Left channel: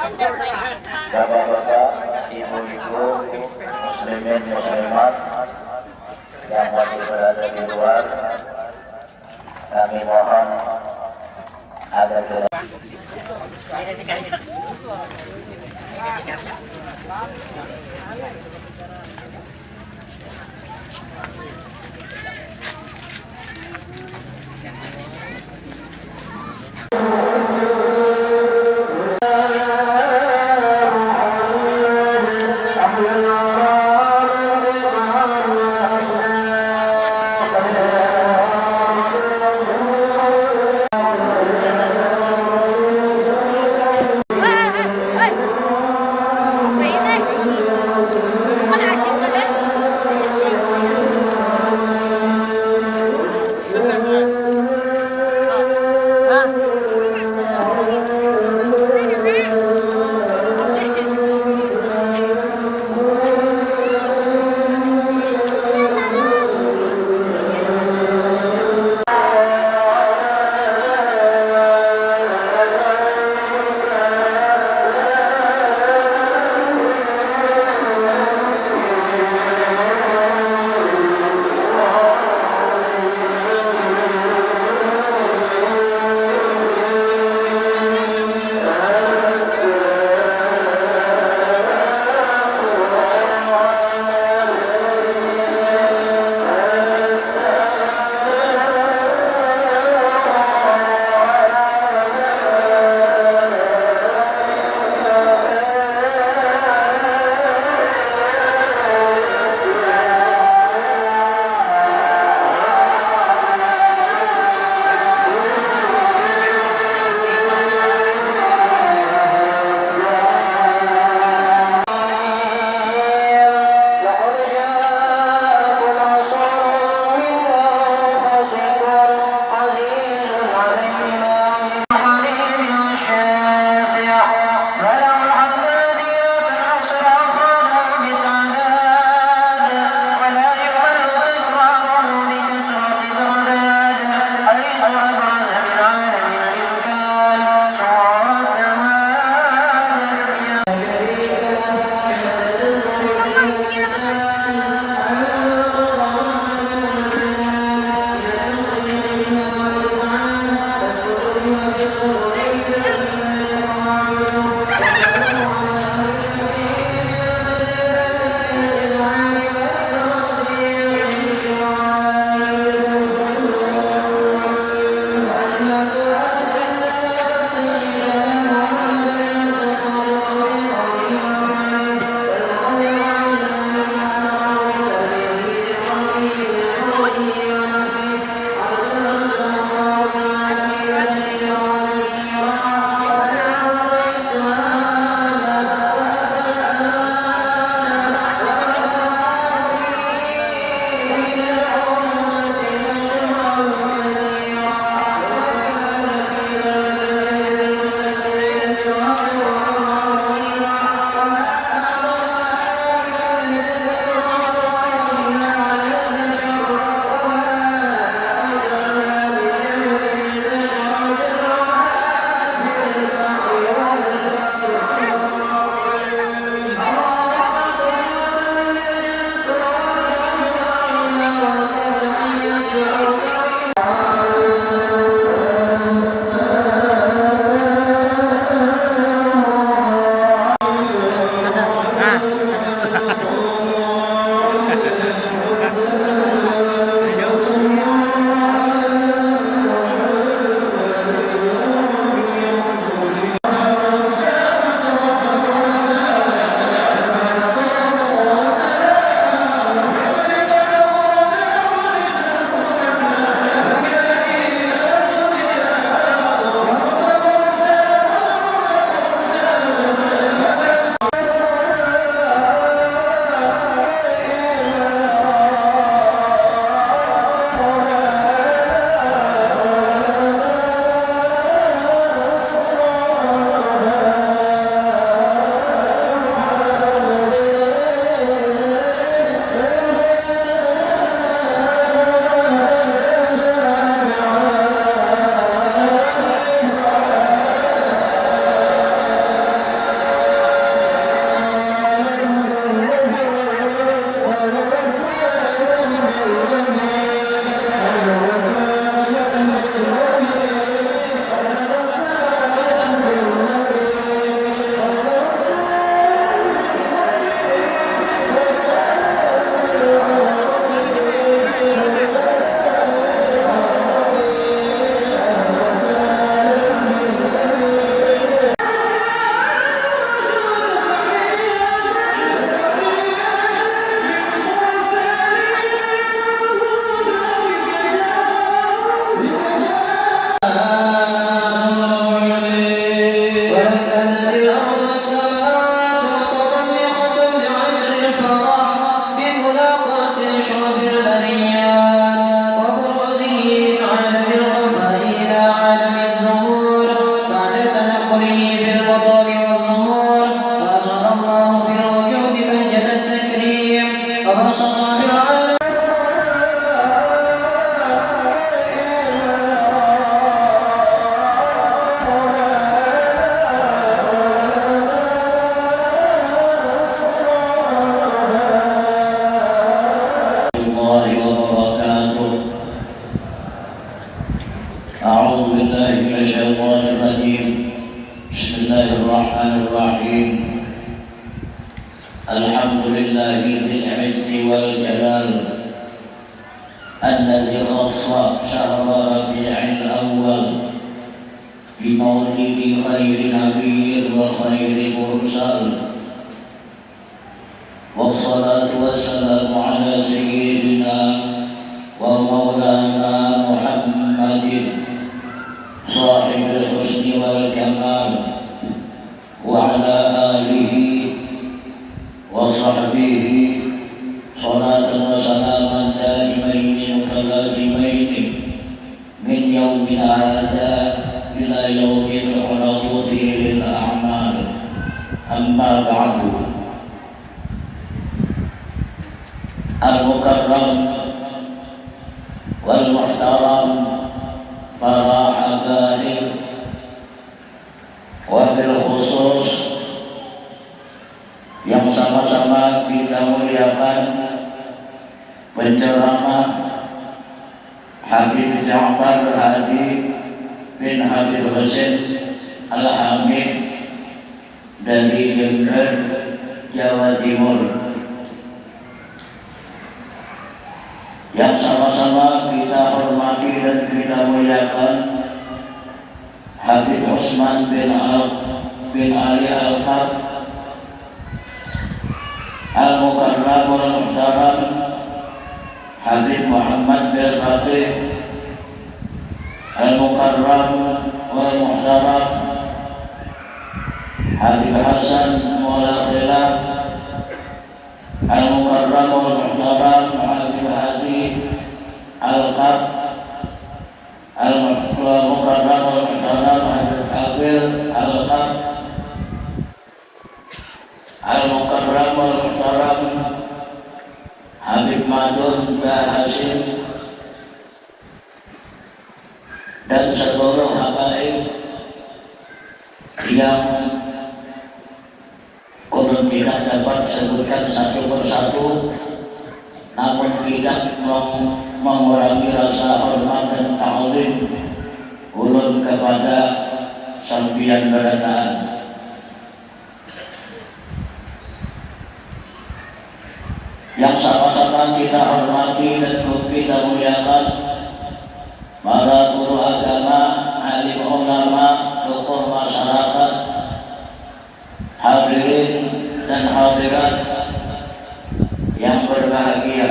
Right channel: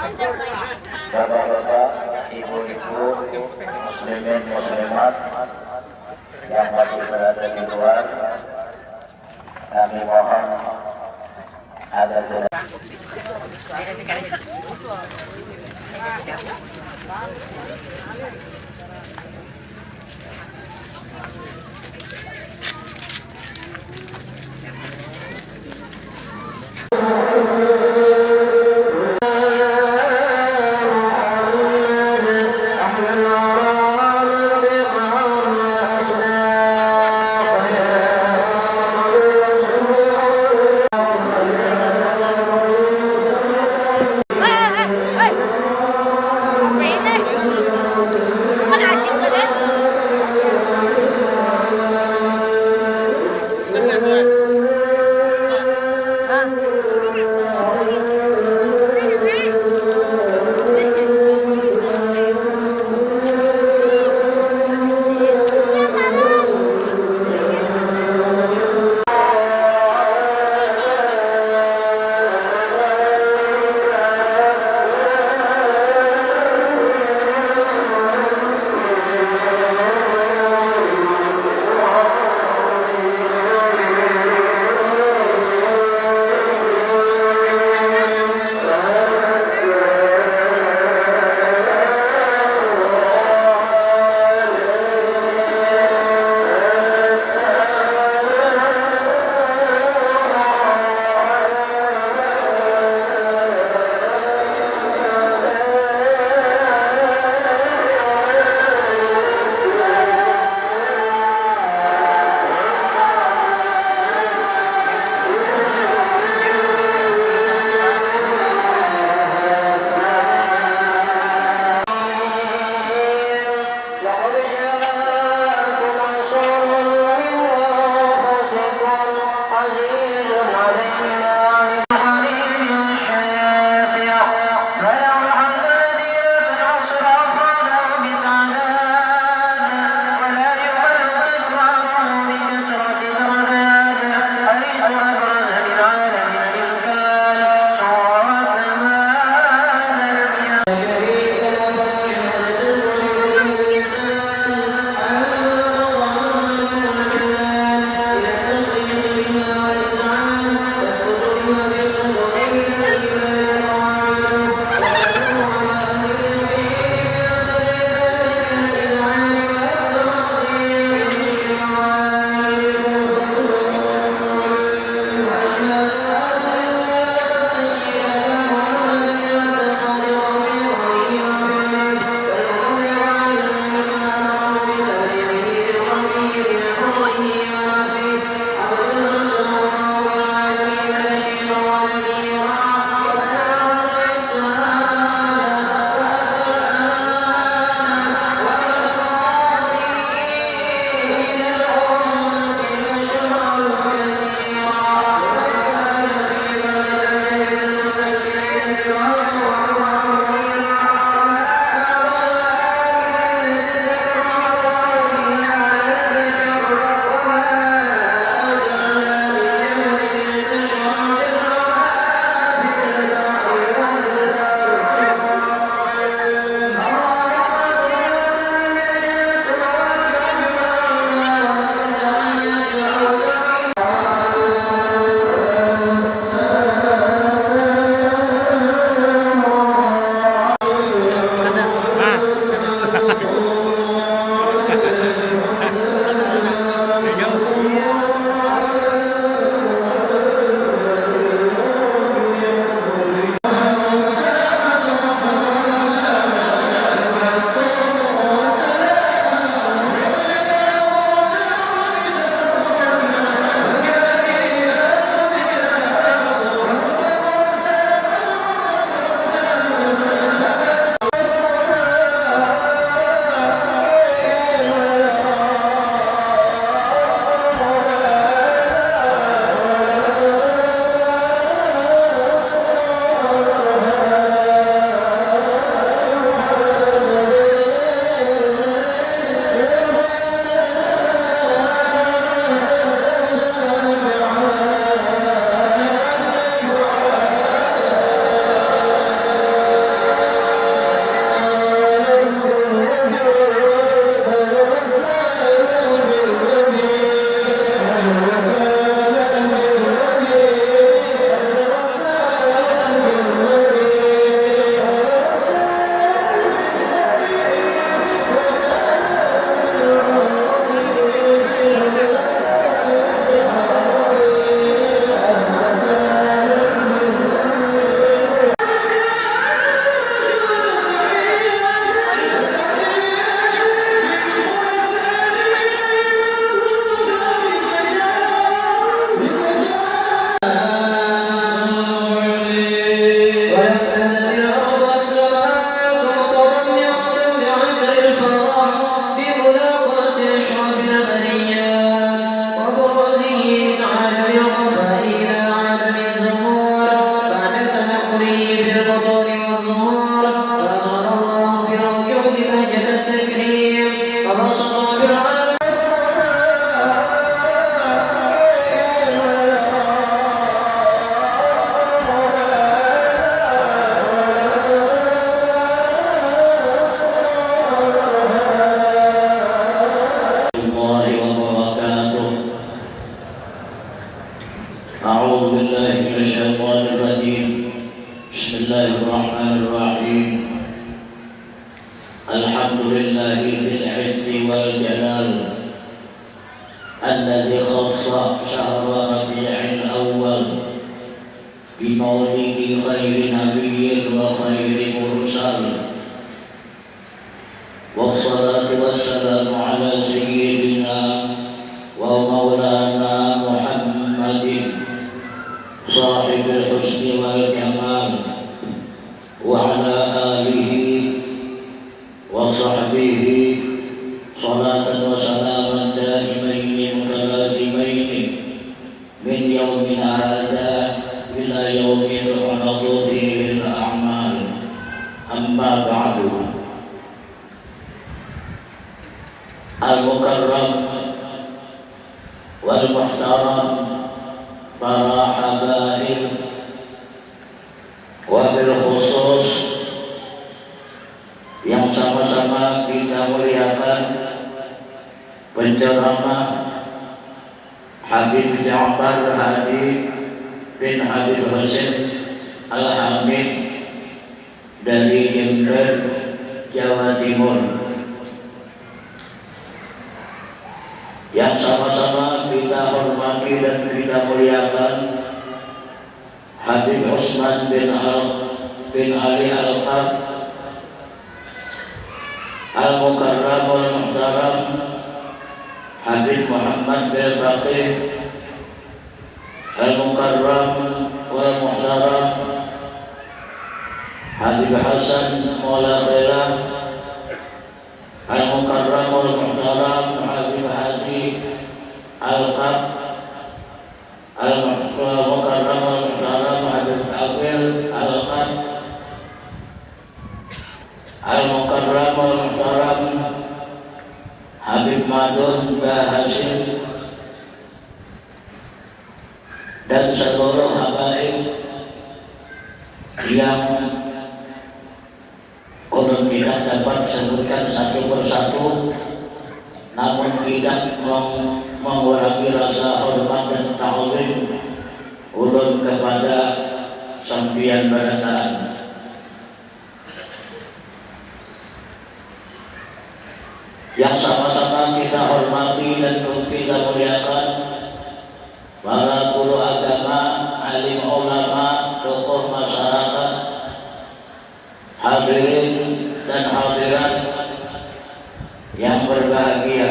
Bapak-bapak, ibu-ibu, muslimin muslimat yang masih berada di luar, kami mohon agar tidak. Terima kasih. به في البطون والظهور وأظهر الله في الوجود بهجة التكريم وبسط في العالم الحمد لله ذي العز والجلال الذي خص شهر ربيع الأول بمولد خير نبي وخير مرسل، والصلاة والسلام على سيدنا ومولانا محمد صاحب الحسن والكمال وعلى آله وصحبه صلاة وسلاما دائمين متلازمين من يومنا هذا إلى يوم تعرض فيه الأعمال. أما بعد، المكرم والمحترم para habaib, wabil khusus yang sama-sama kita muliakan penceramah Habib Ja'far Hadi bin Habib Husain Al-Hamid dari Jember, Jawa Timur, yang sama-sama kita hormati dan kita muliakan Habib Usman bin Ali Al-Qab Al-Mukarram wal-Muhtaram Habib Muhammad bin Fatih Al-Mukarram wal-Muhtaram Habib Hasan Maula Khilaf Al-Mukarram wal-Muhtaram Habib Hadi Al-Qab Al-Mukarram wal-Muhtaram Habib Aqil Al-Qab Al-Mukarram wal-Muhtaram Habib Madun Hasim dan seluruh habaib yang tidak dapat disebutkan satu persatu, namun tidak mengurangi rasa hormat dan ta'zim ulun kepada sampian barataan. Yang sama-sama kita hormati dan kita muliakan para guru agama, alim ulama, tokoh masyarakat, hadirin dan hadirat yang berbahagia.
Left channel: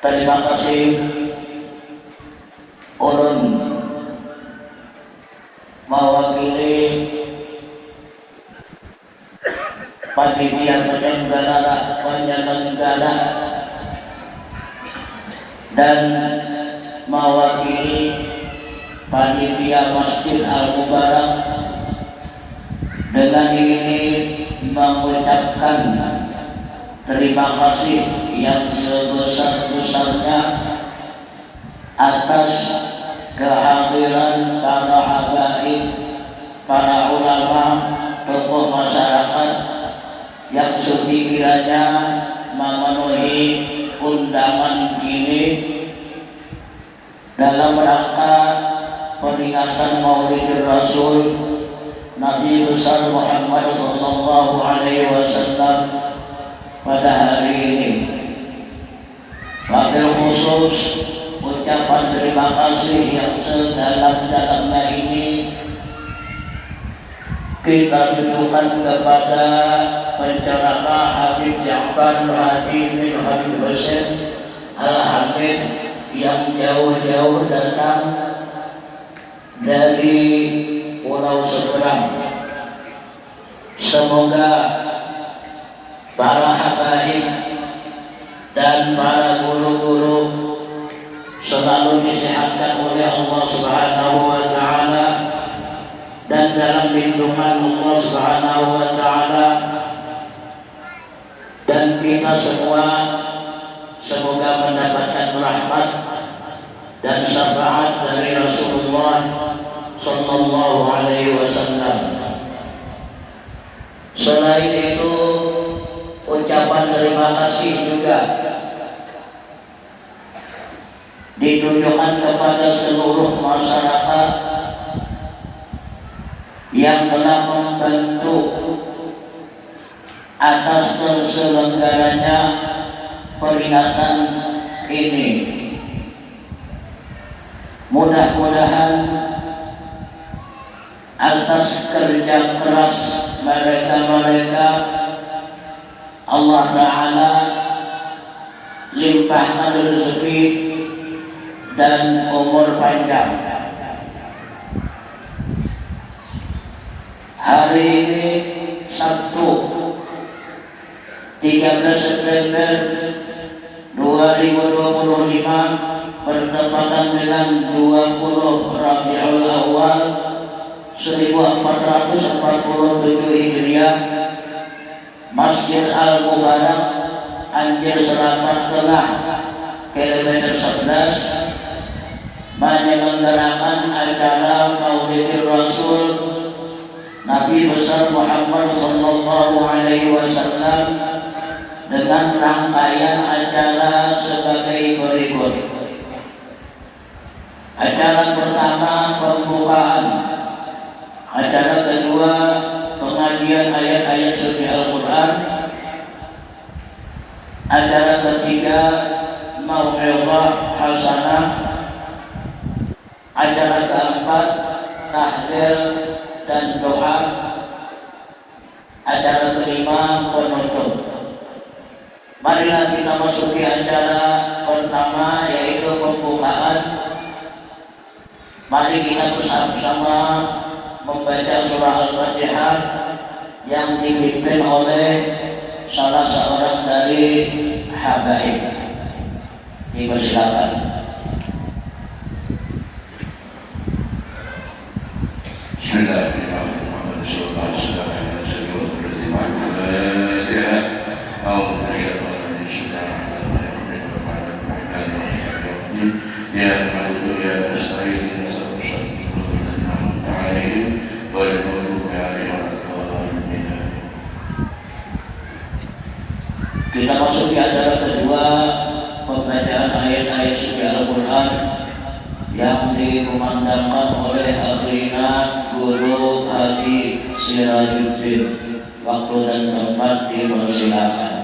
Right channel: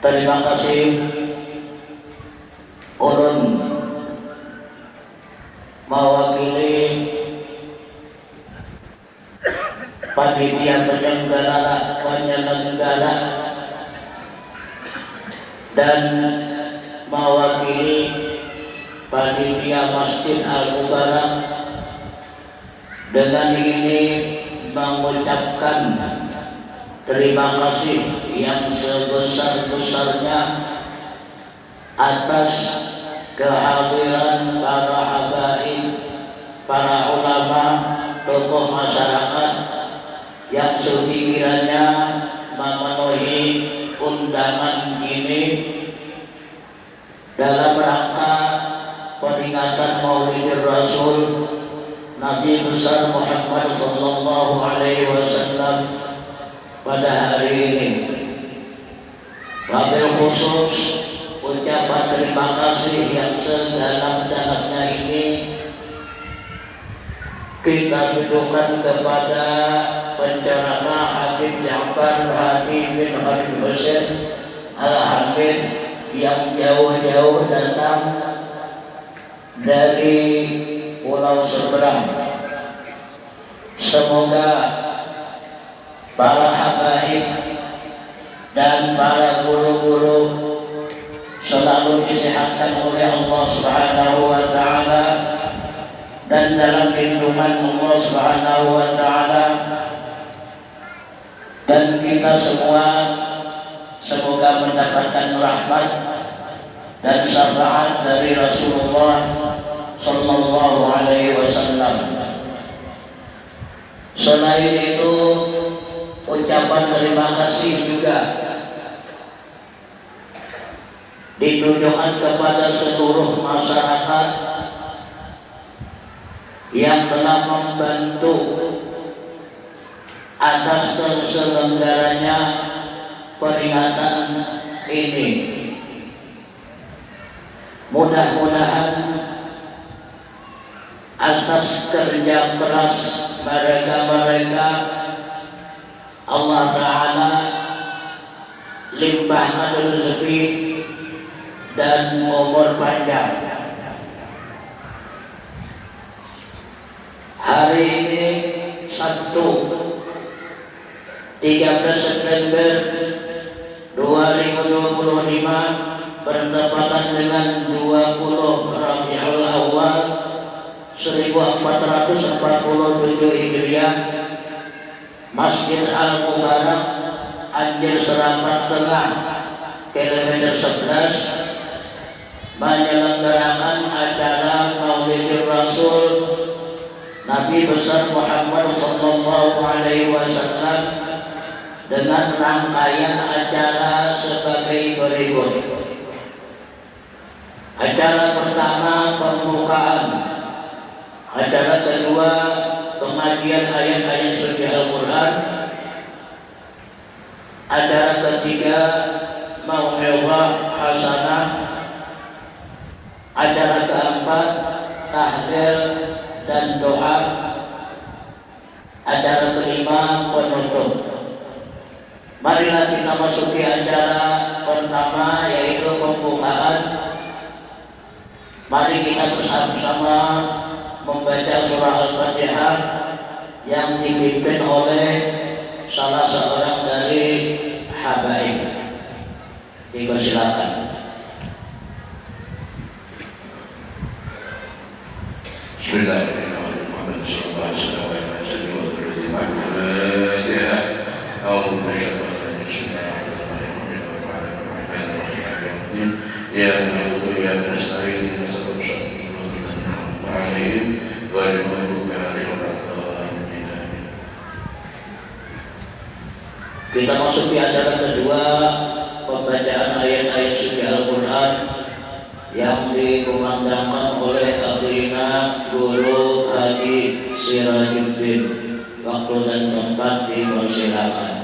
Terima kasih ulun mewakili panitia penyelenggara dan mewakili panitia Masjid Al-Mubarak dengan ini mengucapkan terima kasih yang sebesar-besarnya atas kehadiran para habaib, para ulama, tokoh masyarakat yang sekiranya memenuhi undangan ini dalam rangka peringatan Maulid Rasul Nabi besar Muhammad sallallahu alaihi wasallam pada hari ini. Wabil khusus ucapan terima kasih yang sedalam-dalamnya ini kita tujukan kepada penceramah Habib Ja'far Hadi bin Habib Husain Al-Hamid yang jauh-jauh datang dari pulau seberang. Semoga para habaib dan para guru-guru selalu disehatkan oleh Allah kepada seluruh masyarakat yang telah membantu atas terselenggaranya peringatan ini. Mudah-mudahan atas kerja keras mereka Allah Ta'ala limpahkan rezeki dan umur panjang. Hari ini Sabtu 13 September 2025 bertepatan dengan 20 Rabiul Awal 1447 Hijriah. Masjid Al-Mubarak Anjir Serakat Tengah kilometer 11 menyelenggarakan acara Maulidur Rasul Nabi besar Muhammad Sallallahu Alaihi Wasallam dengan rangkaian acara sebagai berikut. Acara pertama pembukaan, acara kedua pengajian ayat-ayat suci Al-Quran, acara ketiga mau'izah hasanah, acara keempat tahlil dan doa, acara kelima penutup. Marilah kita masuki acara pertama, yaitu pembukaan. Mari kita bersama-sama membaca surah Al-Fatihah yang dipimpin oleh salah seorang dari habaib. Dipersilakan. Kita masuki acara kedua, pembacaan ayat-ayat suci Al-Quran yang dikumandangkan oleh Akhirina Guru Haji Sirajuddin. Waktu dan tempat dipersilakan.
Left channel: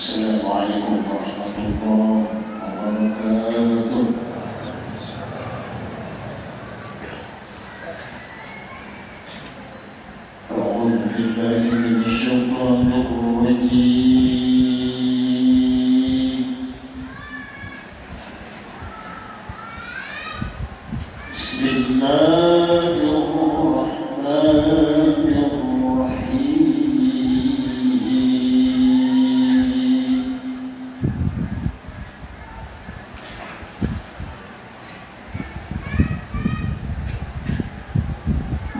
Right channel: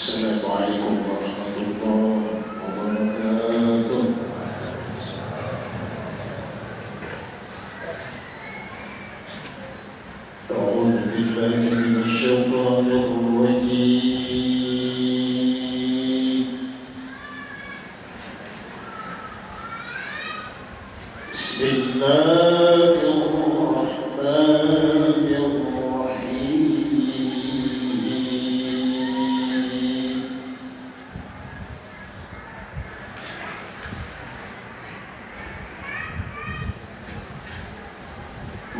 Assalamualaikum warahmatullahi wabarakatuh. A'udzu billahi minasy syaithanir rajim. Bismillahirrahmanirrahim.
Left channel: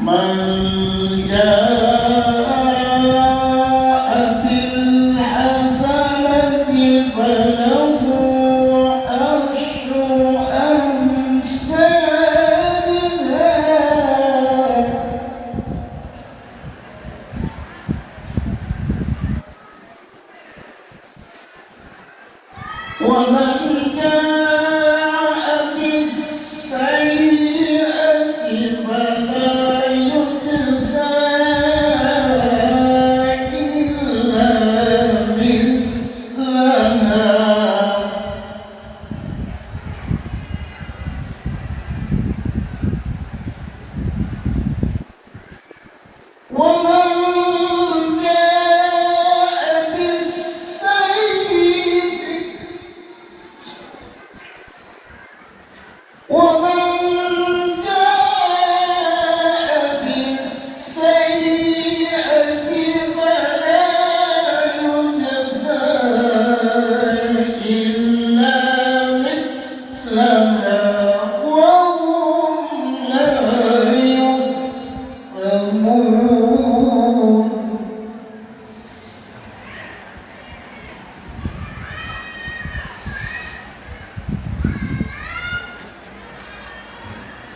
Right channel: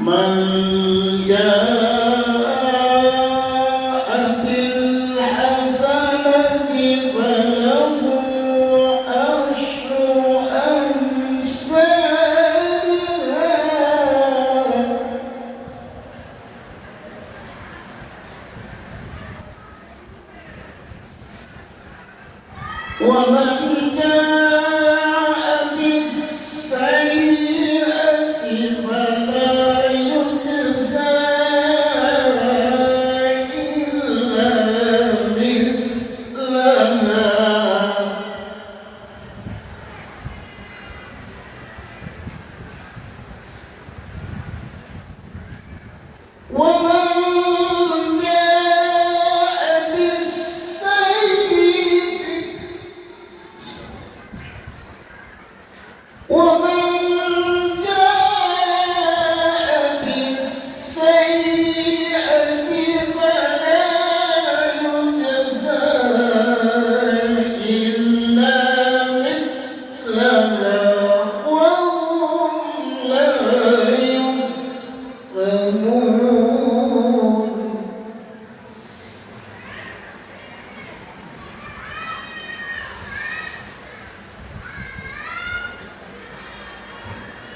Man jaa'a bil hasanati falahu asyru amsalha wa man jaa'a bis sayyi'ati fala yujza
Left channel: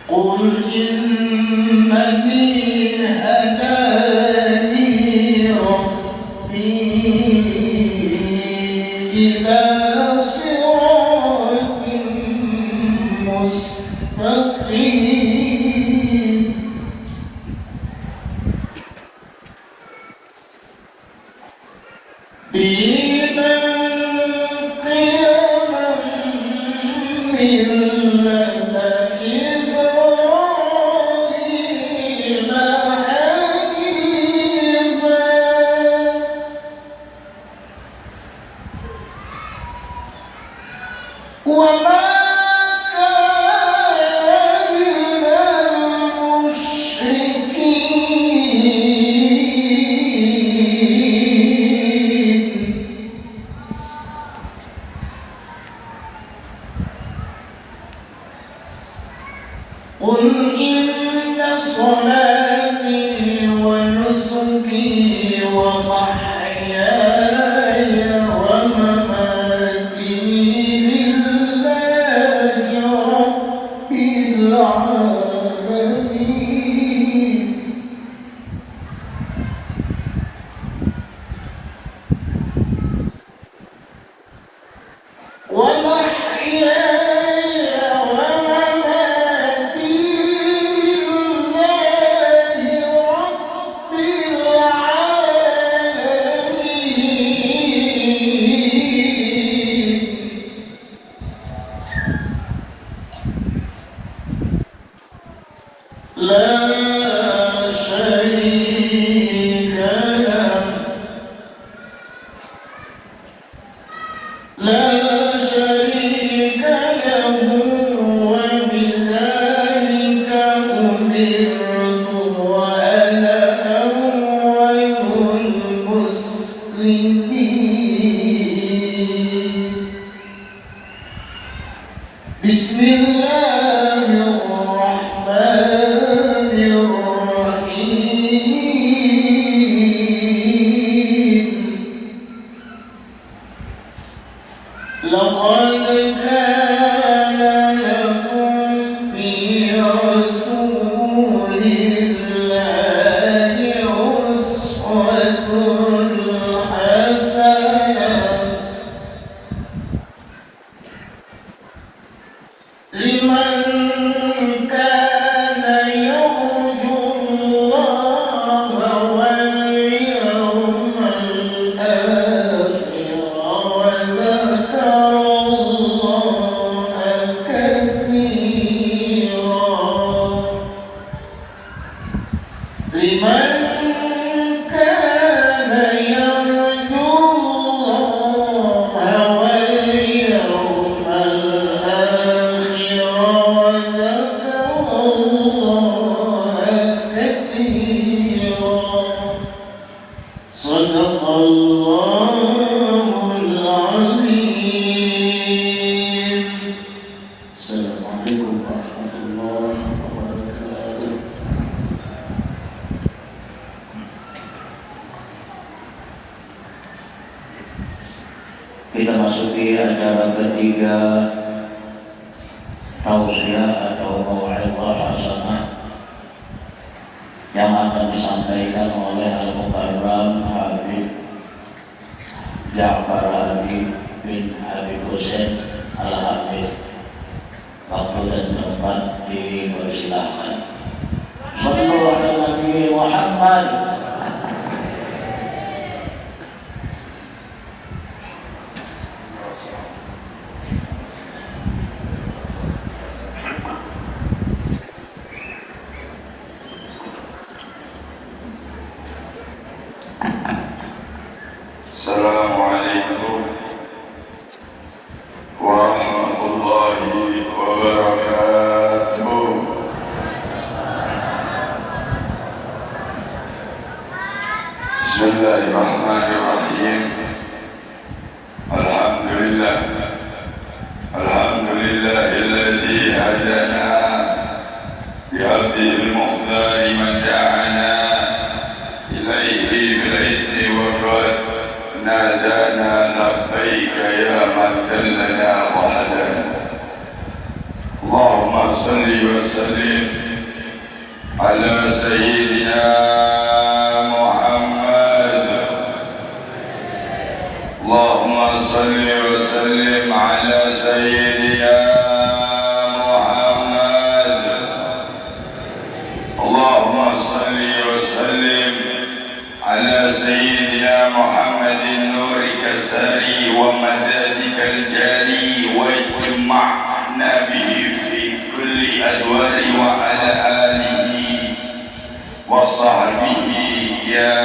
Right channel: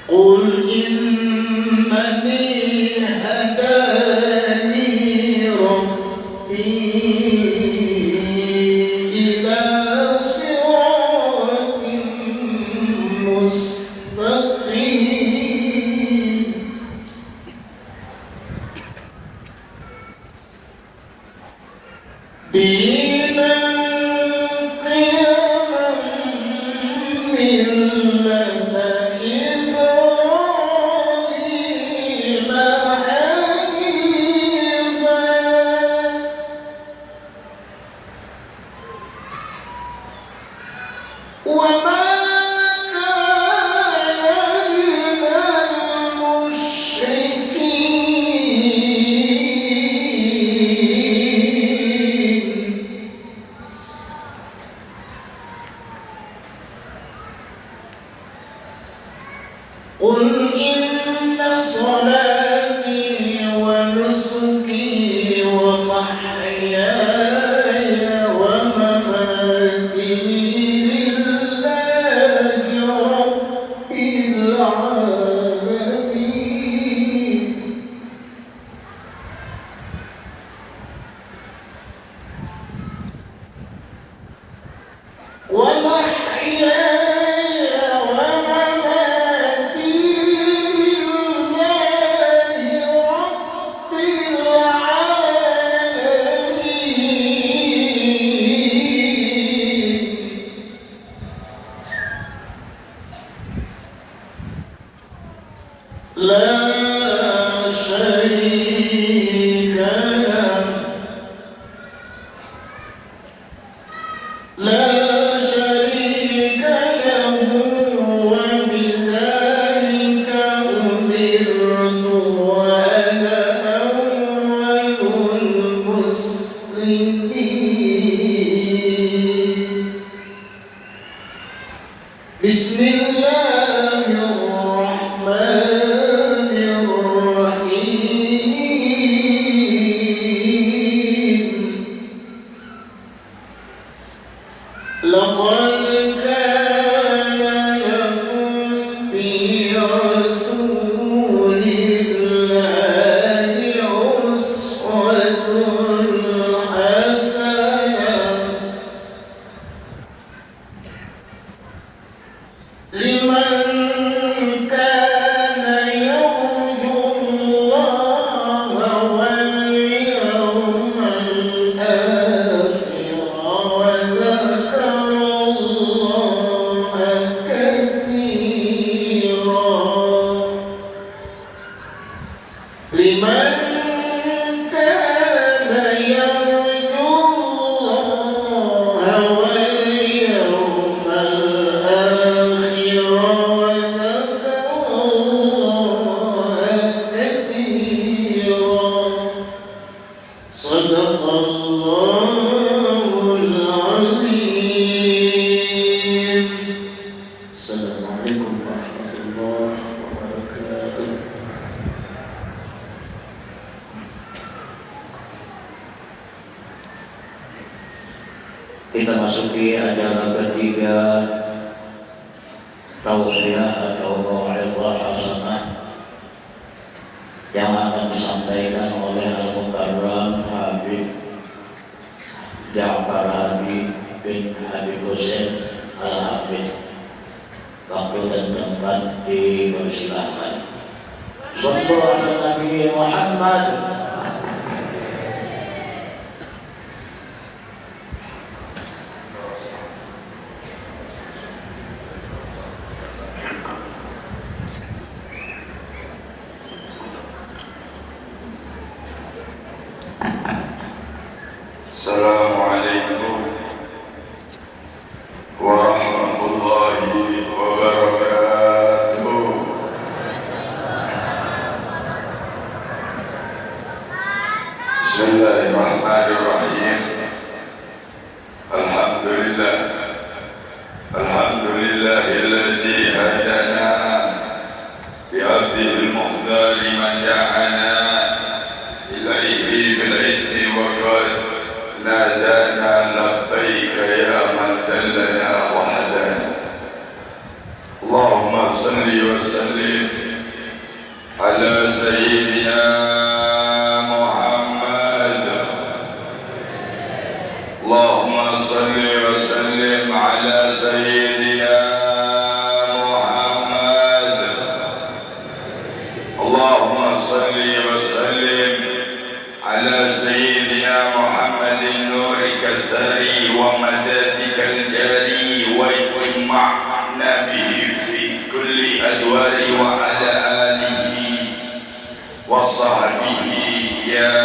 قل إنني هداني ربي إلى صراط مستقيم دينا قيما ملة إبراهيم حنيفا وما كان من المشركين قل إن صلاتي ونسكي ومحياي ومماتي لله رب العالمين ومحياي ومماتي لله رب العالمين لا شريك له لا شريك له وبذلك أمرت وأنا أول المسلمين بسم الله الرحمن الرحيم لقد كان لكم في رسول الله أسوة حسنة لمن كان يرجو الله واليوم الآخر وذكر الله كثيرا لمن كان يرجو الله واليوم الآخر وذكر الله كثيرا صدق الله العظيم. السلام عليكم ورحمة الله وبركاته. Kita masuki acara ketiga tausiah atau mau'izah hasanah yang akan disampaikan oleh Al-Mukarram Habib Ja'far Habib bin Habib Hussein Al-Habib. Waktu dan tempat dipersilahkan. Sallu ala Nabi Muhammad. Assalamualaikum warahmatullahi wabarakatuh. وسلم على سيدنا محمد. اللهم صل وسلم على سيدنا محمد. اللهم صل وسلم على سيدنا محمد نورك السري ومدادك الجاري واجمعنا به في كل أدوار وعلى آله وصحبه يا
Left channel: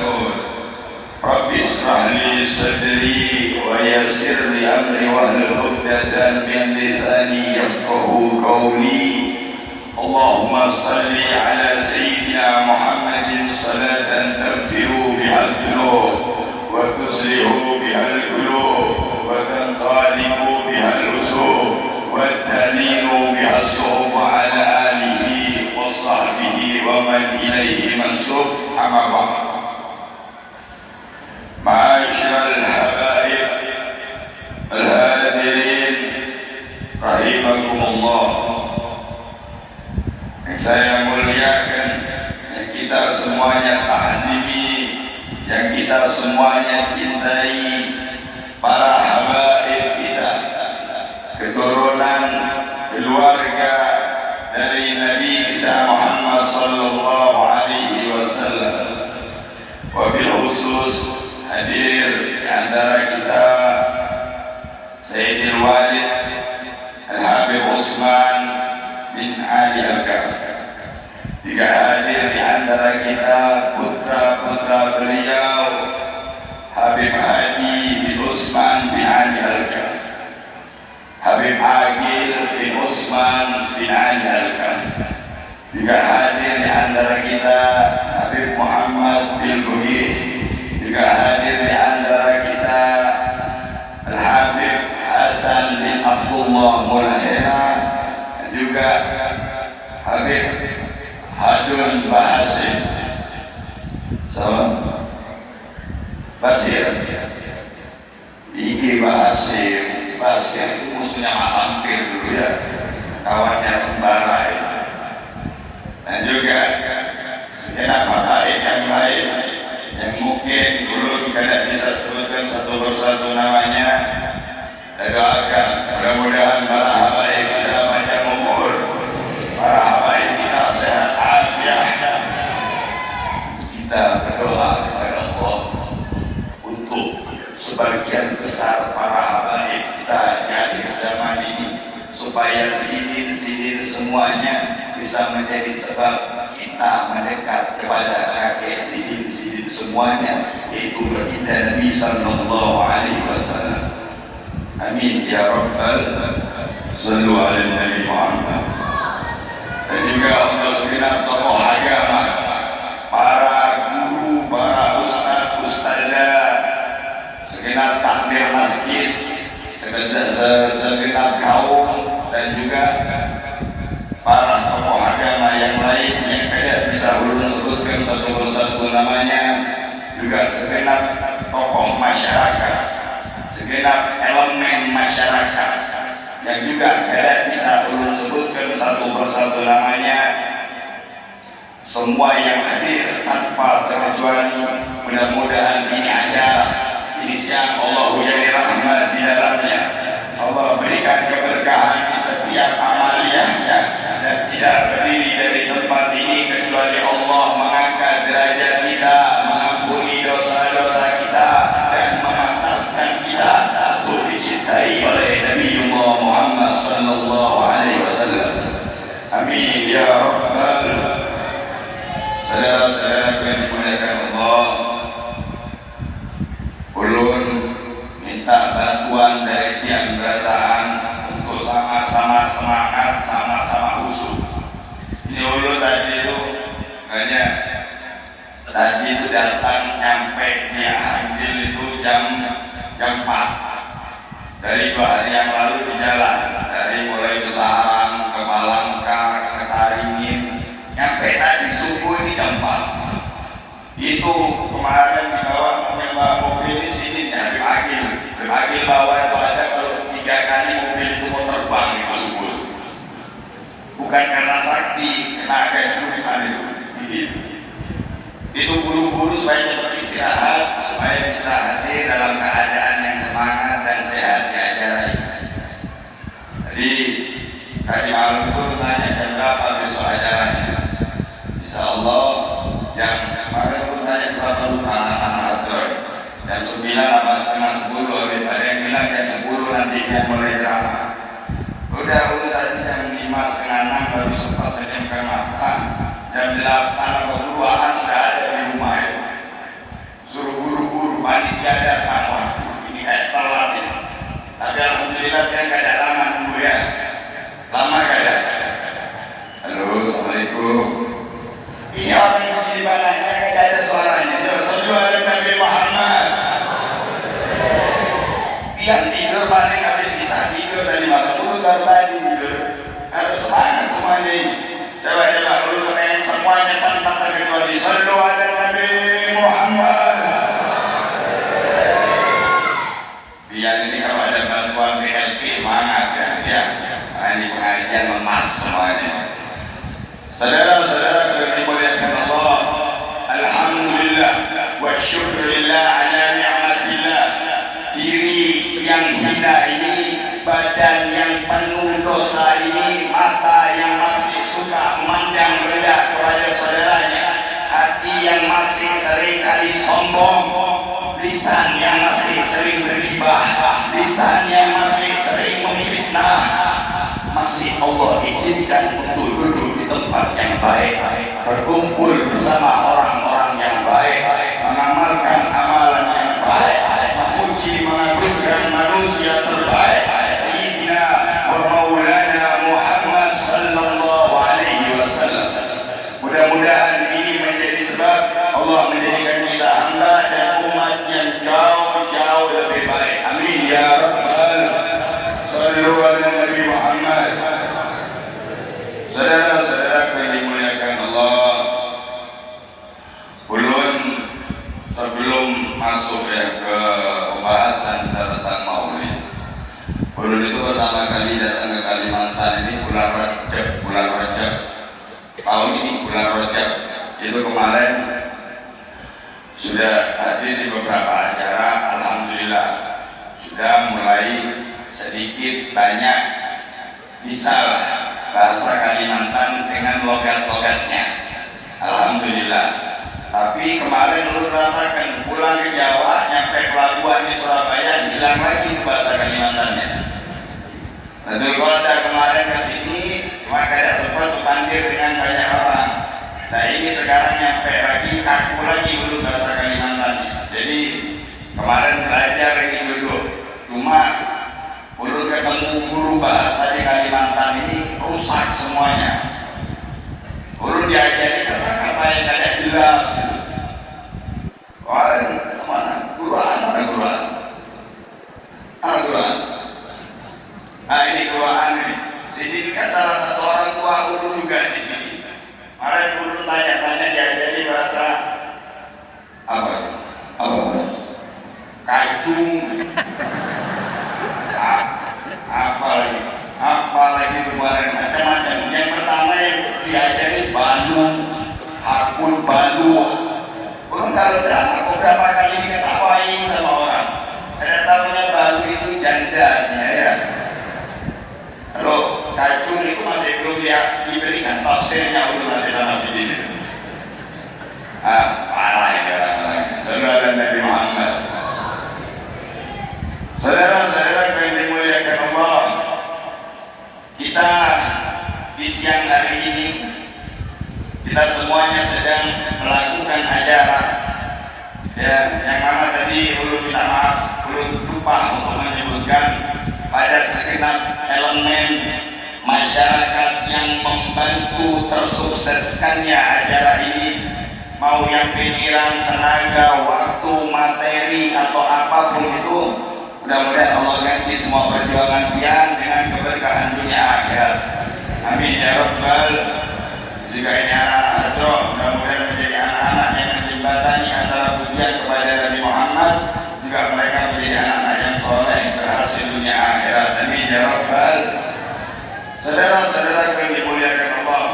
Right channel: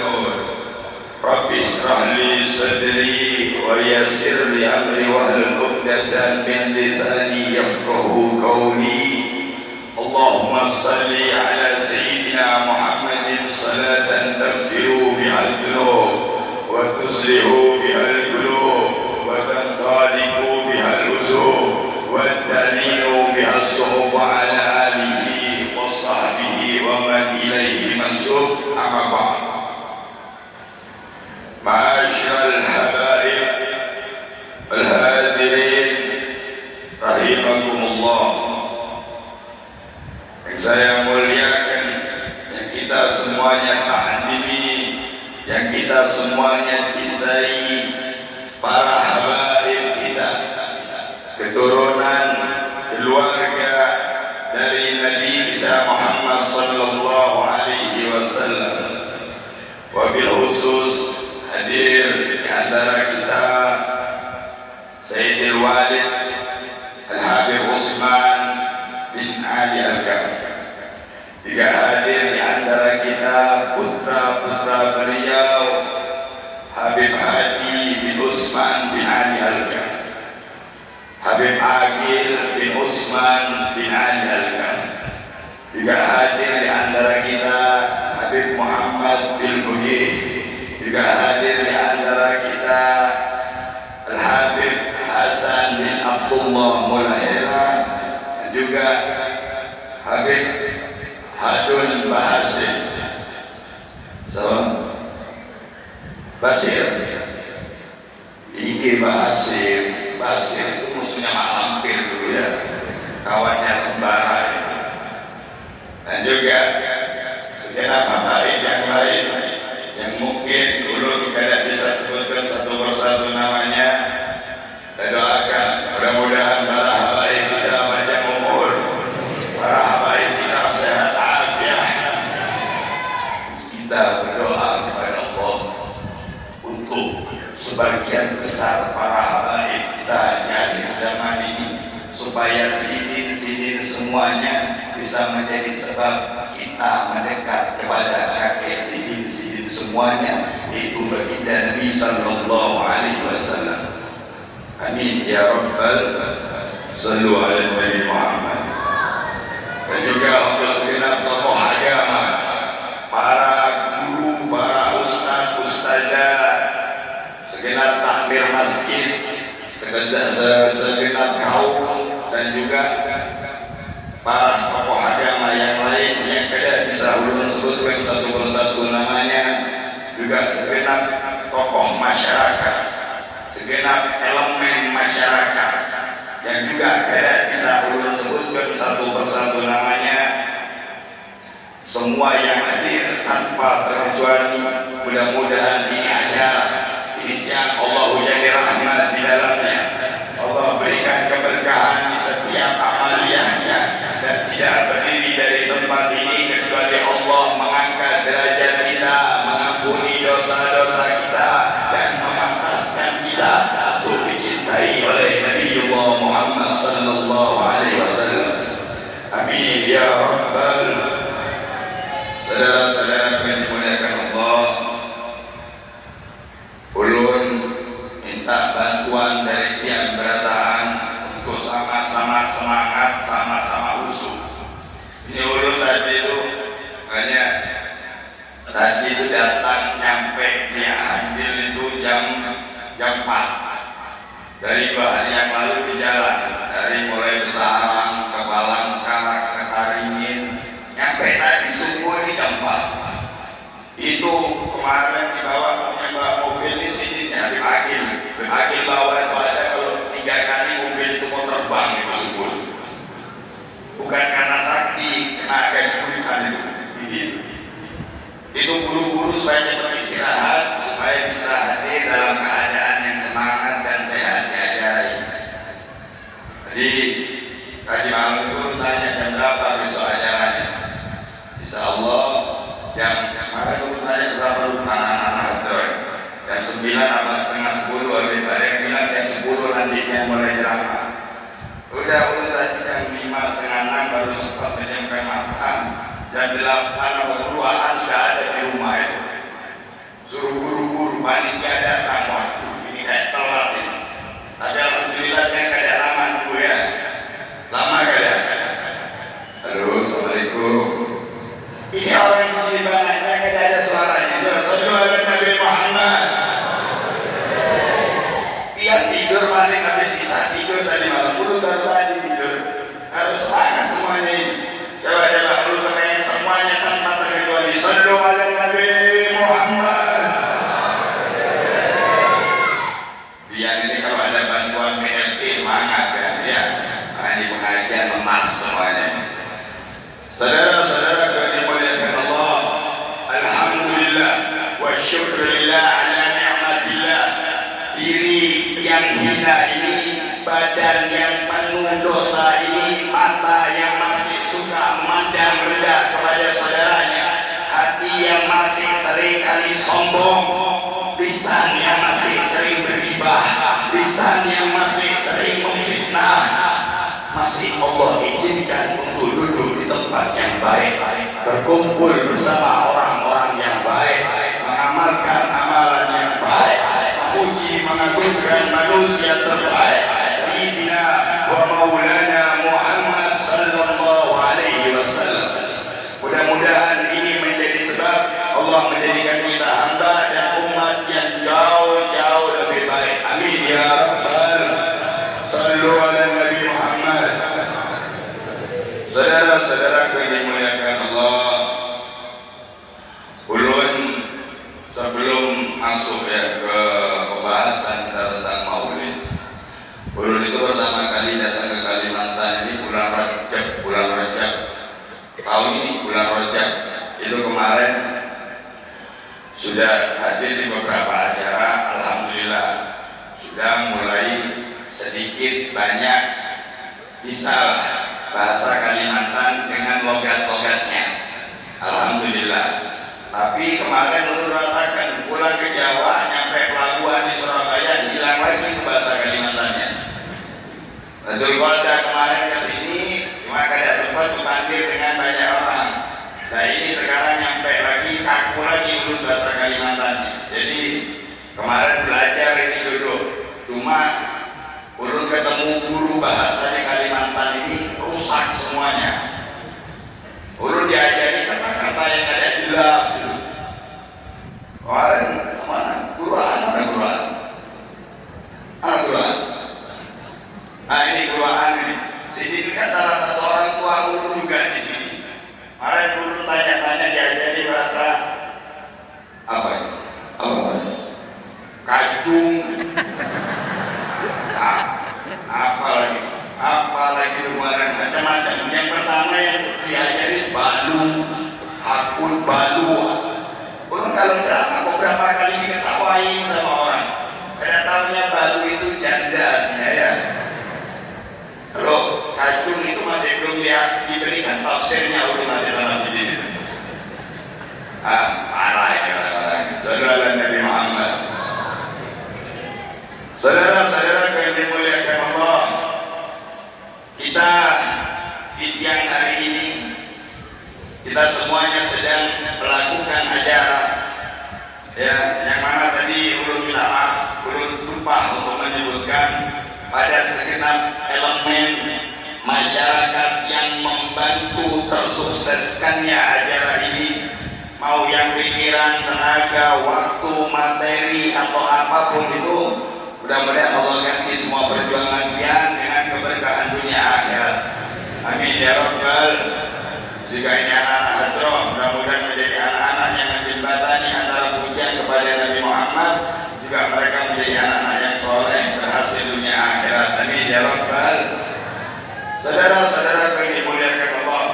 نور. رب اشرح لي صدري ويسر لي أمري واحلل عقدة من لساني يفقه قولي. اللهم صل على سيدنا محمد صلاة تغفر بها الذنوب وتصلح بها القلوب وتنطلق بها الوسوق والتهليل بها الصوم على آله وصحبه ومن إليه منسوب. أما بعد، معاشر الحبائب الهادرين رحمكم الله, yang saya muliakan, yang kita semuanya tahdimi, yang kita semuanya cintai, para habaib kita, keturunan keluarga dari Nabi kita Muhammad sallallahu alaihi wasallam. Wabil khusus hadir di antara kita Sayyidil Walid Al-Habib Utsman bin Ali Al-Kaf. Juga hadir di antara kita putra-putra beliau Habib Hadi bin Utsman bin Ali Al-Kaf, Habib Agil bin Utsman bin Ali Al-Kaf. Juga hadir di antara kita Habib Muhammad bin Bugih. Juga hadir di antara kita Al-Habib Hasan bin Abdullah Mulahela, dan juga Habib Hadun Bahasim. Basir Iki Bahasim. Basir itu musuhnya hampir dulu ya, kawannya Sembara itu. Dan juga segenap habaib yang lain yang mungkin dulu tidak bisa sebutkan satu persatu namanya. Saya doakan mudah-mudahan para habaib kita panjang umur, para habaib kita sehat afiat. Kita berdoa kepada Allah untuk sebagian besar para habaib kita di akhir zaman ini, supaya sidin-sidin semuanya bisa menjadi sebab kita mendekat kepada kakek sidin-sidin semuanya, yaitu baginda Nabi sallallahu alaihi wasallam. Amin ya rabbal sallu ala Nabi Muhammad. Dan juga untuk segenap tokoh agama, para guru, para ustaz, ustazah, segenap takmir masjid, segenap kaum, dan juga para tokoh agama yang lain yang tidak bisa ulun sebutkan satu persatu namanya. Juga segenap tokoh masyarakat, segenap elemen masyarakat yang juga tidak bisa ulun sebutkan satu persatu namanya. Semua yang hadir tanpa terkecuali, mudah-mudahan ini acara, ini siang Allah jadi rahmat di dalamnya. Allah berikan keberkahan di setiap amaliyahnya, dan tidak berdiri dari tempat ini kecuali Allah mengangkat derajat kita, mengampuni dosa-dosa kita, dan mengataskan kita untuk dicintai oleh Nabiullah Muhammad sallallahu alaihi wasallam. Amin ya rabbal. Saudara-saudara yang dimuliakan Allah, ulun minta bantuan dari tiang berataan untuk sama-sama semangat, sama-sama khusyuk. Ini ulun tadi itu banyak, tadi itu datang nyampe di Ahandil itu jam 4. Dari 2 hari yang lalu di jalan, dari mulai Besarang ke Balangka ke Taringin, nyampe tadi subuh di jam 4. Itu kemarin dibawa bawa mobil di sini nyari Agil. Agil bawa itu ada kalau 3 kali mobil itu mau terbang itu subuh. Bukan Jadi tadi malam itu tanya jam berapa besok acaranya. Insya Allah jam kemarin itu tanya bersama anak-anak hadir jam 9 apa setengah 10. Ada yang bilang jam 10 nantinya mulai drama. Udah tadi jam 5 setengah 6 baru sempat menjamkan mata. Jam 8 atau 2an sudah ada di rumah itu. Suruh buru-buru panitia datang. Ini kayak telat ini. Tapi alhamdulillah saya nggak ada lama nunggu ya. Lama gak ya? Halo, assalamualaikum. Ini orang sini banyak gak ada suaranya. Sallu ala Nabi Muhammad. Yang tidur paling habis kisah tidur dari malam dulu baru tadi tidur. Kalau semangat semuanya ini. Coba dulu naik semuanya tanpa terkecuali. Sallu ala Nabi Muhammad. Biar ini kalau ada bantuan BLT semangat kan ya. Ini pengajian emas semuanya. Saudara-saudara yang dimuliakan Allah, alhamdulillah wa syukurillah ala ni'matillah. Diri yang hina ini, badan yang penuh dosa ini, mata yang masih suka memandang rendah kepada saudaranya, hati yang masih sering kali sombong, lisan yang masih sering bergibah, lisan yang masih sering memfitnah, masih Allah izinkan untuk duduk di tempat yang baik, berkumpul bersama orang-orang yang baik, mengamalkan amalan yang baik, memuji mengagungkan manusia terbaik, Sayyidina wa Maulana Muhammad sallallahu alaihi wasallam. Mudah-mudahan ini menjadi sebab Allah menjadikan kita hamba dan umat yang jauh-jauh lebih baik. Amin ya rabbal. Sallu ala Nabi Muhammad. Saudara-saudara yang dimuliakan Allah, ulun sebelum masuk ya ke pembahasan tentang Maulid, ulun itu pertama kali datang ke Kalimantan ini bulan Rajab tahun ini, bulan Rajab itu kemarin sudah hadir di beberapa acara. Alhamdulillah sudah mulai sedikit banyak bisa bahasa Kalimantan dengan logat-logatnya. Alhamdulillah. Tapi kemarin dulu rasakan pulang ke Jawa, nyampe pelabuhan di Surabaya, hilang lagi bahasa Kalimantannya. Betul, ada kemarin ke sini cuma kada sempat dipanggil dengan banyak orang. Nah ini sekarang nyampe lagi, kaku lagi dulu bahasa Kalimantannya. Jadi kemarin belajar ini dulu, cuma ulun ketemu guru bahasa di Kalimantan ini rusak semuanya. Ulun diajari kata-kata yang tidak jelas. Kemarin mana? Quran. Nah ini Quran ini. Sini kan salah satu orang tua ulun juga di sini. Kemarin ulun tanya-tanya diajari bahasa apa itu? Kajung. Apalagi kemarin macam-macam. Yang pertama yang diajari balu, hakul balu. Kalau aku berapa kali diketawain sama orang, kada tahunya balu itu jandanya ya. Kalau kacung itu masih belum dia diberikan tafsirnya, udah masih sedikit. Parah ini orang-orang. Saudara Nabi Muhammad. Saudara-saudara yang dimuliakan Allah, kita di siang hari ini kita semuanya sedang melakukan acara ya, yang mana tadi ulun minta maaf, ulun lupa untuk menyebutkan pada segenap elemen masyarakat yang membantu tersukseskannya acara ini, mau yang pikiran, tenaga, waktu, materi atau apapun itu. Mudah-mudahan Allah ganti semua perjuangan pian dengan keberkahan dunia akhirat. Amin ya rabbal. Jika ini anak-anak hadroh, mudah-mudahan menjadi anak-anak yang menjembatani antara pujian kepada Nabi Muhammad, juga mereka menjadi anak-anak yang soleh, berhasil dunia akhirat. Amin ya rabbal. Saudara-saudara yang dimuliakan Allah,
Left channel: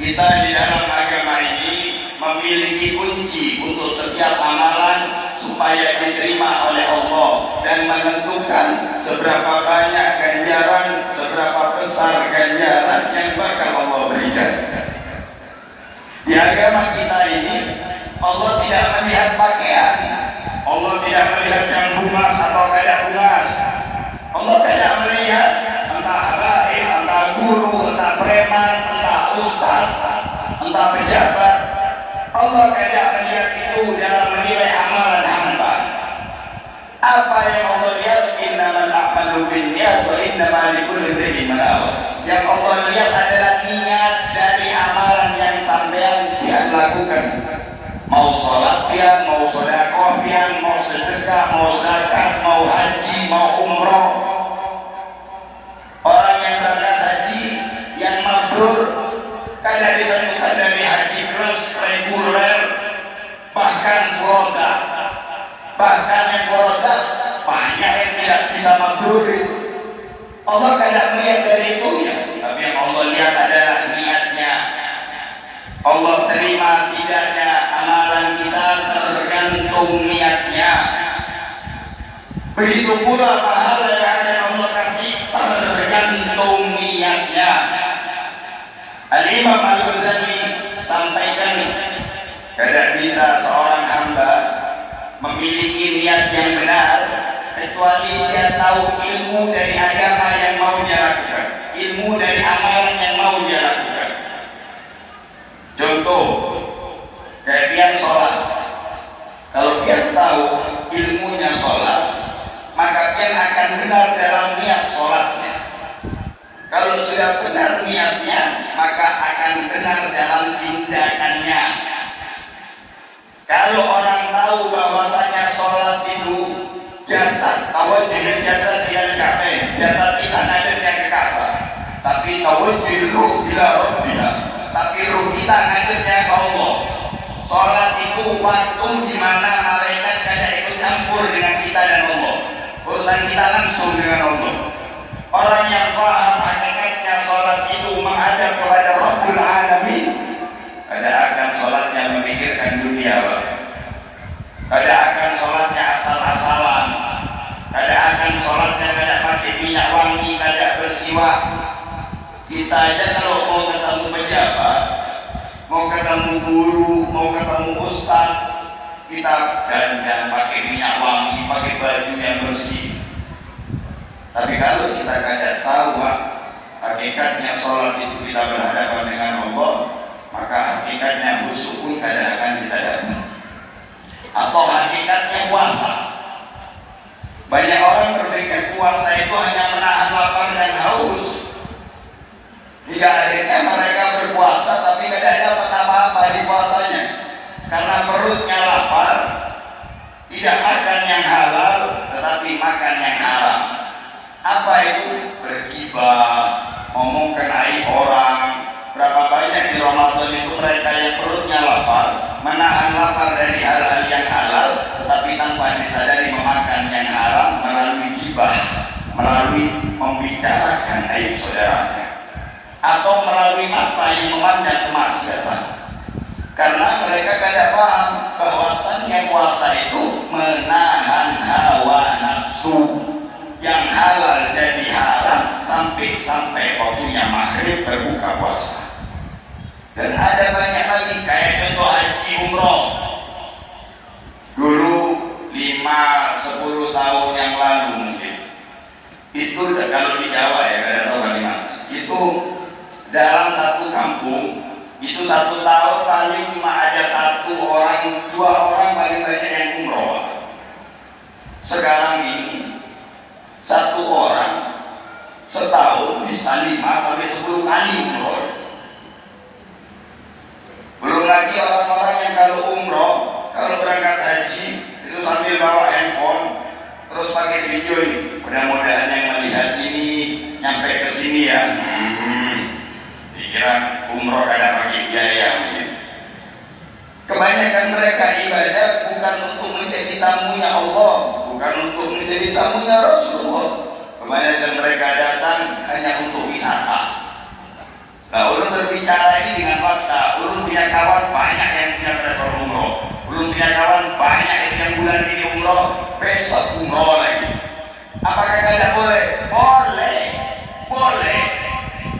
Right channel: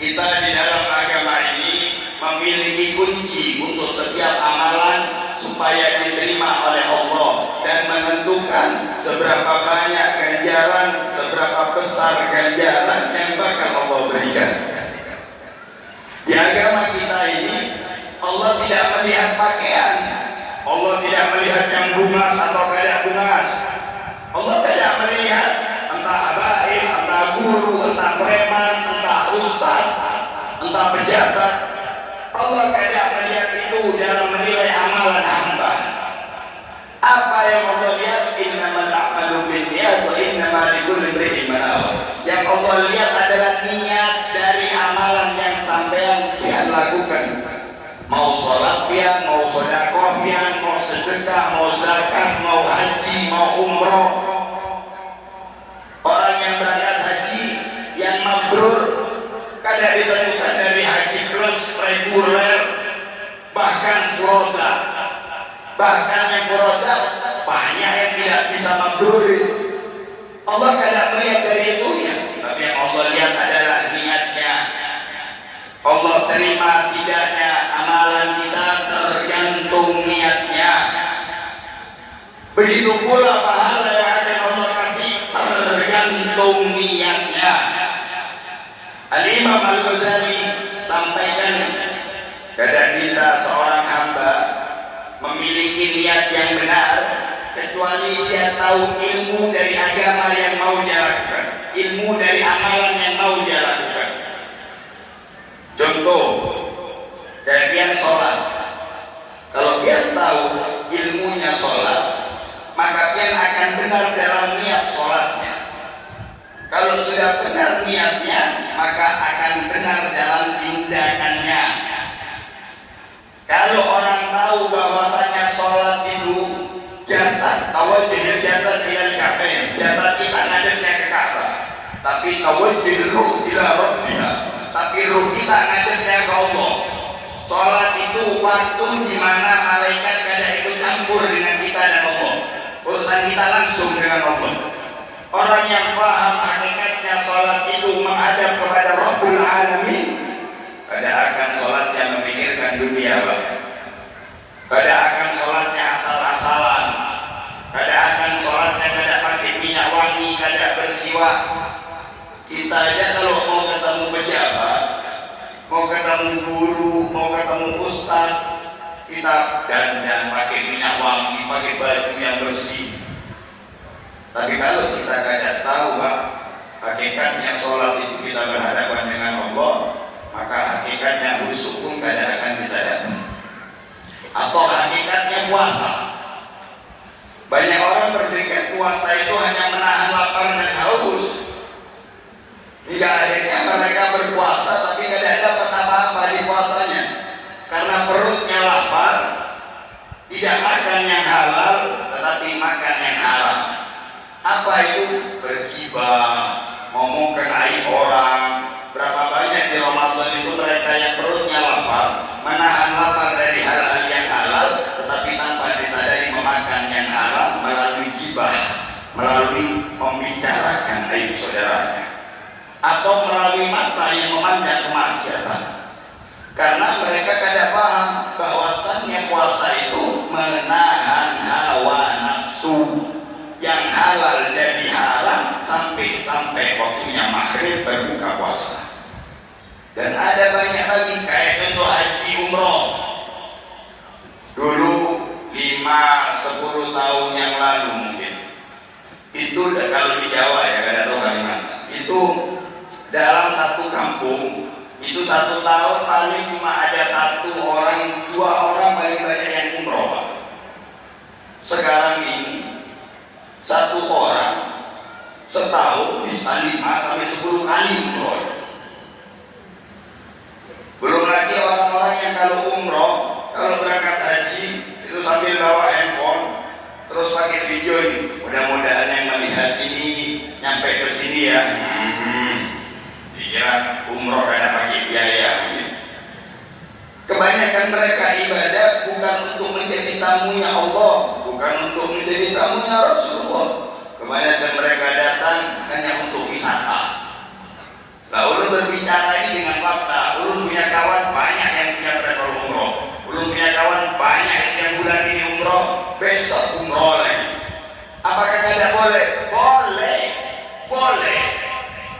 kita di dalam agama ini memiliki kunci untuk setiap amalan supaya diterima oleh Allah dan menentukan seberapa banyak ganjaran, seberapa guru, entah preman, entah ustaz, entah pejabat. Allah tidak melihat itu dalam menilai amalan hamba. Apa yang Allah lihat? Innamal a'malu binniyat wa innamal likulli imri'in ma nawa. Yang Allah lihat adalah niat dari amalan yang sampean yang lakukan. Mau sholat pian, mau sedekah pian, mau sedekah, mau zakat, mau haji, mau umroh. Orang yang berangkat haji yang mabrur kadang ditentukan dari haji plus, reguler, bahkan furoda. Bahkan yang furoda banyak yang tidak bisa mabrur itu. Allah kadang melihat dari itunya, tapi yang Allah lihat adalah niatnya. Allah terima tidaknya amalan kita tergantung niatnya. Begitu pula pahala yang ada Allah kasih tergantung niatnya. Al-Imam Al-Ghazali sampaikan, tidak bisa seorang hamba memiliki niat yang benar kecuali dia tahu ilmu dari agama yang mau dia lakukan, ilmu dari amalan yang mau dia lakukan. Contoh, dari dia sholat. Kalau dia tahu ilmunya sholat, maka dia akan benar dalam niat sholatnya. Kalau sudah benar niatnya, maka akan benar dalam tindakannya. Kalau orang tahu bahwasanya sholat itu jasad, tawajjuh jasad ila Ka'bah, jasad kita ngadepnya ke Ka'bah, tapi tawajjuh ruh ila Rabbiha, tapi ruh kita ngadepnya ke Allah. Sholat itu waktu di mana malaikat kada ikut campur dengan kita dan Allah. Urusan kita langsung dengan Allah. Orang yang paham hakikatnya sholat itu menghadap kepada Rabbul Alamin, pada akan sholatnya memikirkan dunia, pada akan sholatnya asal-asalan, pada akan sholatnya kada pakai minyak wangi, kada bersiwak. Kita aja kalau mau ketemu pejabat, mau ketemu guru, mau ketemu ustaz, kita dandan pakai minyak wangi, pakai baju yang bersih. Tapi kalau kita kada tahu hakikatnya sholat itu kita berhadapan dengan Allah, maka hakikatnya khusyuk pun kada akan kita dapat. Atau hakikatnya puasa. Banyak orang berpikir puasa itu hanya menahan lapar dan haus. Hingga akhirnya mereka berpuasa tapi tidak dapat apa-apa di puasanya. Karena perutnya lapar, tidak makan yang halal, tetapi makan yang haram. Apa itu? Bergibah, ngomongkan aib orang. Berapa banyak di Ramadan itu mereka yang perutnya lapar, menahan lapar dari hal-hal yang halal, tetapi tanpa disadari memakan yang haram melalui gibah, melalui membicarakan aib saudaranya, atau melalui mata yang memandang kemaksiatan. Karena mereka kada paham bahwasannya puasa itu menahan hawa nafsu. Yang halal jadi haram sampai waktunya maghrib berbuka puasa. Dan ada banyak lagi kayak contoh haji umroh. Dulu 5-10 tahun yang lalu mungkin itu kalau di Jawa ya, kada tahu Kalimantan, itu dalam satu kampung itu 1 tahun paling cuma ada 1 orang, 2 orang paling banyak yang umroh. Sekarang ini 1 orang setahun bisa 5-10 kali umroh. Belum lagi orang-orang yang kalau umroh, kalau berangkat haji itu sambil bawa handphone terus pakai video ini. Mudah-mudahan yang melihat ini nyampe ke sini ya. Dikira umroh kada pakai biaya mungkin. Kebanyakan mereka ibadah bukan untuk menjadi tamunya Allah, bukan untuk menjadi tamunya Rasulullah. Kebanyakan mereka datang hanya untuk wisata. Lalu berbicara ini dengan fakta. Ulun punya kawan banyak yang punya travel umroh. Ulun punya kawan banyak yang bulan ini umroh, besok umroh lagi. Apakah tidak boleh? Boleh, boleh.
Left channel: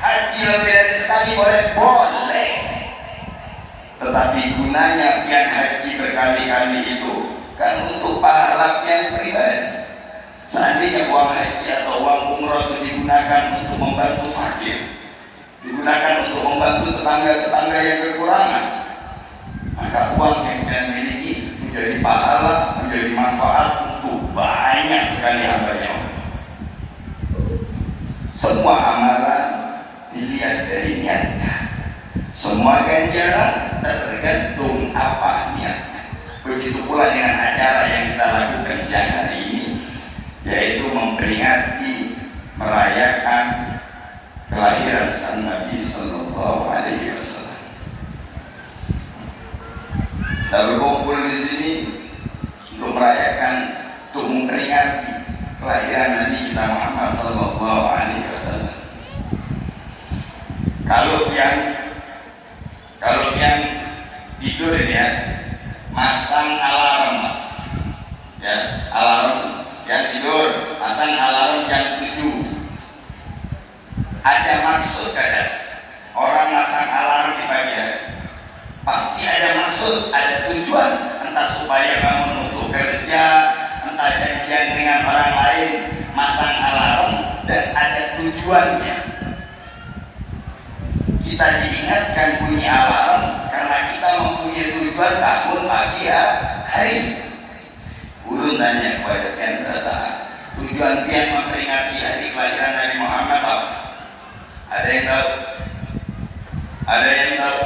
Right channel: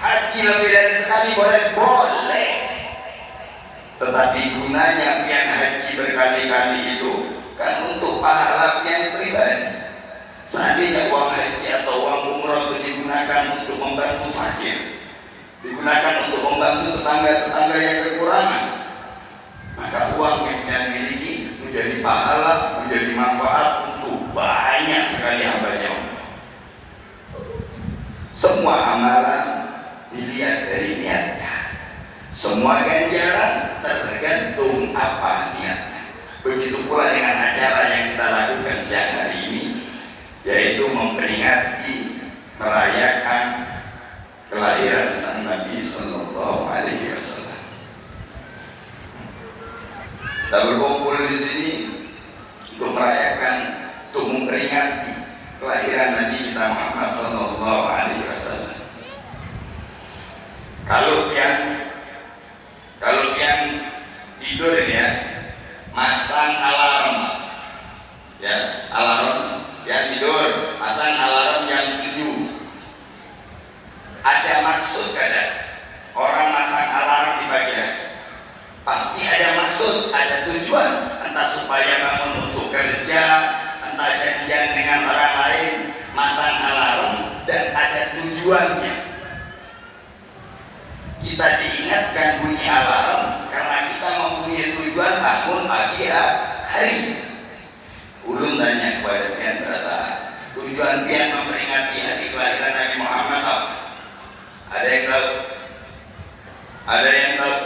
Haji lebih dari sekali boleh, boleh. Tetapi gunanya pian haji berkali-kali itu kan untuk pahala yang pribadi. Seandainya uang haji atau uang umroh itu digunakan untuk membantu fakir, digunakan untuk membantu tetangga-tetangga yang kekurangan, maka uang yang kita miliki menjadi pahala, menjadi manfaat untuk banyak sekali hamba-Nya Allah. Semua amalan dilihat dari niatnya, semua ganjaran tergantung apa niatnya. Begitu pula dengan acara yang kita lakukan siang hari ini, yaitu memperingati, merayakan kelahiran sang Nabi Sallallahu Alaihi Wasallam. Kita berkumpul di sini untuk merayakan, untuk memperingati kelahiran Nabi kita Muhammad Sallallahu Alaihi Wasallam. Kalau yang tidur ya, masang alarm, ya alarm yang tidur, pasang alarm jam 7. Ada maksud kadang orang masang alarm di pagi hari, pasti ada maksud, ada tujuan, entah supaya bangun untuk kerja, entah janjian dengan orang lain, masang alarm dan ada tujuannya. Kita diingatkan bunyi alarm karena kita mempunyai tujuan bangun pagi hari. Ulun tanya kepada pian berkata, tujuan pian memperingati hari kelahiran Nabi Muhammad apa? Ada yang tahu? Ada yang tahu?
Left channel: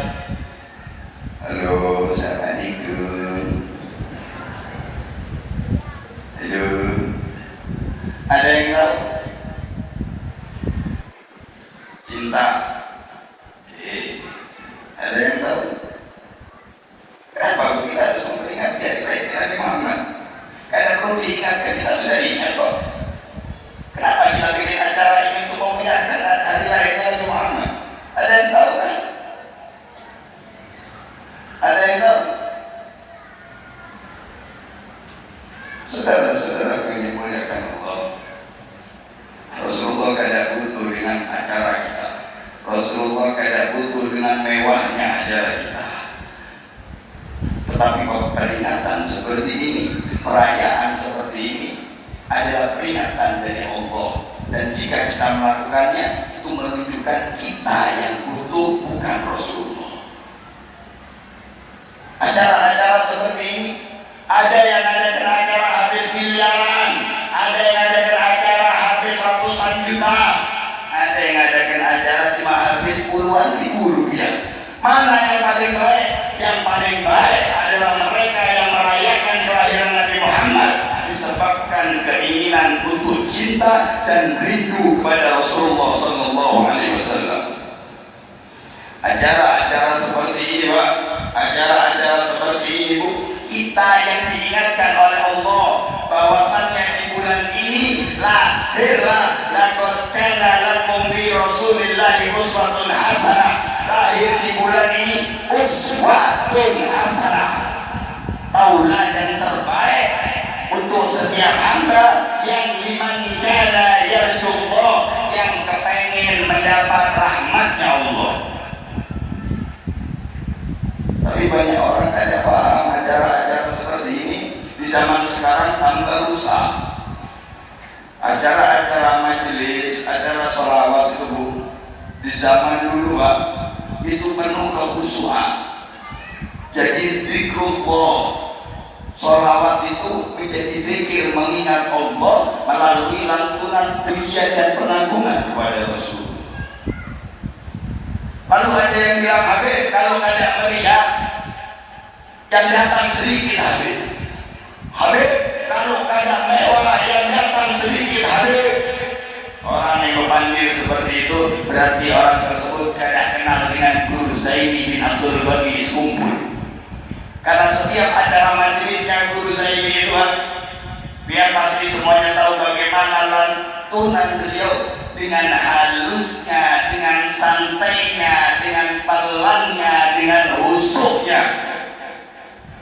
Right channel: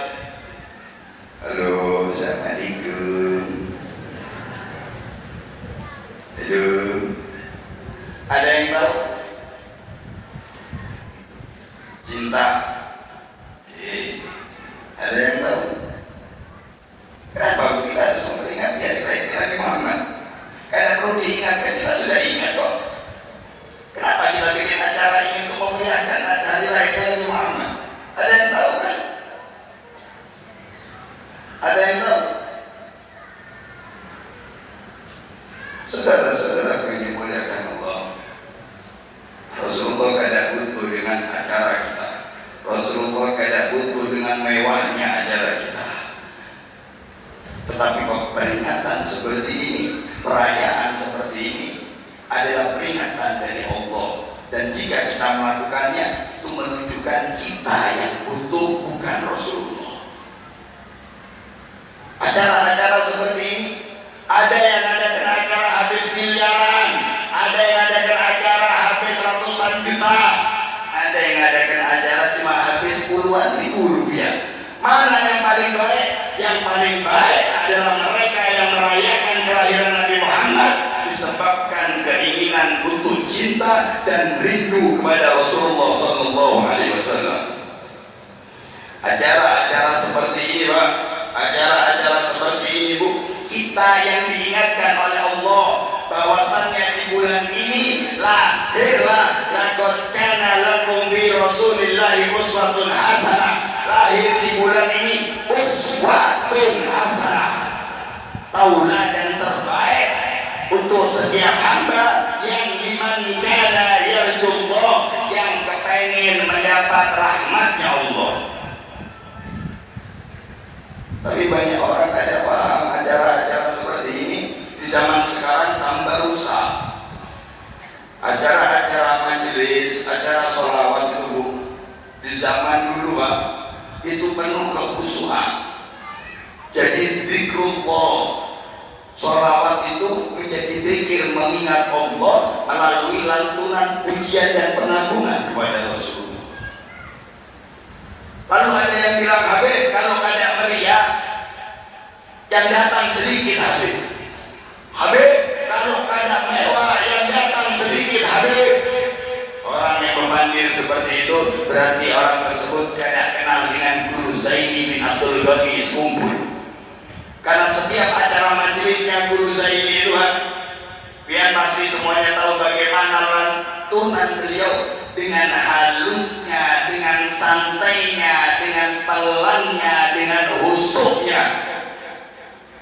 Halo, assalamualaikum. Halo, ada yang tahu? Cinta. Ada yang tahu? Kenapa kita harus memperingati hari kelahiran Nabi Muhammad? Karena perlu diingatkan, kita sudah ingat kok. Kenapa kita bikin acara ini untuk memperingati hari kelahiran Nabi Muhammad? Ada yang tahu kan? Ada yang tahu? Saudara-saudara yang dimuliakan Allah, Rasulullah kada butuh dengan acara kita. Rasulullah kada butuh dengan mewahnya acara kita. Tetapi peringatan seperti ini, perayaan seperti ini adalah peringatan dari Allah. Dan jika kita melakukannya, itu menunjukkan kita yang butuh, bukan Rasulullah. Acara-acara seperti ini, ada yang adakan acara habis miliaran, ada yang adakan acara habis ratusan juta, ada yang adakan acara cuma habis puluhan ribu rupiah. Mana yang paling baik? Yang paling baik adalah mereka yang merayakan kelahiran Nabi Muhammad disebabkan keinginan untuk cinta dan rindu kepada Rasulullah Sallallahu Alaihi Wasallam. Acara-acara seperti ini, Pak, acara-acara seperti ini, Bu, kita yang diingatkan oleh Allah bahwasannya di bulan ini lahirlah laqad kana lakum fi Rasulillahi uswatun hasanah. Lahir di bulan ini uswatun hasanah, tauladan terbaik untuk setiap hamba yang liman kana yarjullah, yang kepengen mendapat rahmatnya Allah. Tapi banyak orang tidak paham acara-acara seperti ini. Di zaman sekarang tambah rusak. Acara-acara majelis, acara sholawat itu di zaman dulu, Pak, itu penuh kekhusyuan. Jadi zikrullah, sholawat itu menjadi zikir mengingat Allah melalui lantunan pujian dan pengagungan kepada Rasul. Lalu ada yang bilang, Habib, kalau ada meriah yang datang sedikit, Habib. Habib, kalau ada mewah yang datang sedikit, Habib. Orang yang memanggil seperti itu berarti orang tersebut tidak kenal dengan Guru Zaini bin Abdul Ghani Iskumpul. Karena setiap acara majelisnya Guru Zaini itu, biar pasti semuanya tahu bagaimana lantunan beliau dengan halusnya, dengan santainya, dengan pelannya, dengan husuknya.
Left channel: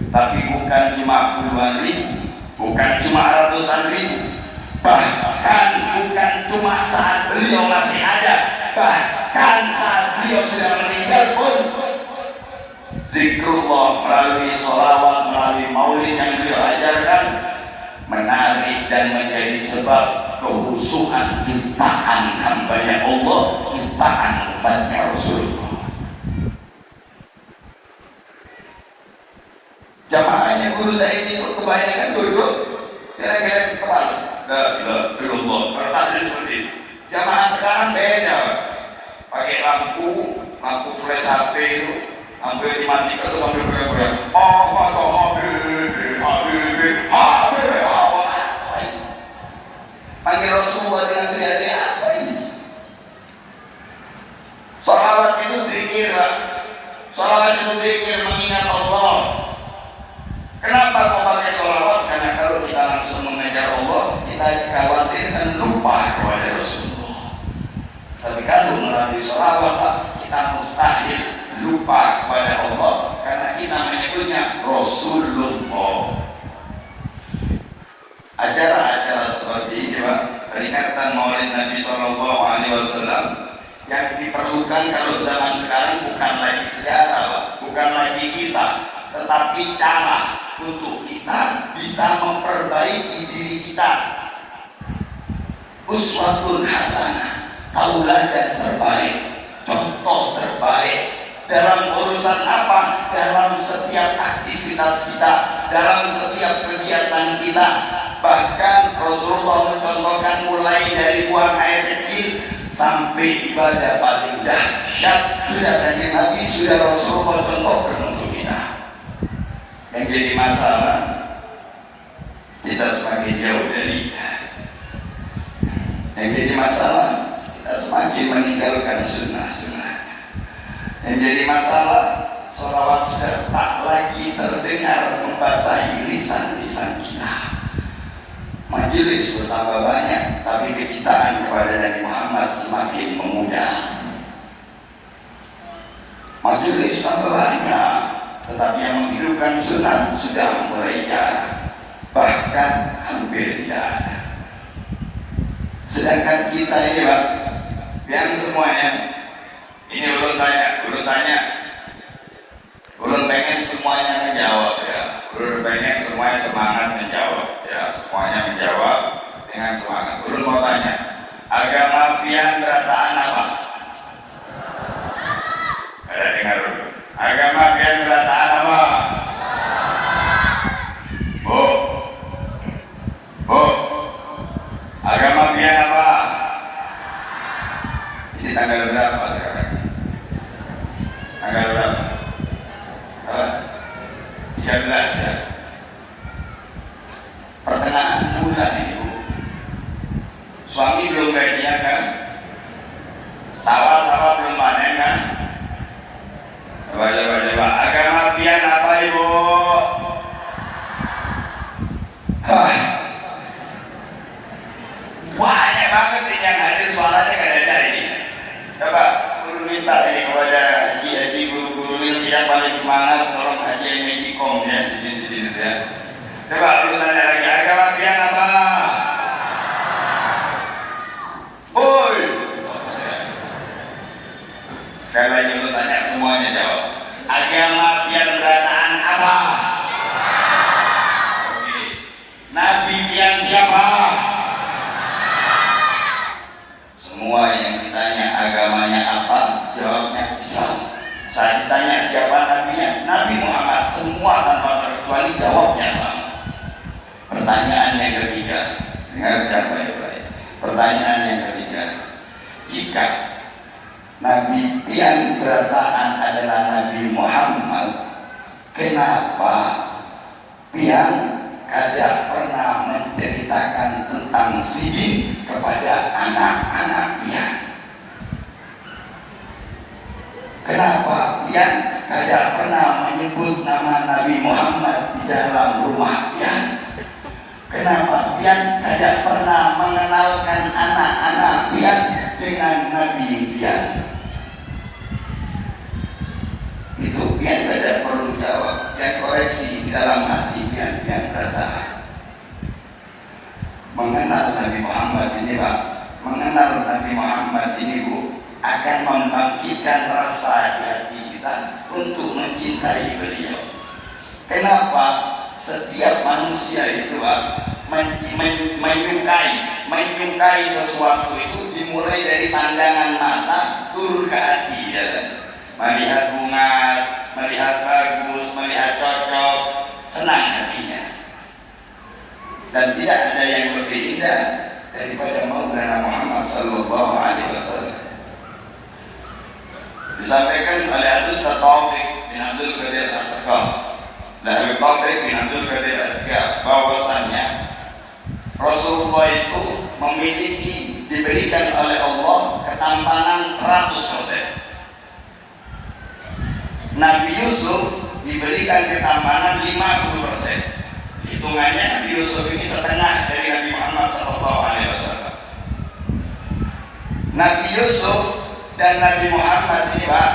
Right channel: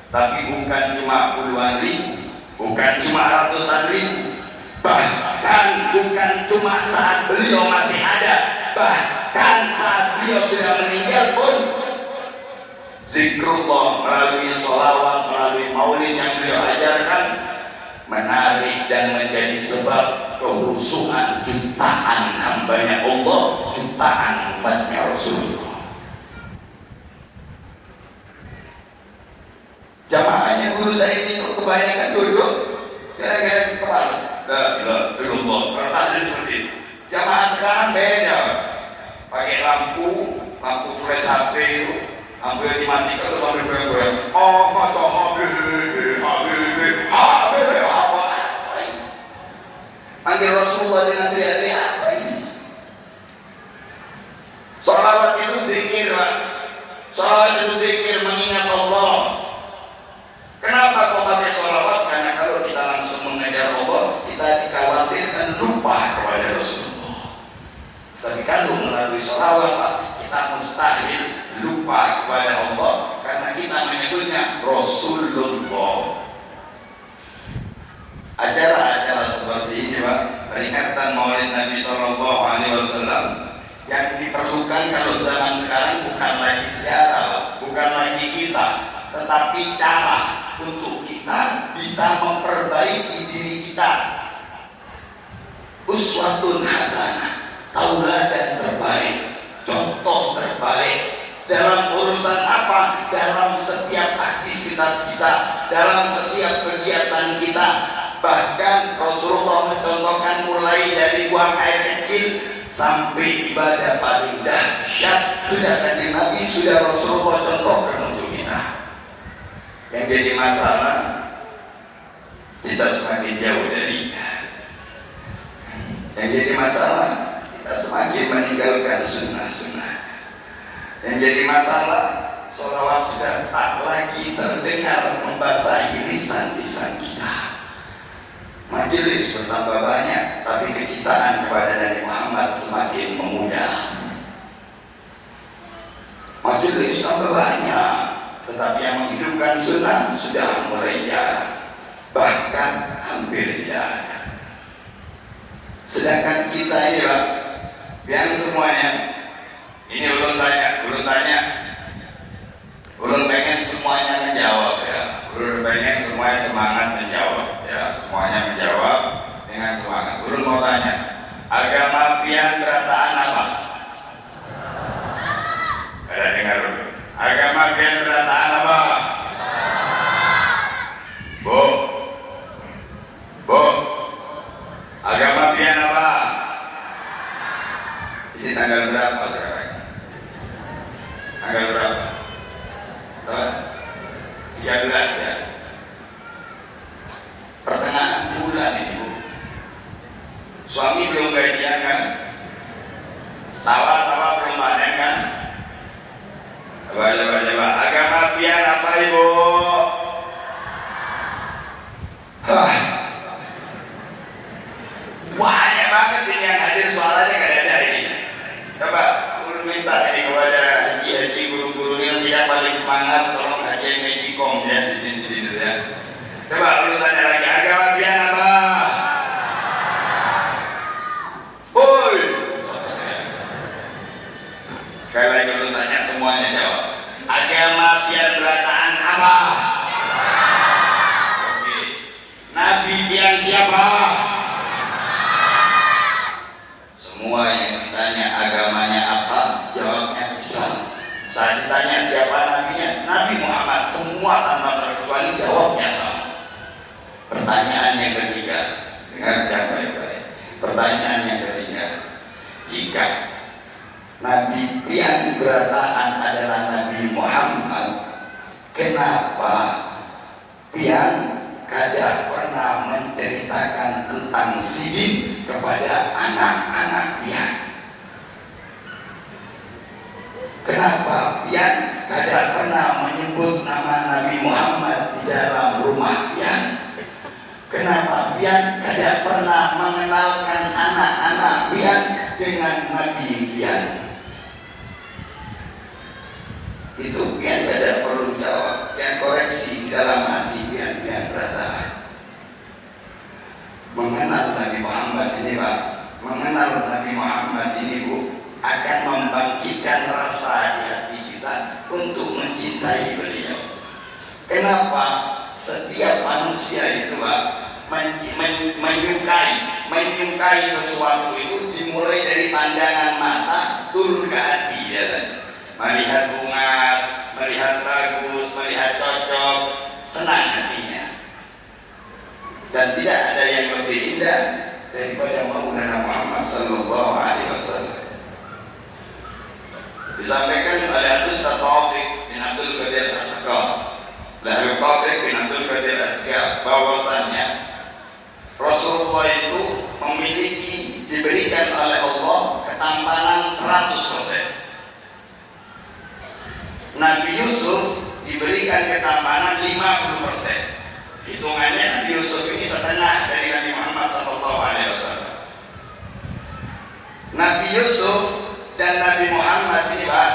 Tapi bukan cuma puluhan ribu, bukan cuma ratusan ribu, bahkan bukan cuma saat beliau masih ada, bahkan saat beliau sudah meninggal pun zikrullah melalui sholawat, melalui maulid yang beliau ajarkan menarik dan menjadi sebab kehusuan jutaan hambanya Allah, jutaan umatnya Sampai dimatikan tuh sampai goyang-goyang. Ahmad Habibie, Habibie, Habibie, apa ini? Panggil Rasulullah dengan teriak-teriak, apa ini? Salawat itu zikir, Pak. Salawat itu zikir, mengingat Allah. Kenapa kau pakai salawat? Karena kalau kita langsung mengajar Allah, kita dikhawatirkan lupa kepada Rasulullah. Tapi kalau melalui salawat, Pak, kita mustahil lupa kepada Allah karena kita menyebutnya Rasulullah. Acara-acara seperti ini, Pak, peringatan Maulid Nabi Sallallahu Alaihi Wasallam yang diperlukan kalau zaman sekarang bukan lagi sejarah, Pak, bukan lagi kisah, tetapi cara untuk kita bisa memperbaiki diri kita. Uswatun hasanah, tauladan terbaik, contoh terbaik dalam urusan apa? Dalam setiap aktivitas kita, dalam setiap kegiatan kita. Bahkan Rasulullah mencontohkan mulai dari buang air kecil sampai ibadah paling dahsyat sudah dari Nabi, sudah Rasulullah contohkan untuk kita. Yang jadi masalah, kita semakin jauh darinya. Yang jadi masalah, kita semakin meninggalkan sunnah-sunnah. Yang jadi masalah, sholawat sudah tak lagi terdengar membasahi lisan-lisan kita. Majelis bertambah banyak, tapi kecintaan kepada Nabi Muhammad semakin memudar. Majelis tambah banyak, tetapi yang menghidupkan sunnah sudah mulai jarang, bahkan hampir tidak ada. Sedangkan kita ini, Pak, yang semuanya ini ulun pengen semuanya menjawab, ya. Ulun pengen semuanya semangat menjawab, ya. Semuanya menjawab dengan semangat. Ulun mau tanya, agama pian berataan apa? Ada dengar dulu. Agama pian berataan apa? Bu, agama pian apa? Ini tanggal berapa sekarang? Tanggal berapa? 13 ya. Pertengahan bulan ini, Bu. Suami belum gajian kan? Sawah-sawah belum panen kan? Coba. Agama pian apa, Ibu? Banyak banget ini yang hadir suaranya kada ini. Coba guru minta ini kepada haji guru-guru ini yang paling semangat, tolong haji yang Mejikom ya, sini ya. Coba lu tanya lagi, agama pian apa? Boy. Sekali lagi lu tanya, semuanya jawab. Agama pian berataan apa? Oke. Nabi pian siapa? Semua yang ditanya agamanya apa, jawabnya Islam. Saat ditanya siapa nabinya, Nabi Muhammad, semua tanpa terkecuali jawabnya sama. Pertanyaan yang ketiga, dengarkan baik-baik. Pertanyaan yang ketiga, jika Nabi yang berataan adalah Nabi Muhammad, kenapa pian kada pernah menceritakan tentang sidin kepada anak-anak pian? Kenapa pian kada pernah menyebut nama Nabi Muhammad di dalam rumah pian? Kenapa pian kada pernah mengenalkan anak-anak pian dengan Nabi pian? Itu pian kada perlu jawab, pian koreksi di dalam hati pian bertahan. Mengenal Nabi Muhammad ini, Pak, mengenal Nabi Muhammad ini, Bu, akan membangkitkan rasa di hati kita untuk mencintai beliau. Kenapa? Setiap manusia itu, Pak, menyukai sesuatu itu dimulai dari pandangan mata turun ke hati, ya. Melihat bunga, melihat bagus, melihat cocok, senang hatinya. Dan tidak ada yang lebih indah daripada Maulana Muhammad Sallallahu Alaihi Wasallam. Disampaikan oleh Ustaz Taufik bin ketampanan 50%. Hitungannya Nabi Yusuf ini setengah dari Nabi Muhammad SAW. Nabi Yusuf dan Nabi Muhammad ini Pak,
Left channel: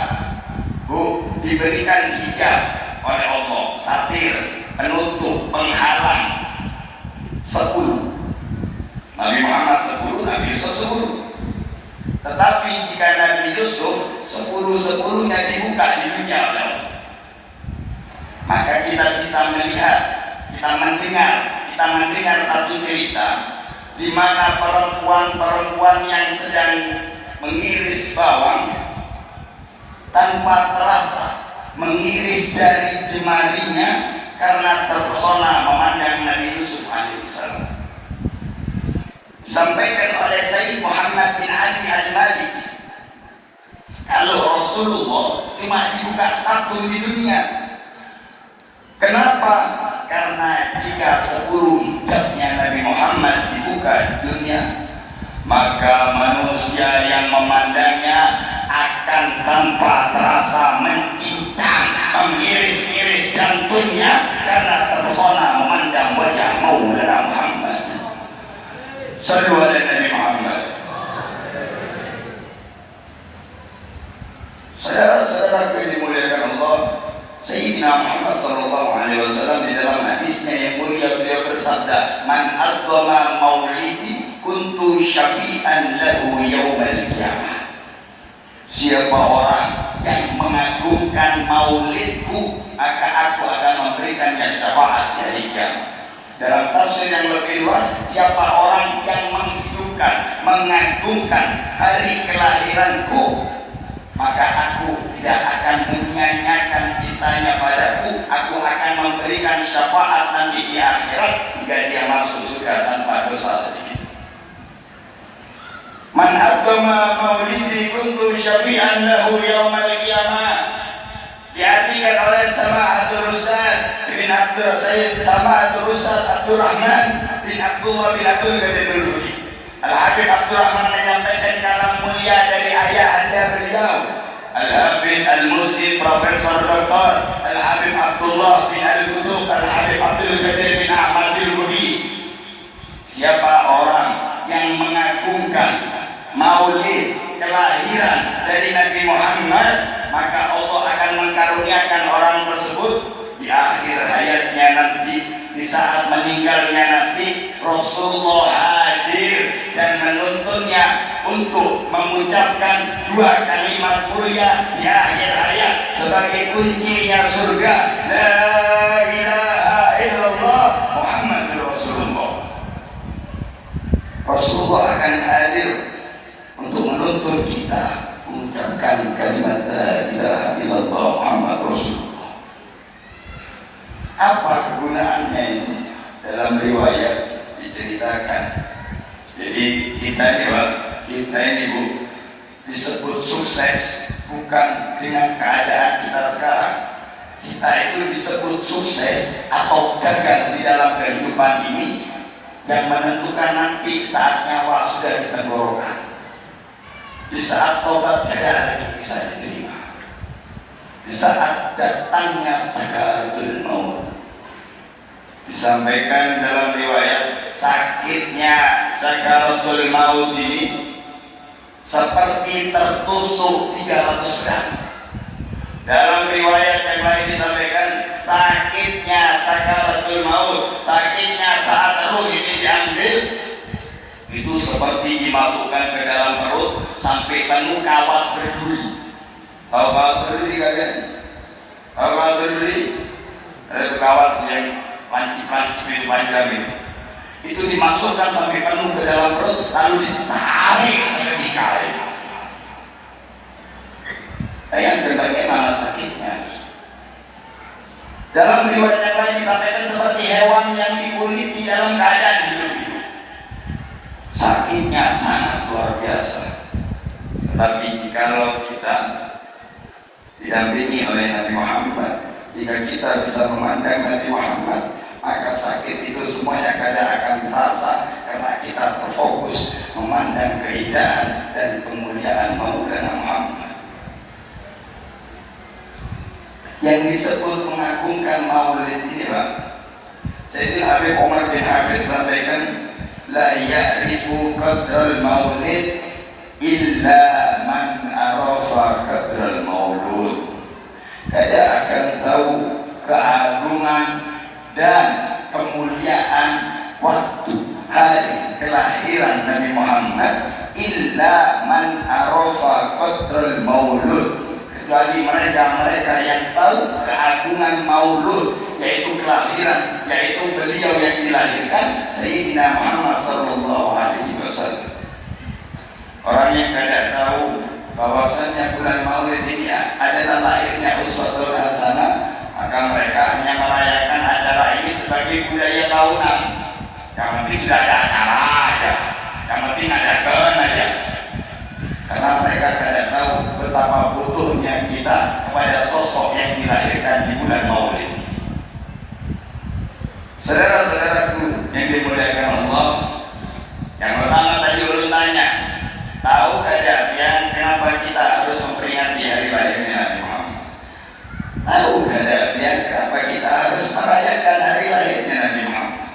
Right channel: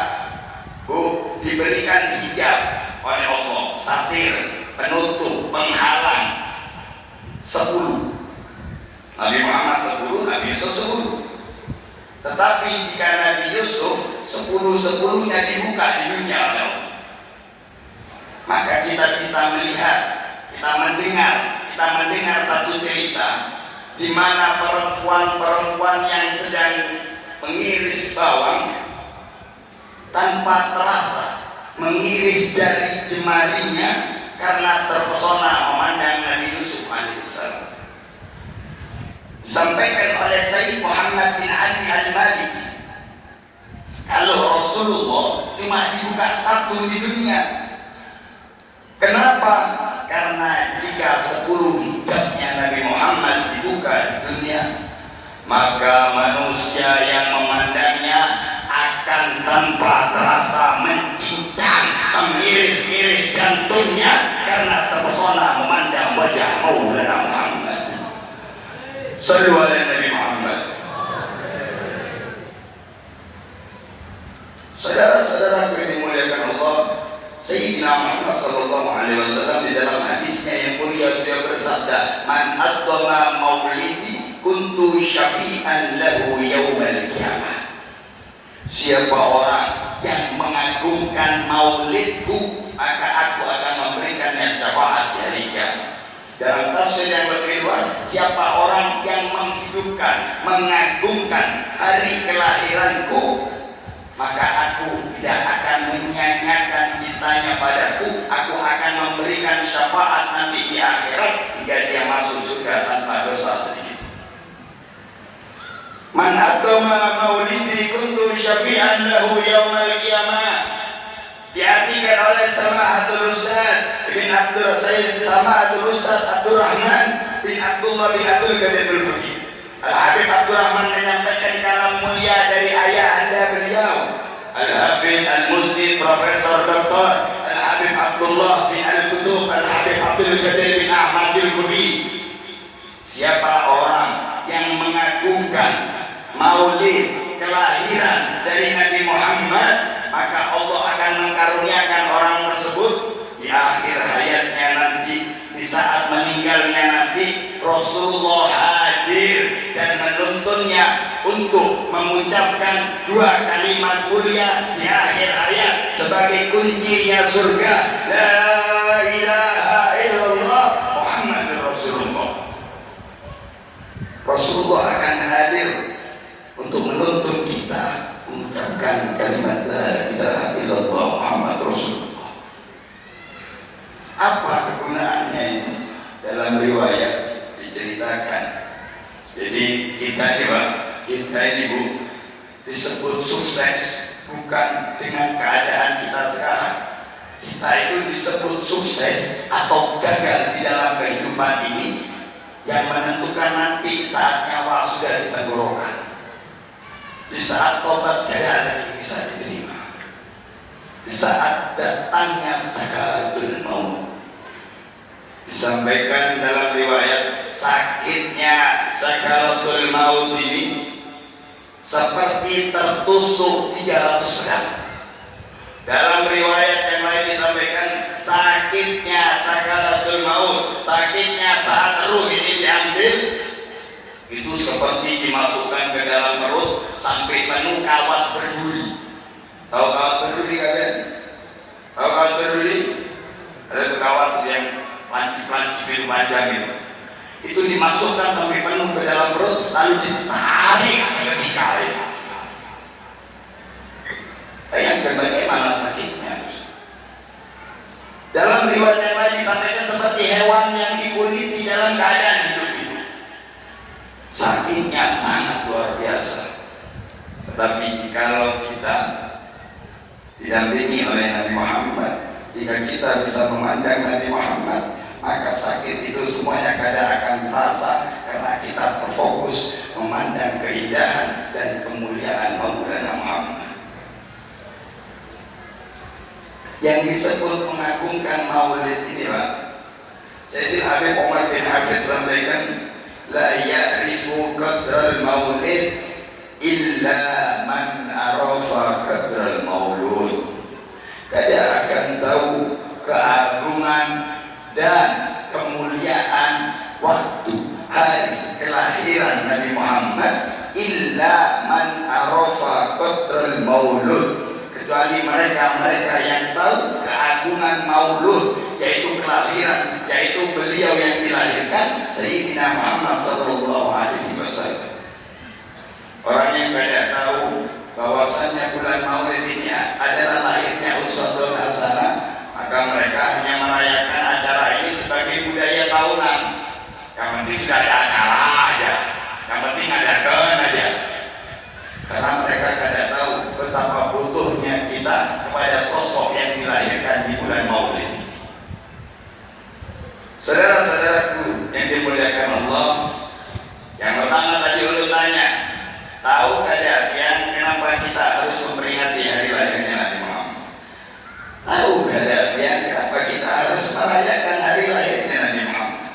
diberikan hijab oleh Allah, satir, penutup, penghalang 10. Nabi Muhammad 10, Nabi Yusuf 10. Tetapi jika Nabi Yusuf 10-10-nya dibuka di dunia oleh Allah, maka kita bisa melihat, kita mendengar satu cerita di mana perempuan-perempuan yang sedang mengiris bawang tanpa terasa mengiris dari jemarinya karena terpesona memandang Nabi Yusuf alaihissalam. Disampaikan oleh Sayyid Muhammad bin Ali al-Maliki, kalau Rasulullah cuma dibuka satu di dunia. Kenapa? Karena jika 10 hijabnya Nabi Muhammad dibuka di dunia, maka manusia yang memandangnya akan tanpa terasa mencincang, mengiris-iris jantungnya karena terpesona memandang wajah Maulana Muhammad. Sallu ala Nabi Muhammad. Saudara-saudara yang dimuliakan Allah, Sayyidina Muhammad SAW di dalam hadisnya yang mulia beliau bersabda, "Man adzama maulidi kuntu syafi'an lahu yaumal qiyamah." Siapa orang yang mengagungkan maulidku, maka aku akan memberikannya syafaat di hari kiamat. Dalam tafsir yang lebih luas, siapa orang yang menghidupkan, mengagungkan hari kelahiranku, maka aku tidak akan menyia-nyiakan cintanya padaku. Aku akan memberikan syafaat nanti di akhirat hingga dia masuk surga tanpa dosa sedikit. Man adzama maulidi kuntu syafi'an lahu yaumal qiyamah. Diartikan oleh Samahatul Ustaz bin Abdul Sayyid Samahatul Ustaz Abdul Rahman bin Abdullah bin Abdul Qadir al-Fuqi. Al-Habib Abdul Rahman menyampaikan kalam mulia dari ayah anda beliau, Al-Hafidh Al-Muslim Profesor Dr. Al-Habib Abdullah bin Al-Qutub Al-Habib Abdul Qadir bin Ahmad al-Fuqi. Siapa orang yang mengagungkan maulid kelahiran dari Nabi Muhammad, maka Allah akan mengkaruniakan orang tersebut di akhir hayatnya nanti, di saat meninggalnya nanti, Rasulullah hadir dan menuntunnya untuk mengucapkan 2 kalimat mulia di akhir hayat sebagai kuncinya surga, la ilaha illallah Muhammadur Rasulullah. Rasulullah akan hadir untuk menuntun kita mengucapkan kalimat la ilaha illallah Muhammadur Rasulullah. Apa kegunaannya itu? Dalam riwayat diceritakan, jadi kita ini Bu, disebut sukses bukan dengan keadaan kita sekarang. Kita itu disebut sukses atau gagal di dalam kehidupan ini yang menentukan nanti saat nyawa sudah di tenggorokan, di saat tobat tidak lagi bisa diterima, di saat datangnya sakaratul maut. Disampaikan dalam riwayat, sakitnya sakaratul maut ini seperti tertusuk 300 gram. Dalam riwayat yang lain disampaikan, sakitnya sakaratul maut, sakitnya saat ruh ini diambil, itu seperti dimasukkan ke dalam perut sampai penuh kawat berduri. Tahu kawat berduri kalian? Tahu kawat berduri? Ada kawat yang panci-panci itu panjang itu dimasukkan sampai penuh ke dalam perut, lalu ditarik seketika. Bayangkan bagaimana sakitnya. Dalam riwayat yang lain disampaikan seperti hewan yang dikuliti dalam keadaan hidup. Sakitnya sangat luar biasa. Tetapi jikalau kita didampingi oleh Nabi Muhammad, jika kita bisa memandang Nabi Muhammad, maka sakit itu semuanya kadang akan terasa karena kita terfokus memandang keindahan dan kemuliaan Maulana Muhammad. yang disebut mengagungkan maulid ini Pak. Sayyidina Habib Umar bin Hafid sampaikan, la ya'rifu qadral maulid illa man arafa qadral maulud. Tidak akan tahu keagungan dan kemuliaan waktu hari kelahiran Nabi Muhammad illa man arafa qadral maulud, kecuali mereka-mereka yang tahu keagungan maulud, yaitu kelahiran, yaitu beliau yang dilahirkan Sayyidina Muhammad sallallahu alaihi wasallam. Orang yang tidak tahu bahwasannya bulan maulid ini adalah lahirnya uswatun hasanah, maka mereka hanya merayakan acara ini sebagai budaya tahunan. Yang penting sudah ada acara aja, yang penting adakan aja. Karena mereka tidak tahu betapa butuhnya kita kepada sosok yang dilahirkan di bulan maulid. Saudara-saudaraku yang dimuliakan Allah, yang pertama tadi urutannya, tahu tidak yang kenapa kita harus memperingati hari lahirnya Nabi Muhammad? Tahu tidak yang kenapa kita harus merayakan hari lahirnya Nabi Muhammad?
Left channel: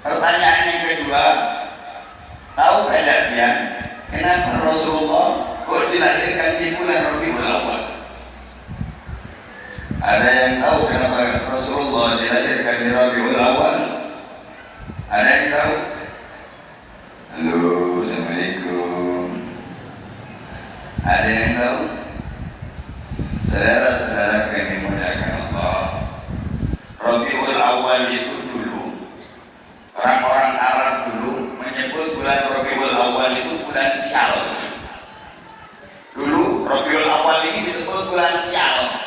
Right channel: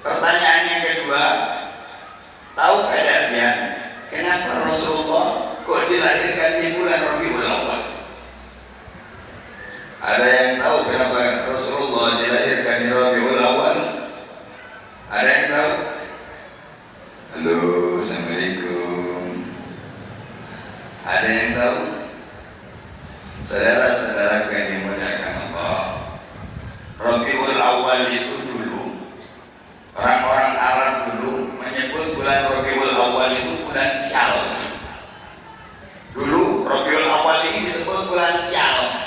Pertanyaan yang kedua, tahu tidak yang kenapa Rasulullah kok dilahirkan di bulan Rabiul Awal? Ada yang tahu kenapa Rasulullah dilahirkan di Rabiul Awal? Ada yang tahu? Halo, Assalamualaikum. Ada yang tahu? Saudara-saudara yang dimuliakan Allah, Rabiul Awal itu dulu orang-orang Arab dulu menyebut bulan Rabiul Awal itu bulan sial. Dulu Rabiul Awal ini disebut bulan sial.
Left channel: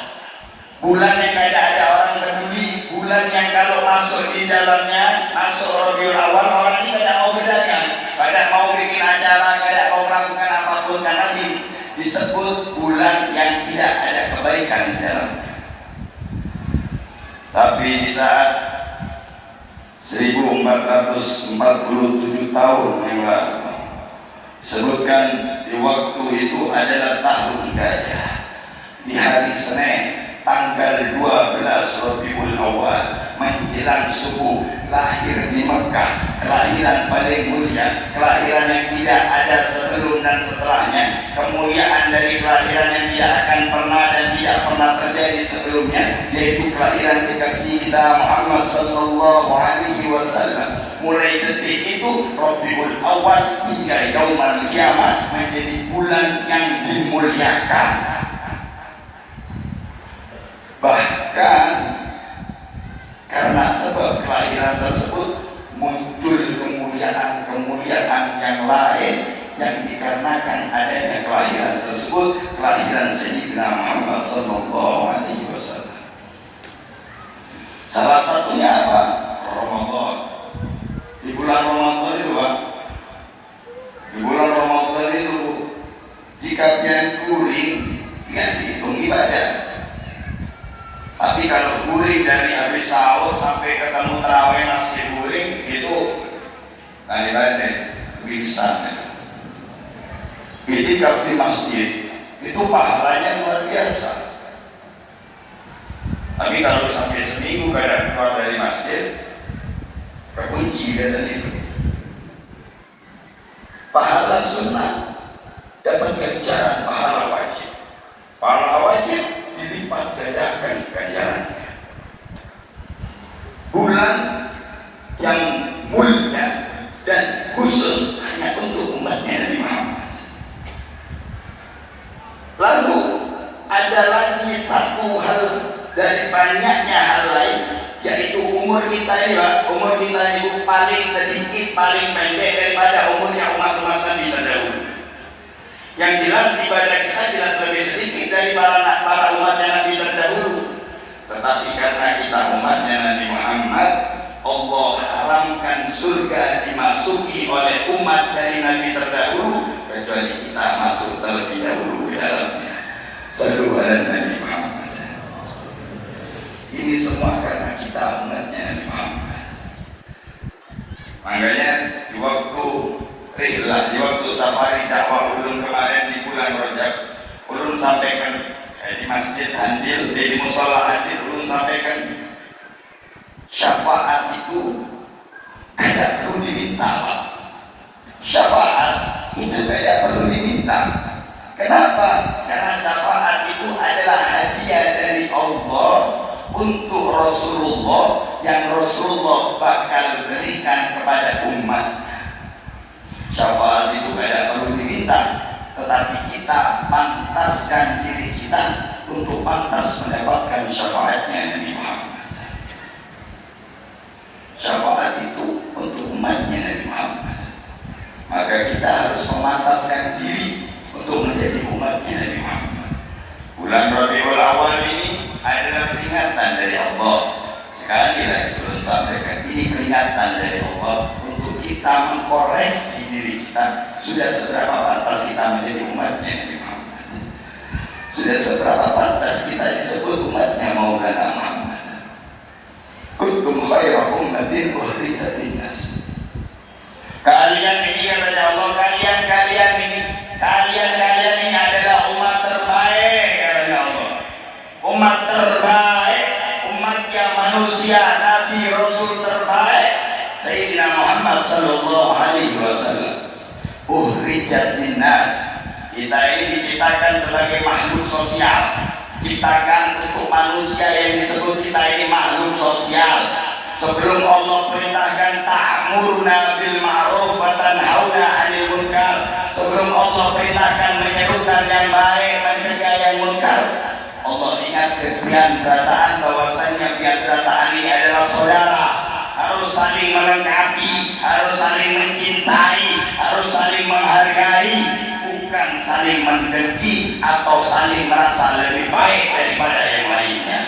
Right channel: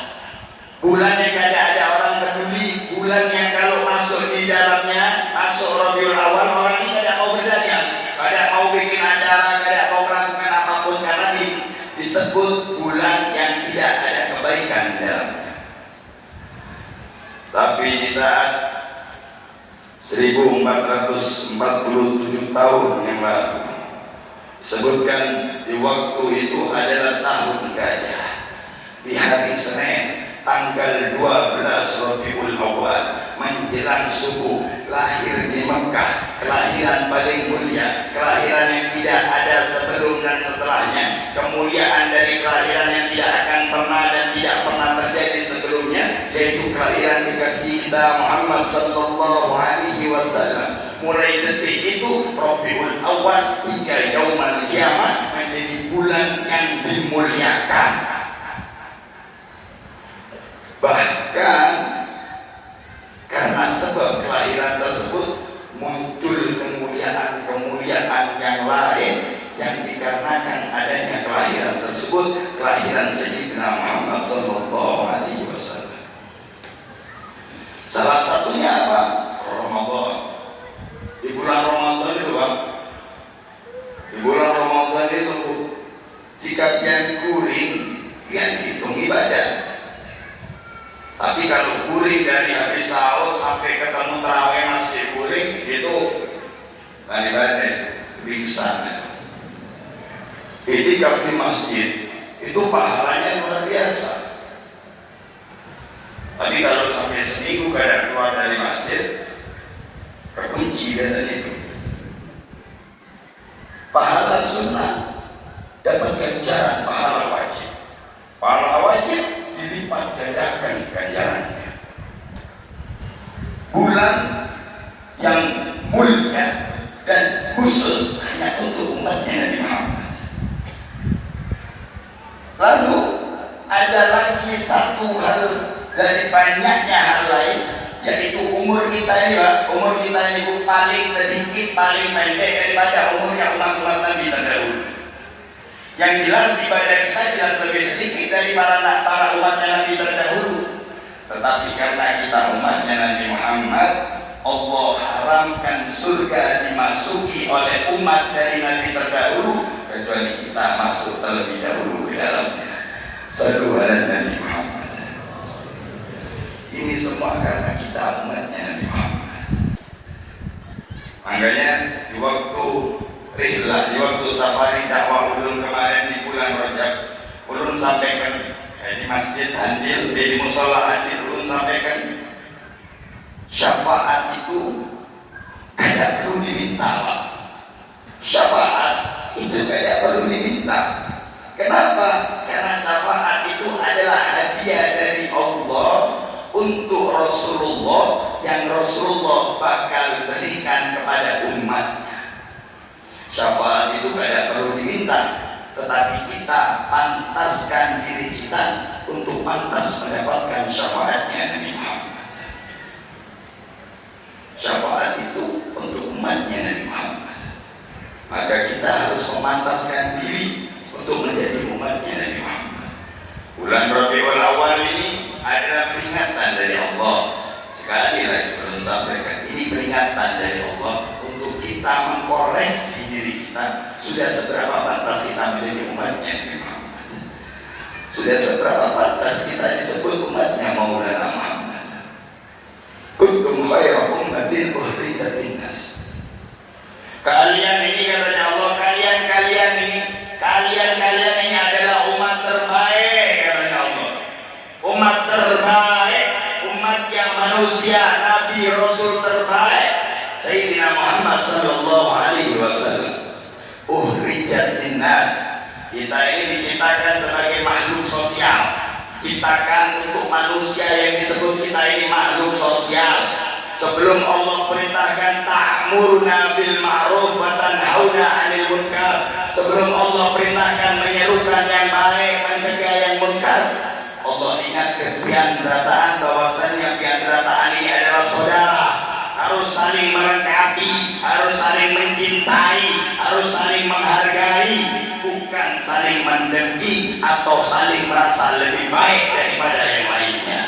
Bulan yang tidak ada orang peduli, bulan yang kalau masuk di dalamnya, masuk Rabiul Awal, orang ini tidak mau bedanya, tidak mau bikin acara, tidak mau melakukan apapun, karena disebut bulan yang tidak ada kebaikan di dalamnya. Tapi di saat 1447 tahun yang lalu, sebutkan di waktu itu adalah tahun gajah, di hari Senin tanggal 12 Rabiul Awal menjelang subuh, lahir di Mekah, kelahiran paling mulia, kelahiran yang tidak ada sebelum dan setelahnya, kemuliaan dari kelahiran yang tidak akan pernah dan tidak pernah terjadi sebelumnya, yaitu kelahiran kekasih kita Muhammad sallallahu alaihi wasallam. Mulai detik itu Rabiul Awal hingga yaumul kiamat menjadi bulan yang dimuliakan. Bahkan karena sebab kelahiran tersebut muncul kemuliaan-kemuliaan yang lain yang dikarenakan adanya kelahiran tersebut, kelahiran Sayyidina Muhammad sallallahu alaihi wasallam. Salah satunya apa? Ramadan. Di bulan Ramadan itu Pak, di bulan Ramadan itu jika pian kuring, pian dihitung ibadah. Tapi kalau guring dari habis sahur sampai ketemu tarawih masih guring, itu tadi baca bisa. Iktikaf di masjid itu pahalanya luar biasa. Tapi kalau sampai seminggu kadang keluar dari masjid, kekunci biasanya itu. Pahala sunnah dapat ganjaran pahala wajib. Pahala wajib dilipat gandakan ganjarannya. Bulan yang mulia dan khusus hanya untuk umatnya Nabi Muhammad. Lalu ada lagi satu hal dari banyaknya hal lain, yaitu umur kita ini Pak. Umur kita itu paling sedikit, paling pendek daripada umurnya umat-umat Nabi terdahulu. Yang jelas ibadah kita jelas lebih sedikit dari para umatnya Nabi terdahulu. Tetapi karena kita umatnya Nabi Muhammad, Allah haramkan surga dimasuki oleh umat dari Nabi terdahulu, kecuali kita masuk terlebih dahulu ke dalamnya. Sallu ala Nabi Muhammad. Ini semua karena kita umatnya Nabi Muhammad. Makanya di waktu rihlah, di waktu safari dakwah ulun kemarin di bulan Rajab, ulun sampaikan di Masjid Handil, di musola memantaskan diri kita untuk pantas mendapatkan syafaatnya Nabi Muhammad. Syafaat itu untuk umatnya Nabi Muhammad. Maka kita harus memantaskan diri untuk menjadi umatnya Nabi Muhammad. Bulan Rabiul Awal ini adalah peringatan dari Allah. Sekali lagi belum sampaikan, ini peringatan dari Allah untuk kita mengkoreksi diri kita. Sudah seberapa pantas kita menjadi umatnya Nabi Muhammad? Sudah seberapa pantas kita disebut umatnya Maulana Muhammad? Kuntum khairu ummatin ukhrijat linnas. Kalian ini katanya Allah, kalian ini adalah umat terbaik katanya Allah. Umat terbaik, umat yang manusia, Nabi Rasul terbaik, Sayyidina Muhammad sallallahu alaihi wasallam. Ukhrijat linnas. Kita ini diciptakan sebagai makhluk sosial. Ciptakan untuk manusia yang disebut kita ini makhluk sosial. Sebelum Allah perintahkan ta'muruna bil ma'ruf wa tanhauna 'anil munkar, sebelum Allah perintahkan menyerukan yang baik dan mencegah yang munkar, Allah ingatkan pian-pirataan bahwasanya pian-pirataan ini adalah saudara, harus saling melengkapi, harus saling mencintai, harus saling menghargai, bukan saling mendengki atau saling merasa lebih baik daripada yang lainnya.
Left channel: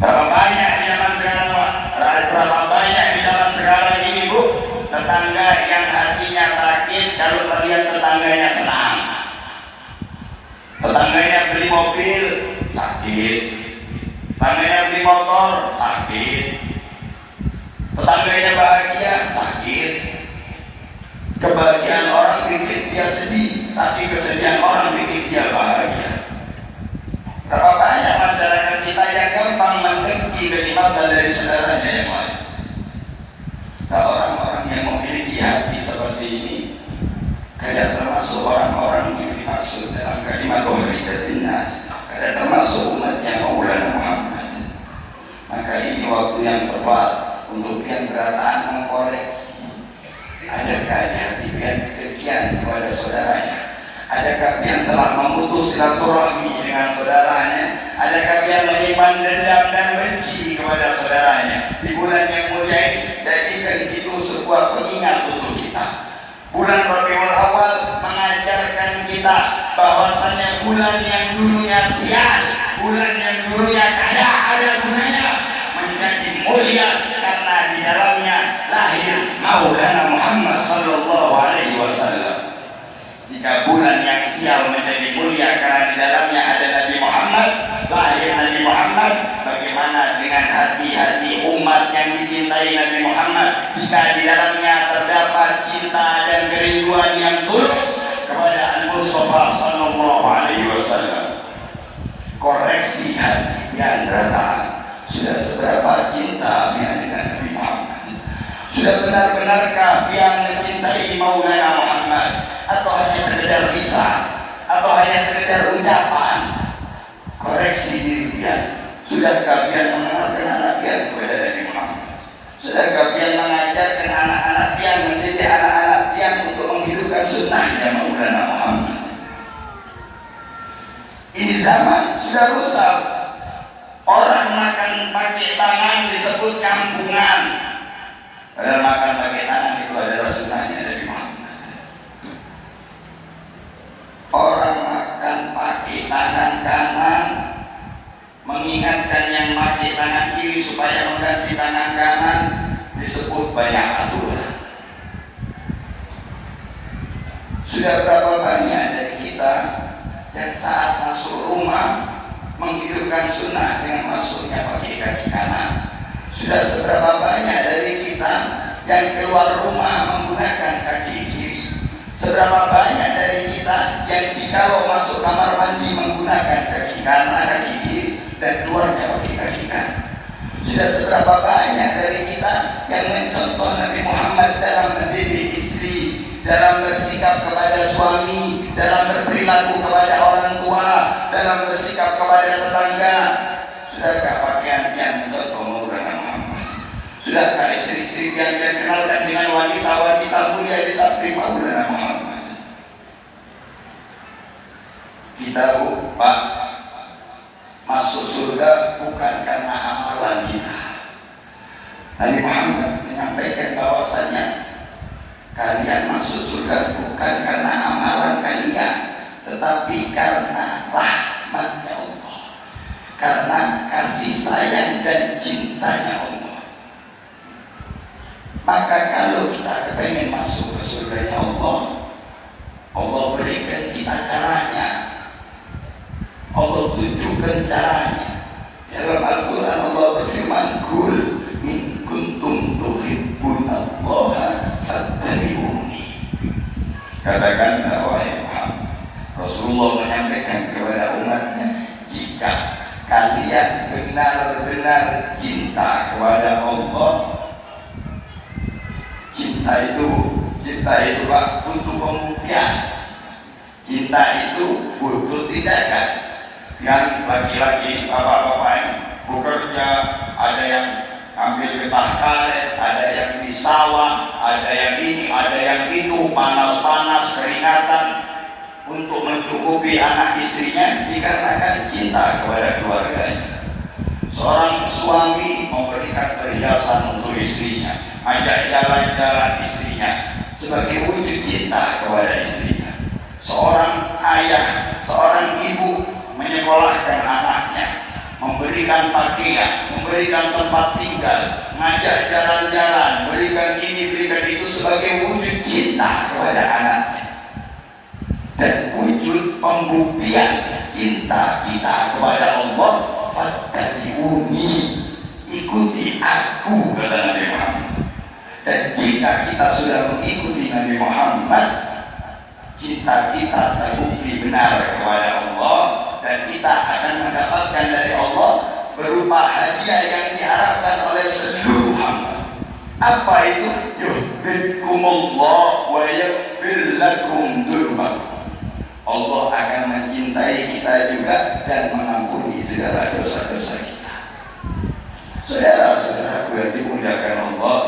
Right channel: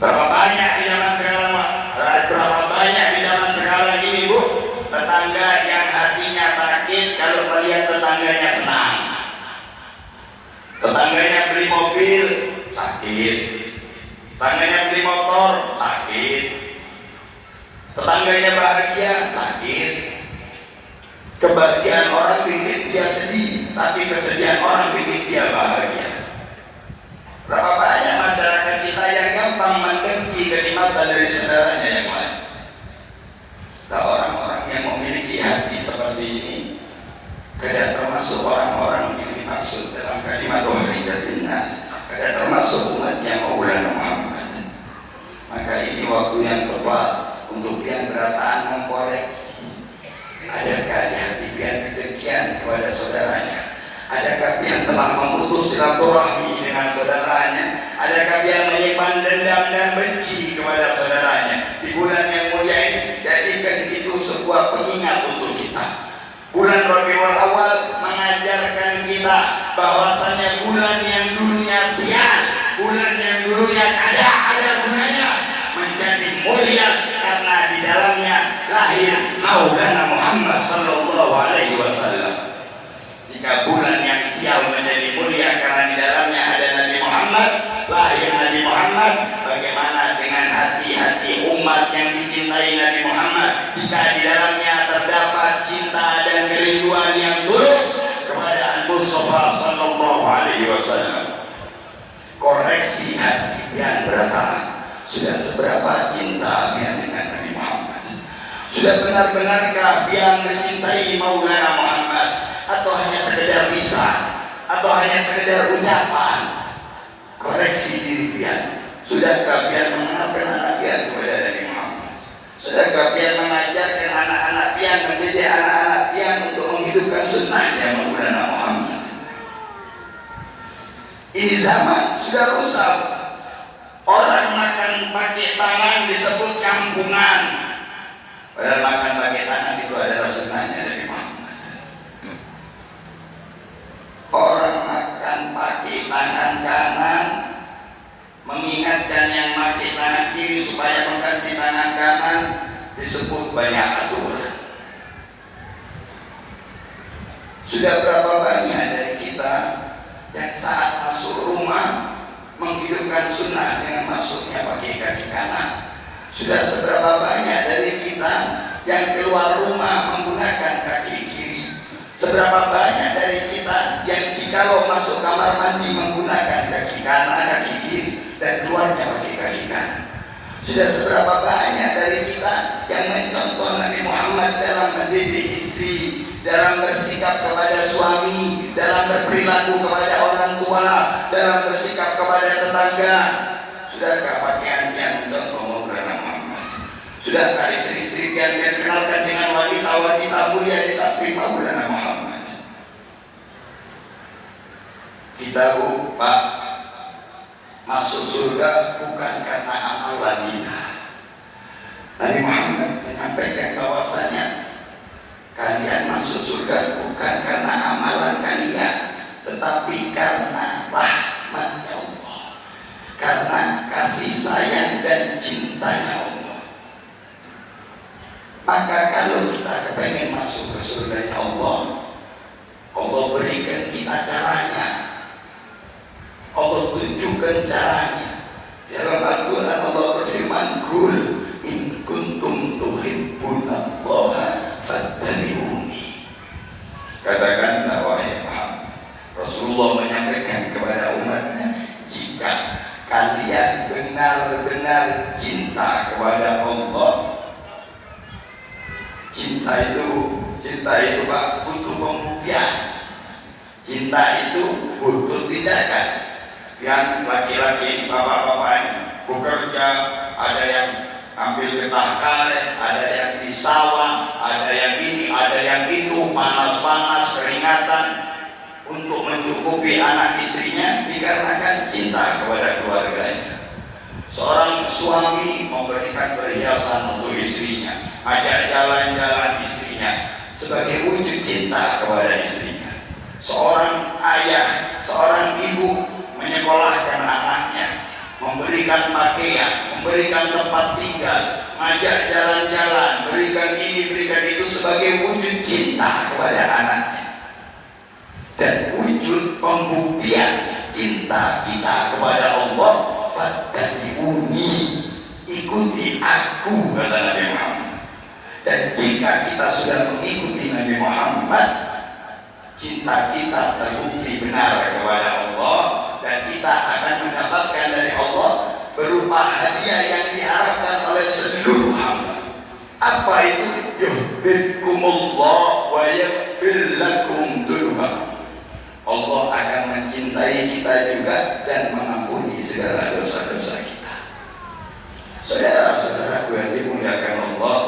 Berapa banyak di zaman sekarang, berapa banyak di zaman sekarang ini, Bu, tetangga yang hatinya sakit kalau melihat tetangganya senang. Tetangganya beli mobil, sakit. Tetangganya beli motor, sakit. Tetangganya bahagia, sakit. Kebahagiaan orang bikin dia sedih, tapi kesedihan orang bikin dia bahagia. Berapa banyak masyarakat kita yang gampang mendengki kenikmatan dari saudaranya yang lain. Nah, orang-orang yang memiliki hati seperti ini kadang termasuk orang-orang yang dimaksud dalam kalimat ukhrijat linnas, kadang termasuk umatnya Maulana Muhammad. Maka ini waktu yang tepat untuk yang berataan mengkoreksi. Adakah di hati pian kedengkian kepada saudaranya? Adakah pian telah memutus silaturahmi dengan saudaranya? Adakah pian menyimpan dendam dan benci kepada saudaranya? Di bulan yang mulia ini, jadikan itu sebuah pengingat untuk kita. Bulan Rabiul Awal mengajarkan kita bahwasanya bulan yang dulunya sial, bulan yang dulunya ada gunanya, menjadi mulia karena di dalamnya lahir Maulana Muhammad sallallahu alaihi wasallam. Jika bulan yang sial menjadi mulia karena di dalamnya ada Nabi Muhammad, lahir Nabi Muhammad, bagaimana dengan hati-hati umat yang dicintai Nabi Muhammad jika di dalamnya terdapat cinta dan kerinduan yang tulus kepada Al-Mustafa sallallahu alaihi wasallam? Koreksi hati yang beratang. Sudah seberapa cinta pian dengan Nabi Muhammad? Sudah benar-benarkah pian mencintai Maulana Muhammad? Atau hanya sekedar lisan, atau hanya sekedar ucapan? Koreksi diri pian. Sudahkah pian mengenalkan anak pian kepada Nabi Muhammad? Sudahkah pian mengajarkan anak-anak pian, mendidik anak-anak pian untuk menghidupkan sunnahnya Maulana Muhammad? Ini zaman sudah rusak. Orang makan pakai tangan disebut kampungan. Padahal makan pakai tangan itu adalah sunnahnya Nabi Muhammad. Orang makan pakai tangan kanan, mengingatkan yang pakai tangan kiri supaya mengganti tangan kanan, disebut banyak aturan. Sudah berapa banyak dari kita yang saat masuk rumah menghidupkan sunnah dengan masuknya pakai kaki kanan? Sudah seberapa banyak dari kita yang keluar rumah menggunakan kaki kiri? Seberapa banyak dari kita yang jikalau masuk kamar mandi menggunakan kaki kanan, kaki kiri, dan keluarnya pakai kaki kanan? Sudah seberapa banyak dari kita yang mencontoh Nabi Muhammad dalam mendidik istri, dalam bersikap kepada suami, dalam berperilaku kepada orang tua, dalam bersikap kepada tetangga? Sudahkah pakaian yang mencontoh Maulana Muhammad? Sudahkah istri-istri yang kenalkan dengan wanita-wanita mulia di samping Maulana Muhammad? Kita Pak masuk surga bukan karena amalan kita. Nabi Muhammad menyampaikan bahwasanya kalian masuk surga bukan karena amalan kalian, tetapi karena rahmatnya Allah, karena kasih sayang dan cintanya Allah. Maka kalau kita kepengen masuk ke surganya Allah, Allah berikan kita caranya, Allah tunjukkan caranya. Dalam Al-Quran Allah berfirman, Kul in kuntum tuhibbunallaha fattabi'uni. Katakanlah wahai Muhammad, Rasulullah menyampaikan kepada umatnya, jika kalian benar-benar cinta kepada Allah, cinta itu Pak butuh pembuktian. Cinta itu butuh tindakan. Yang laki-laki, bapak-bapak ini bekerja, ada yang ambil getah karet, ada yang di sawah, ada yang ini, ada yang itu, panas-panas, keringatan untuk mencukupi anak istrinya dikarenakan cinta kepada keluarganya. Seorang suami memberikan perhiasan untuk istrinya, ajak jalan-jalan istrinya sebagai wujud cinta kepada istrinya. Seorang ayah, seorang ibu menyekolahkan anaknya, memberikan pakaian, memberikan tempat tinggal, ngajak jalan-jalan, berikan ini, berikan itu sebagai wujud cinta kepada anaknya. Dan wujud pembuktian cinta kita kepada Allah, fattabi'uni, ikuti aku, kata Nabi Muhammad. Dan jika kita sudah mengikuti Nabi Muhammad, cinta kita terbukti benar kepada Allah, dan kita akan mendapatkan dari Allah berupa hadiah yang diharapkan oleh seluruh hamba. Apa itu? Yuhibbukumullah wa yaghfir lakum dzunubakum. Allah akan mencintai kita juga dan mengampuni segala dosa-dosa kita. Saudara-saudaraku yang dimuliakan Allah,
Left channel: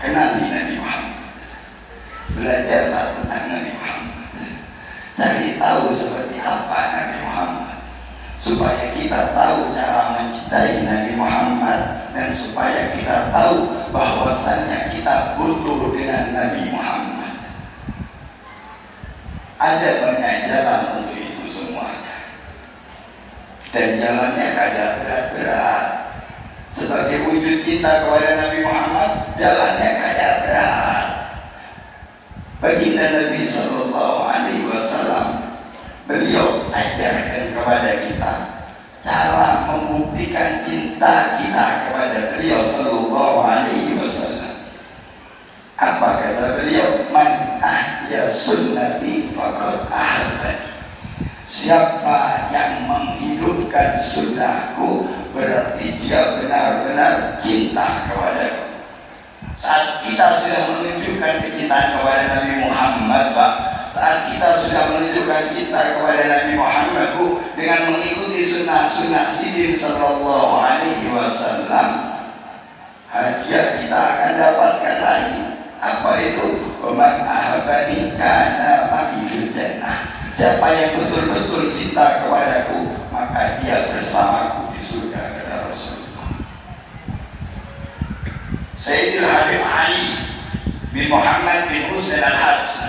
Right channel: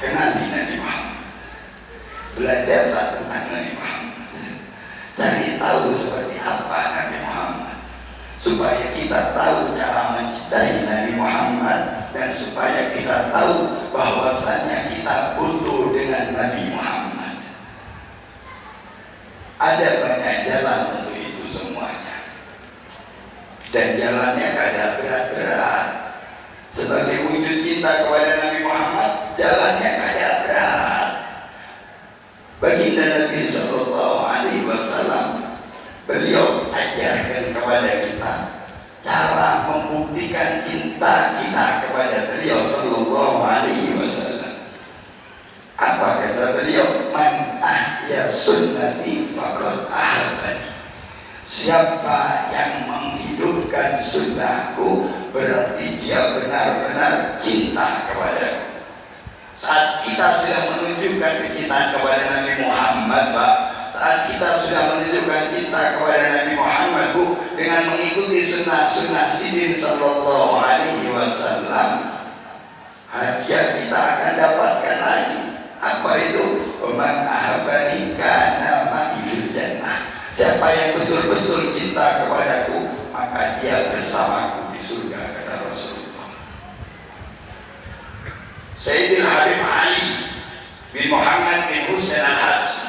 kenali Nabi Muhammad, belajarlah tentang Nabi Muhammad, cari tahu seperti apa Nabi Muhammad, supaya kita tahu cara mencintai Nabi Muhammad, dan supaya kita tahu bahwasannya kita butuh dengan Nabi Muhammad. Ada banyak jalan untuk itu semuanya, dan jalannya kada berat-berat. Sebagai wujud cinta kepada Nabi Muhammad, jalannya kada berat. Baginda Nabi Sallallahu Alaihi Wasallam, beliau ajarkan kepada kita cara membuktikan cinta kita kepada beliau Sallallahu Alaihi Wasallam. Apa kata beliau? Man ahya sunnati faqad ahabbani. Siapa yang menghidupkan sunnahku, berarti dia benar-benar cinta kepadaku. Saat kita sudah menunjukkan kecintaan kepada Nabi Muhammad, Pak, saat kita sudah menunjukkan cinta kepada Nabi Muhammad, Bu, dengan mengikuti sunnah-sunnah Sidin Sallallahu Alaihi Wasallam, hadiah kita akan dapatkan lagi. Apa itu? Waman ahabani kana ma'i fil jannah. Siapa yang betul-betul cinta kepadaku, maka dia bersamaku di surga, kata Rasulullah. Sayyidil Habib Ali bin Muhammad bin Husain Al-Habsyi,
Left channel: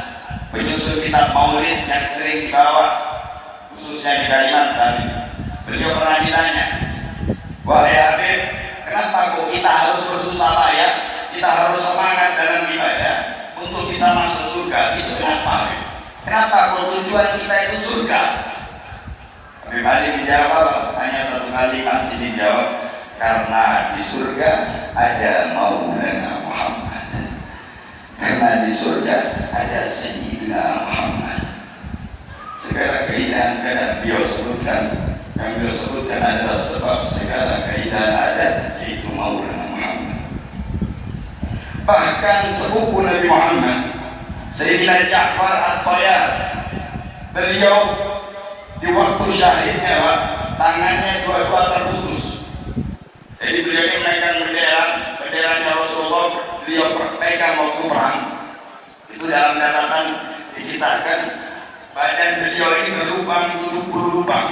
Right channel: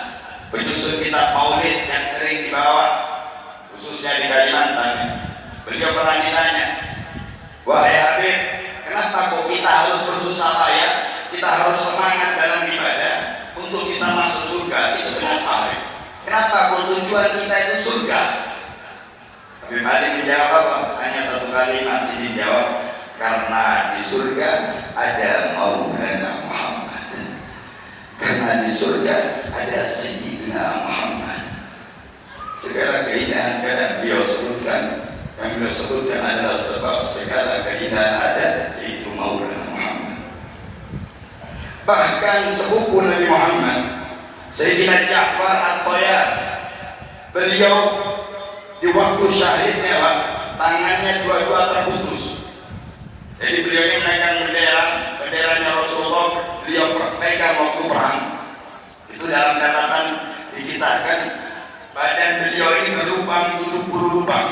penyusun kitab Maulid yang sering dibawa khususnya di Kalimantan, beliau pernah ditanya, wahai Habib, kenapa kok kita harus bersusah payah, kita harus semangat dalam ibadah untuk bisa masuk surga? Itu kenapa, Habib? Kenapa kok tujuan kita itu surga? Habib Ali menjawab, hanya satu kalimat sih dijawab, karena di surga ada Maulana Muhammad, karena di surga ada Sayyidina Muhammad. Segala keindahan yang beliau sebutkan adalah sebab segala keindahan ada, yaitu Maulana Muhammad. Bahkan sepupu Nabi Muhammad, Sayyidina Ja'far At-Tayyar, beliau di waktu syahidnya, Pak, tangannya dua-dua terputus. Jadi beliau ini memegang benderanya Rasulullah, beliau pegang waktu perang. Itu dalam catatan dikisahkan Badan beliau ini berlubang 70 lubang,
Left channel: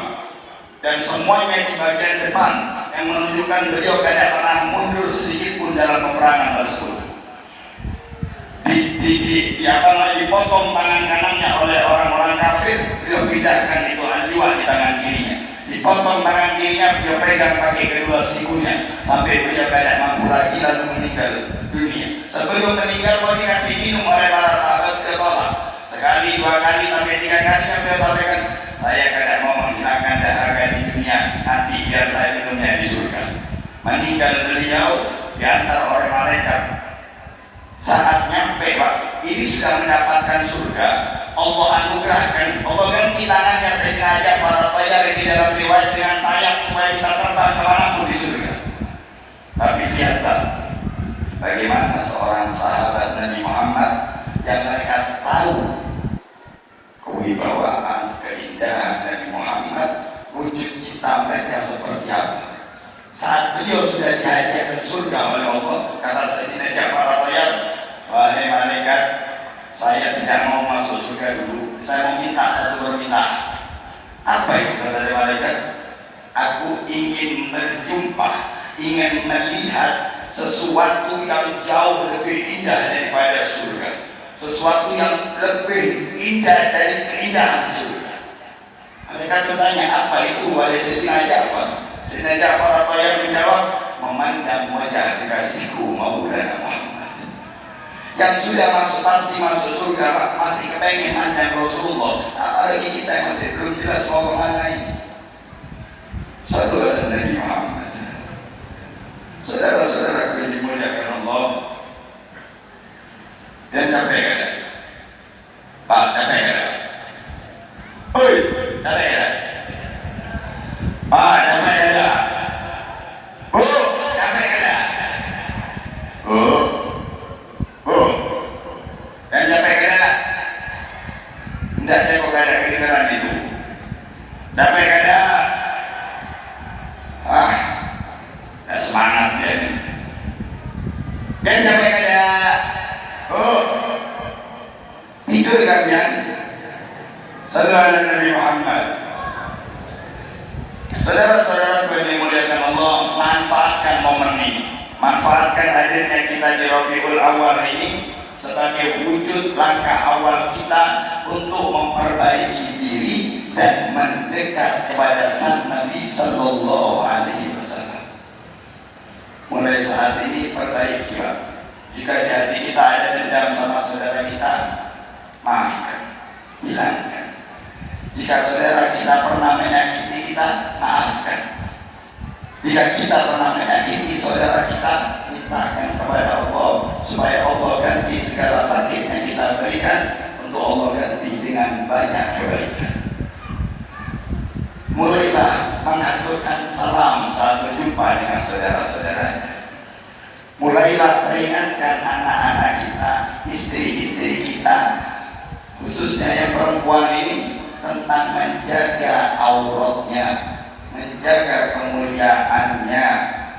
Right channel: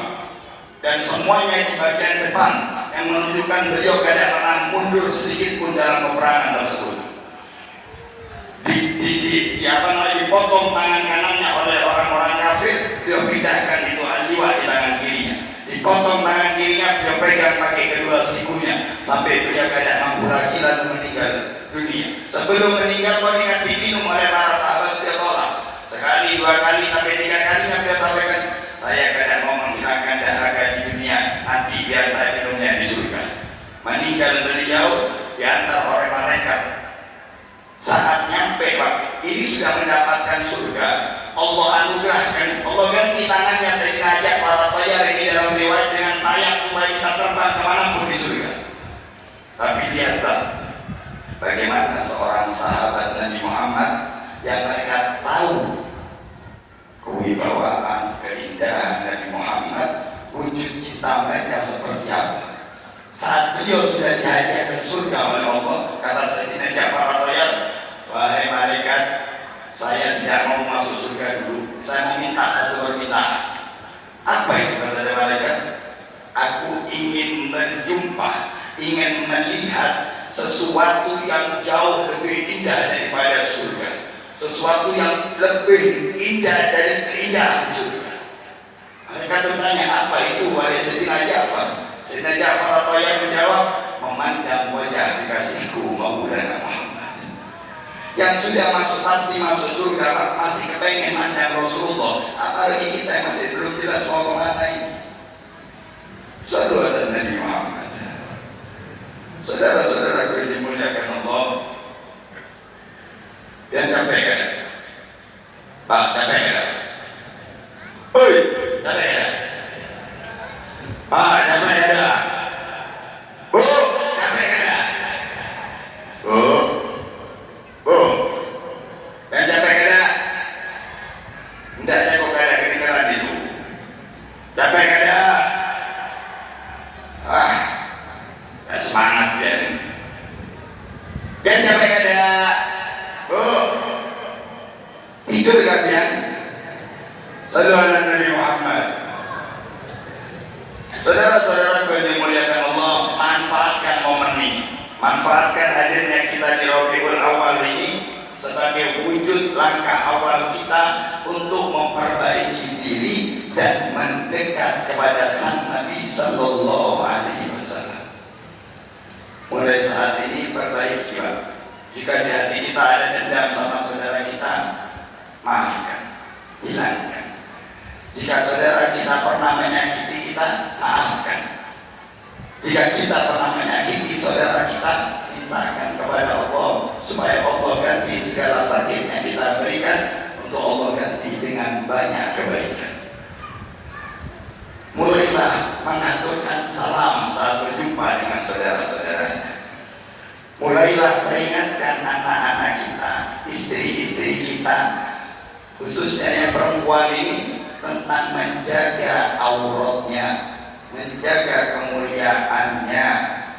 dan semuanya di bagian depan yang menunjukkan beliau tidak pernah mundur sedikit pun dalam peperangan tersebut. Dipotong tangan kanannya oleh orang-orang kafir, beliau pindahkan itu liwat di tangan kirinya. Dipotong tangan kirinya, beliau pegang pakai kedua sikunya sampai beliau tidak mampu lagi lalu meninggal dunia. Sebelum meninggal beliau dikasih minum oleh para sahabat, beliau tolak. Sekali, 2 kali, sampai 3 kali beliau sampaikan, saya kadang mau menghilangkan dahaga di dunia, nanti biar saya minumnya di surga. Meninggal beliau diantar oleh malaikat. Saat nyampe Pak, ini sudah mendapatkan surga, Allah anugerahkan, Allah ganti tangannya Sayyidina Ja'far At-Tayyar di dalam riwayat dengan sayap supaya bisa terbang kemanapun di surga. Tapi lihatlah bagaimana seorang sahabat Nabi Muhammad yang mereka tahu kewibawaan, keindahan Nabi Muhammad, wujud cinta mereka seperti apa. Saat beliau sudah dihadiahkan surga oleh Allah, kata Sayyidina Ja'far At-Tayyar, wahai malaikat, saya tidak mau masuk surga dulu, saya meminta satu permintaan. Apa itu kata malaikat? Aku ingin berjumpa, ingin melihat sesuatu yang jauh lebih indah daripada surga, sesuatu yang lebih indah dari keindahan surga. Malaikat bertanya, apa itu wahai Sayyidina Ja'far? Sayyidina Ja'far At-Tayyar menjawab, memandang wajah kekasihku Maulana Muhammad yang sudah pasti masuk surga, Pak, masih kepengen mandang Rasulullah, apalagi kita yang masih belum jelas mau kemana ini. Salawat Nabi Muhammad. Saudara-saudaraku yang dimuliakan Allah, dan capek kan? Pak, capek kan? Oi, capek kan? Pak, capek kan? Capek kan? Dan capek kan? Tidak, saya kok ada ketinggalan itu. Capek kan? Semangat kan? Dan capek kan? Tidur kan? Sallallahu Nabi Muhammad. Saudara-saudara yang dimuliakan Allah, manfaatkan momen ini, manfaatkan hadirnya kita di Rabiul Awal ini sebagai wujud langkah awal kita untuk memperbaiki diri dan mendekat kepada Sang Nabi Sallallahu Alaihi Wasallam. Mulai saat ini perbaiki, Pak. Jika di hati kita ada dendam sama saudara kita, maafkan, hilangkan. Jika saudara kita pernah menyakiti kita, maafkan. Jika kita pernah menyakiti saudara kita, mintakan kepada Allah supaya Allah ganti segala sakit yang kita berikan, untuk Allah ganti dengan banyak kebaikan. Mulailah mengaturkan salam saat berjumpa dengan saudara-saudaranya. Mulailah peringatkan anak-anak kita, istri-istri kita, khususnya yang perempuan ini, tentang menjaga auratnya, menjaga kemuliaannya.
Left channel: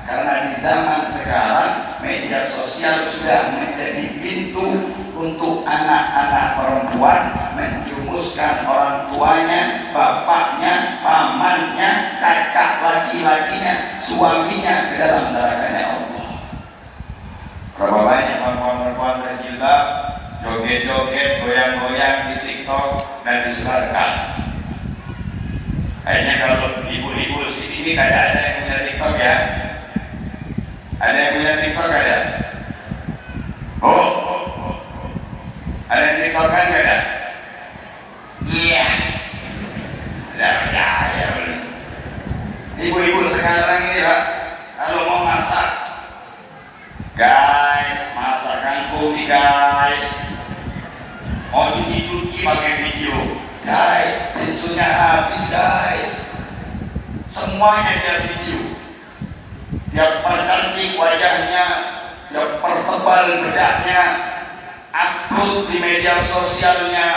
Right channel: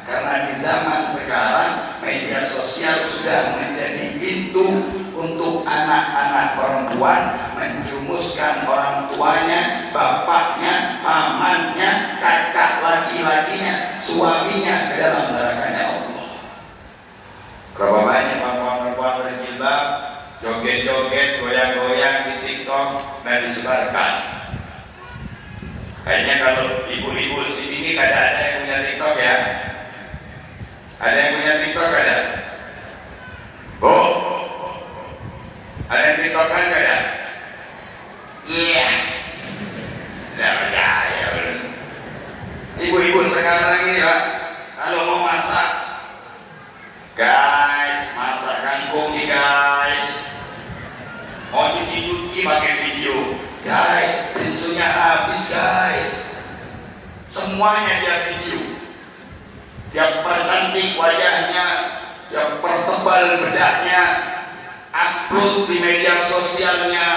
Karena di zaman sekarang media sosial sudah menjadi pintu untuk anak-anak perempuan menjumuskan orang tuanya, bapaknya, pamannya, kakak laki-lakinya, suaminya ke dalam nerakanya Allah. Berapa banyak perempuan berjilbab joget-joget, goyang-goyang di TikTok dan disebarkan. Kayaknya kalau ibu-ibu sini kada ada yang punya TikTok ya? Ada yang punya TikTok ada? Oh, ada yang TikTok kan ada? Iya. Tidak percaya belum? Ibu-ibu sekarang ini Pak, kalau mau masak, guys, masak kangkung nih guys. Mau cuci-cuci pakai video, guys, bensunya habis guys. Semuanya dia video. Dia percantik wajahnya, dia pertebal bedaknya, upload di media sosialnya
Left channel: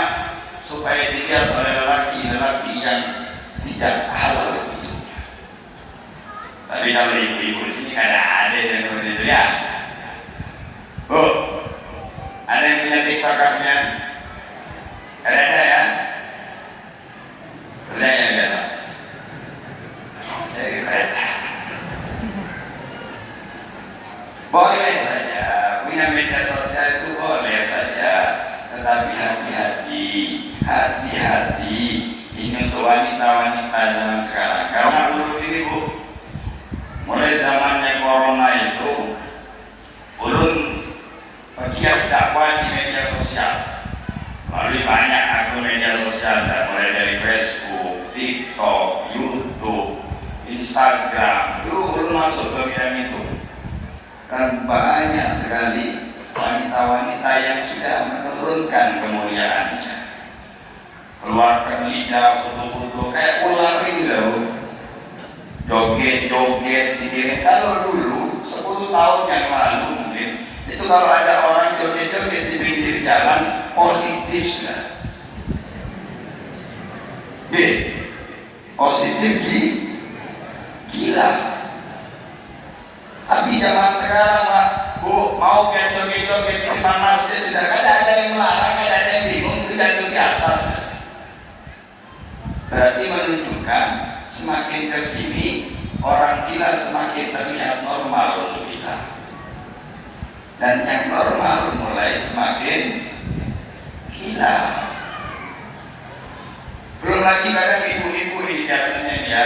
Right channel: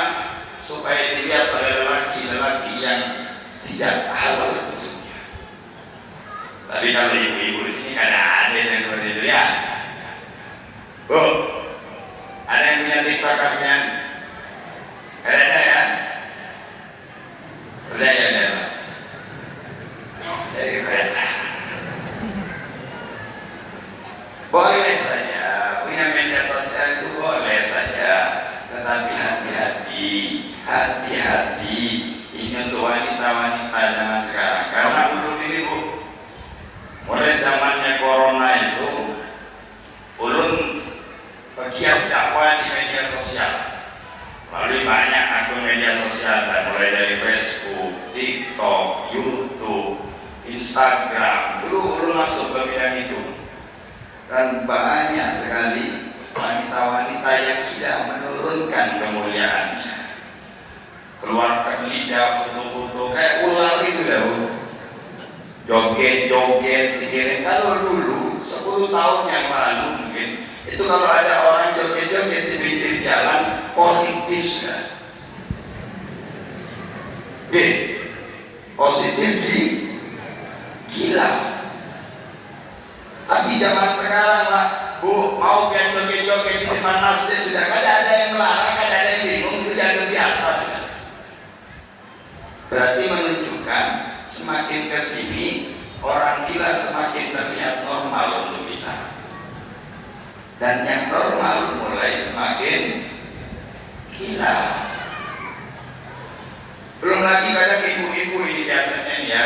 supaya dilihat oleh lelaki-lelaki yang tidak halal untuknya. Tapi kalau ibu-ibu sini ada yang seperti itu ya. Ada yang punya TikTok-nya? Ada ya? hati-hati. Ini untuk wanita-wanita zaman sekarang. Karena ulun ini Bu, mulai zamannya corona itu, ulun bagian dakwah di media sosial. Melalui banyak akun media sosial, mulai dari Facebook, TikTok, YouTube, Instagram. Dulu ulun masuk ke bidang itu. Dan banyak sekali wanita-wanita yang sudah menurunkan kemuliaannya, keluarkan lidah, foto-foto kayak ular itu ya Bu, joget-joget dikirim. Kalau dulu 10 tahun yang lalu mungkin itu kalau ada orang joget-joget di pinggir jalan positif ya, positif gila. Tapi zaman sekarang Pak Bu, mau joget-joget di depan masjid sudah ada yang melarang, ada yang bingung, itu sudah biasa sudah. Berarti menunjukkan semakin ke sini orang gila semakin terlihat normal untuk kita. Dan yang normal mulai semakin gila. Belum lagi kadang ibu-ibu ini biasanya ya,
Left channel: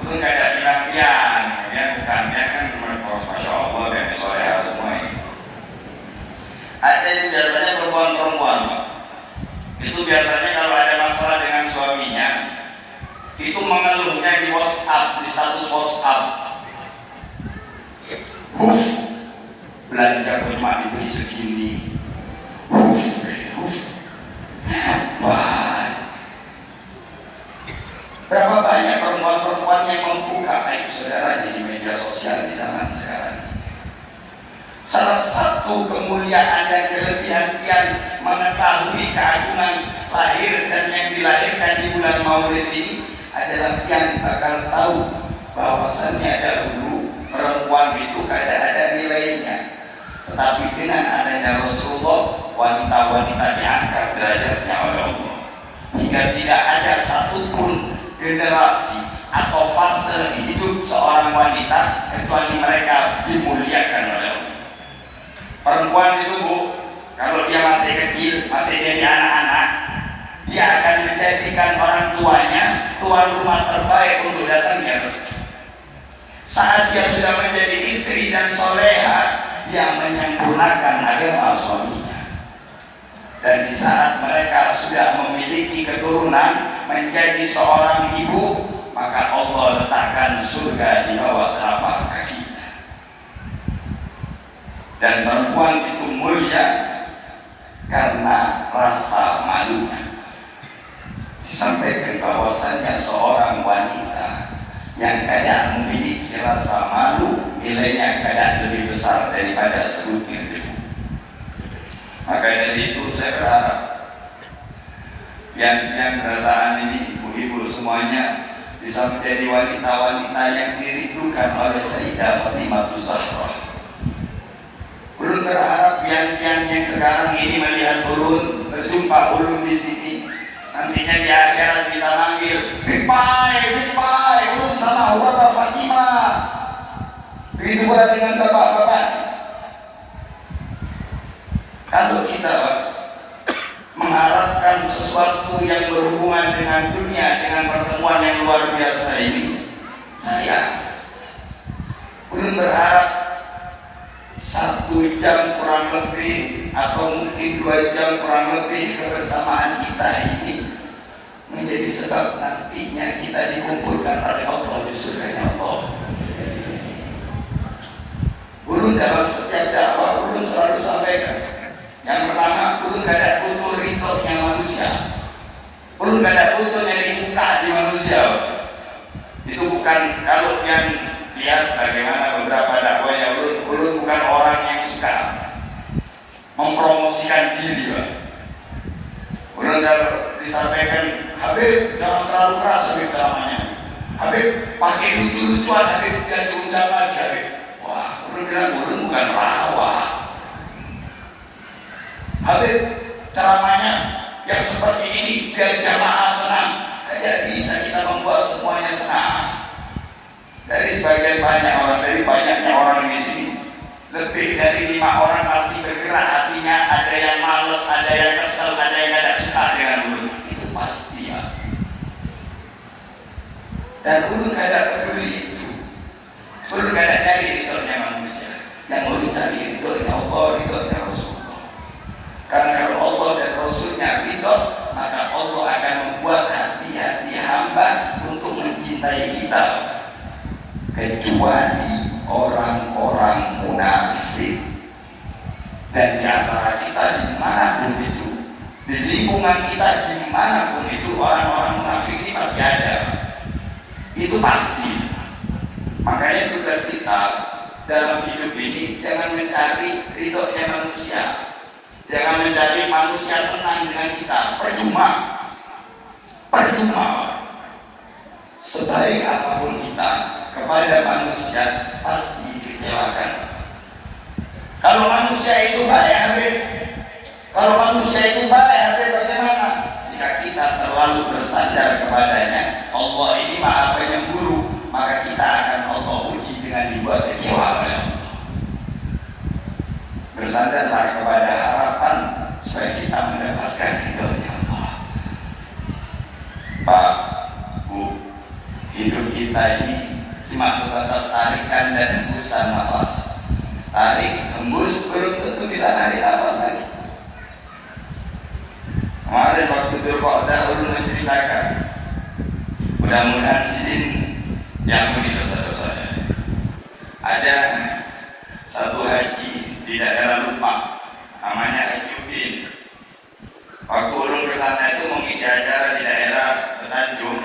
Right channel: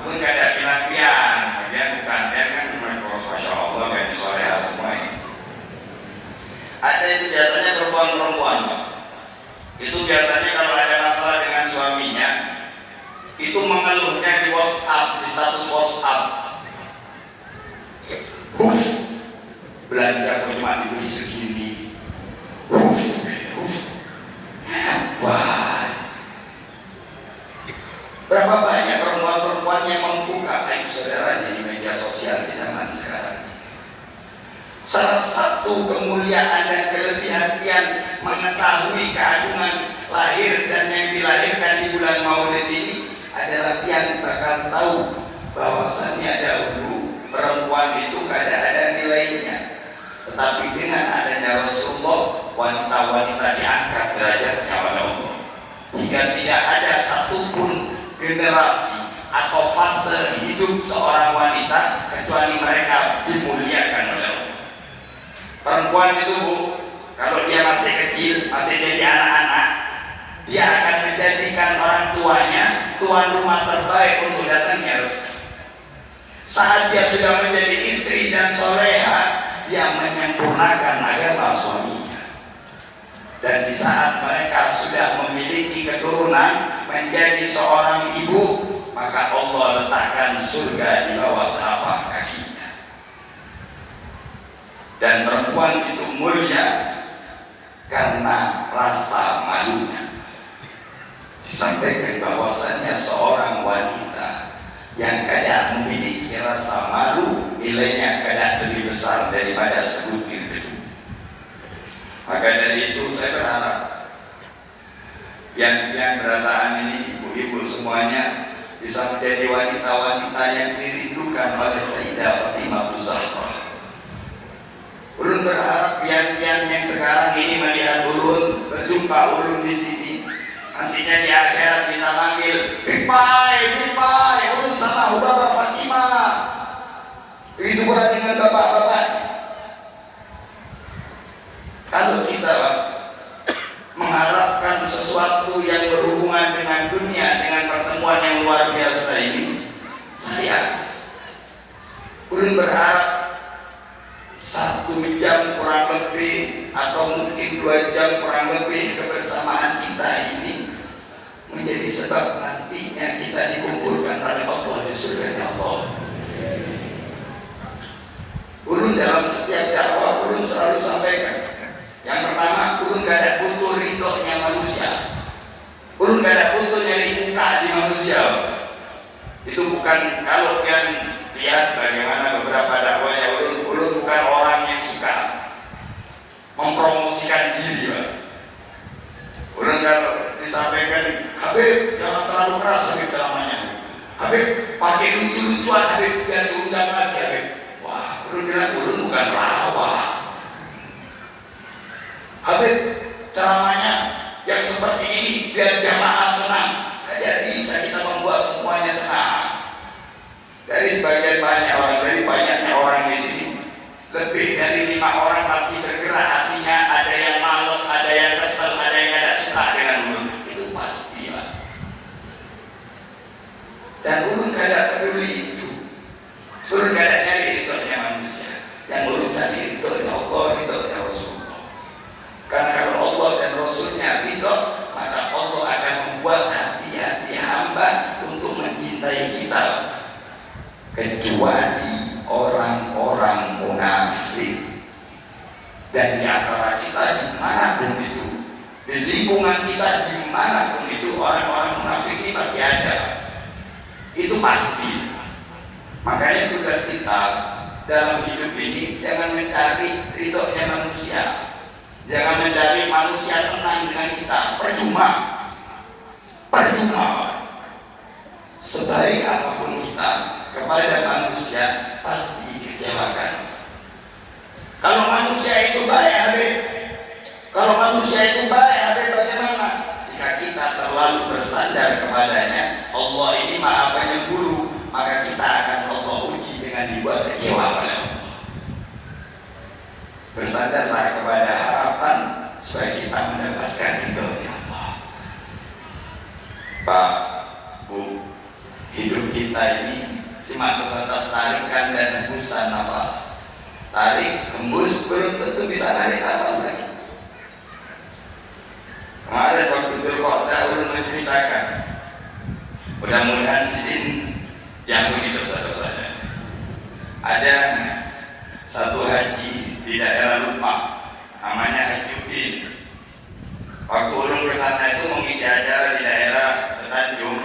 itu nggak ada pian-pian, ya bukan pian kan cuma Masya Allah kan soleha semua ini. Ada yang biasanya perempuan-perempuan Pak. Itu biasanya kalau ada masalah dengan suaminya, itu mengeluhnya di WhatsApp, di status WhatsApp. Belanja cuma diberi segini. Apa? Berapa banyak perempuan-perempuan yang membuka aib saudaranya di media sosial di zaman sekarang ini. Salah satu kemuliaan dan kelebihan yang mengetahui keagungan lahir dan yang dilahirkan di bulan Maulid ini adalah yang bakal tahu bahwasannya dahulu perempuan itu ada nilainya. Tetapi dengan adanya Rasulullah, wanita-wanita diangkat derajatnya oleh Allah. Hingga tidak ada satupun generasi atau fase hidup seorang wanita kecuali mereka dimuliakan oleh Allah. Perempuan itu Bu, kalau dia masih kecil, masih jadi anak-anak, dia akan menjadikan orang tuanya tuan rumah terbaik untuk datangnya rezeki. Saat dia sudah menjadi istri dan soleha, dia menyempurnakan agama suaminya. Dan di saat mereka sudah memiliki keturunan menjadi seorang ibu, maka Allah letakkan surga di bawah telapak kakinya. Dan perempuan itu mulia karena rasa malunya. Disampaikan bahwasannya seorang wanita yang kadang memiliki rasa malu, nilainya kadang lebih besar daripada sebutir debu. Maka dari itu saya berharap yang kedatangan ini ibu-ibu semuanya bisa menjadi wanita-wanita yang dirindukan oleh Sayyidah Fatimah Zahra. Ulun berharap yang sekarang ini melihat ulun, berjumpa ulun di sini, nantinya di akhirat bisa manggil, Pipai, ulun sama Bapak Fatimah. Begitu pula dengan bapak-bapak. Kalau kita mengharapkan sesuatu yang berhubungan dengan dunia, dengan pertemuan yang luar biasa ini, saya ulun berharap 1 jam kurang lebih atau mungkin 2 jam kurang lebih kebersamaan kita ini menjadi sebab nantinya kita dikumpulkan oleh Allah di surganya Allah. Ulun dalam setiap dakwah ulun selalu sampaikan, yang pertama ulun gak ada butuh ridhonya manusia, ulun gak ada butuh nyari muka di manusia. Itu bukan, kalau yang lihat bagaimana beberapa dakwah ya, ulun bukan orang yang suka mempromosikan diri Pak. Ulun kalau disampaikan, Habib jangan terlalu keras Habib namanya, Habib pakai lucu-lucuan Habib, biar diundang lagi Habib. Wah, ulun bilang ulun bukan rawa. Habib ceramahnya yang seperti ini biar jamaah senang. Tidak bisa kita membuat semuanya senang. Dari sebagian banyak orang, dari banyaknya orang di sini, lebih dari 5 orang pasti bergerak hatinya. Ada yang malas, ada yang kesel, ada yang tidak suka dengan ulun. kecuali orang-orang munafik. Dan di antara kita dimanapun itu, di lingkungan kita dimanapun itu, orang-orang munafik ini pasti ada. Itu pasti. Makanya tugas kita dalam hidup ini jangan mencari ridhonya manusia, jangan mencari manusia senang dengan kita. Percuma. Sebaik apapun kita kepada manusia pasti dikecewakan. Kalau manusia itu baik, bagaimana? Jika kita terlalu bersandar kepadanya, Allah ini Maha Penyemburu, maka kita akan Allah uji dengan dibuat kecewa. Bersandarlah kepada harapan supaya kita mendapatkan ridhonya Allah. Pak, Bu, hidup kita ini cuma sebatas tarikan dan hembusan nafas. Tarik, hembus, belum tentu bisa narik nafas lagi. Kemarin waktu Dzulqa'dah ulun menceritakan, mudah-mudahan sidin diampuni dosa-dosanya. Ada satu haji di daerah Lupa, namanya Haji Udin. Waktu ulun bersana itu mengisi acara di daerah Tanjung,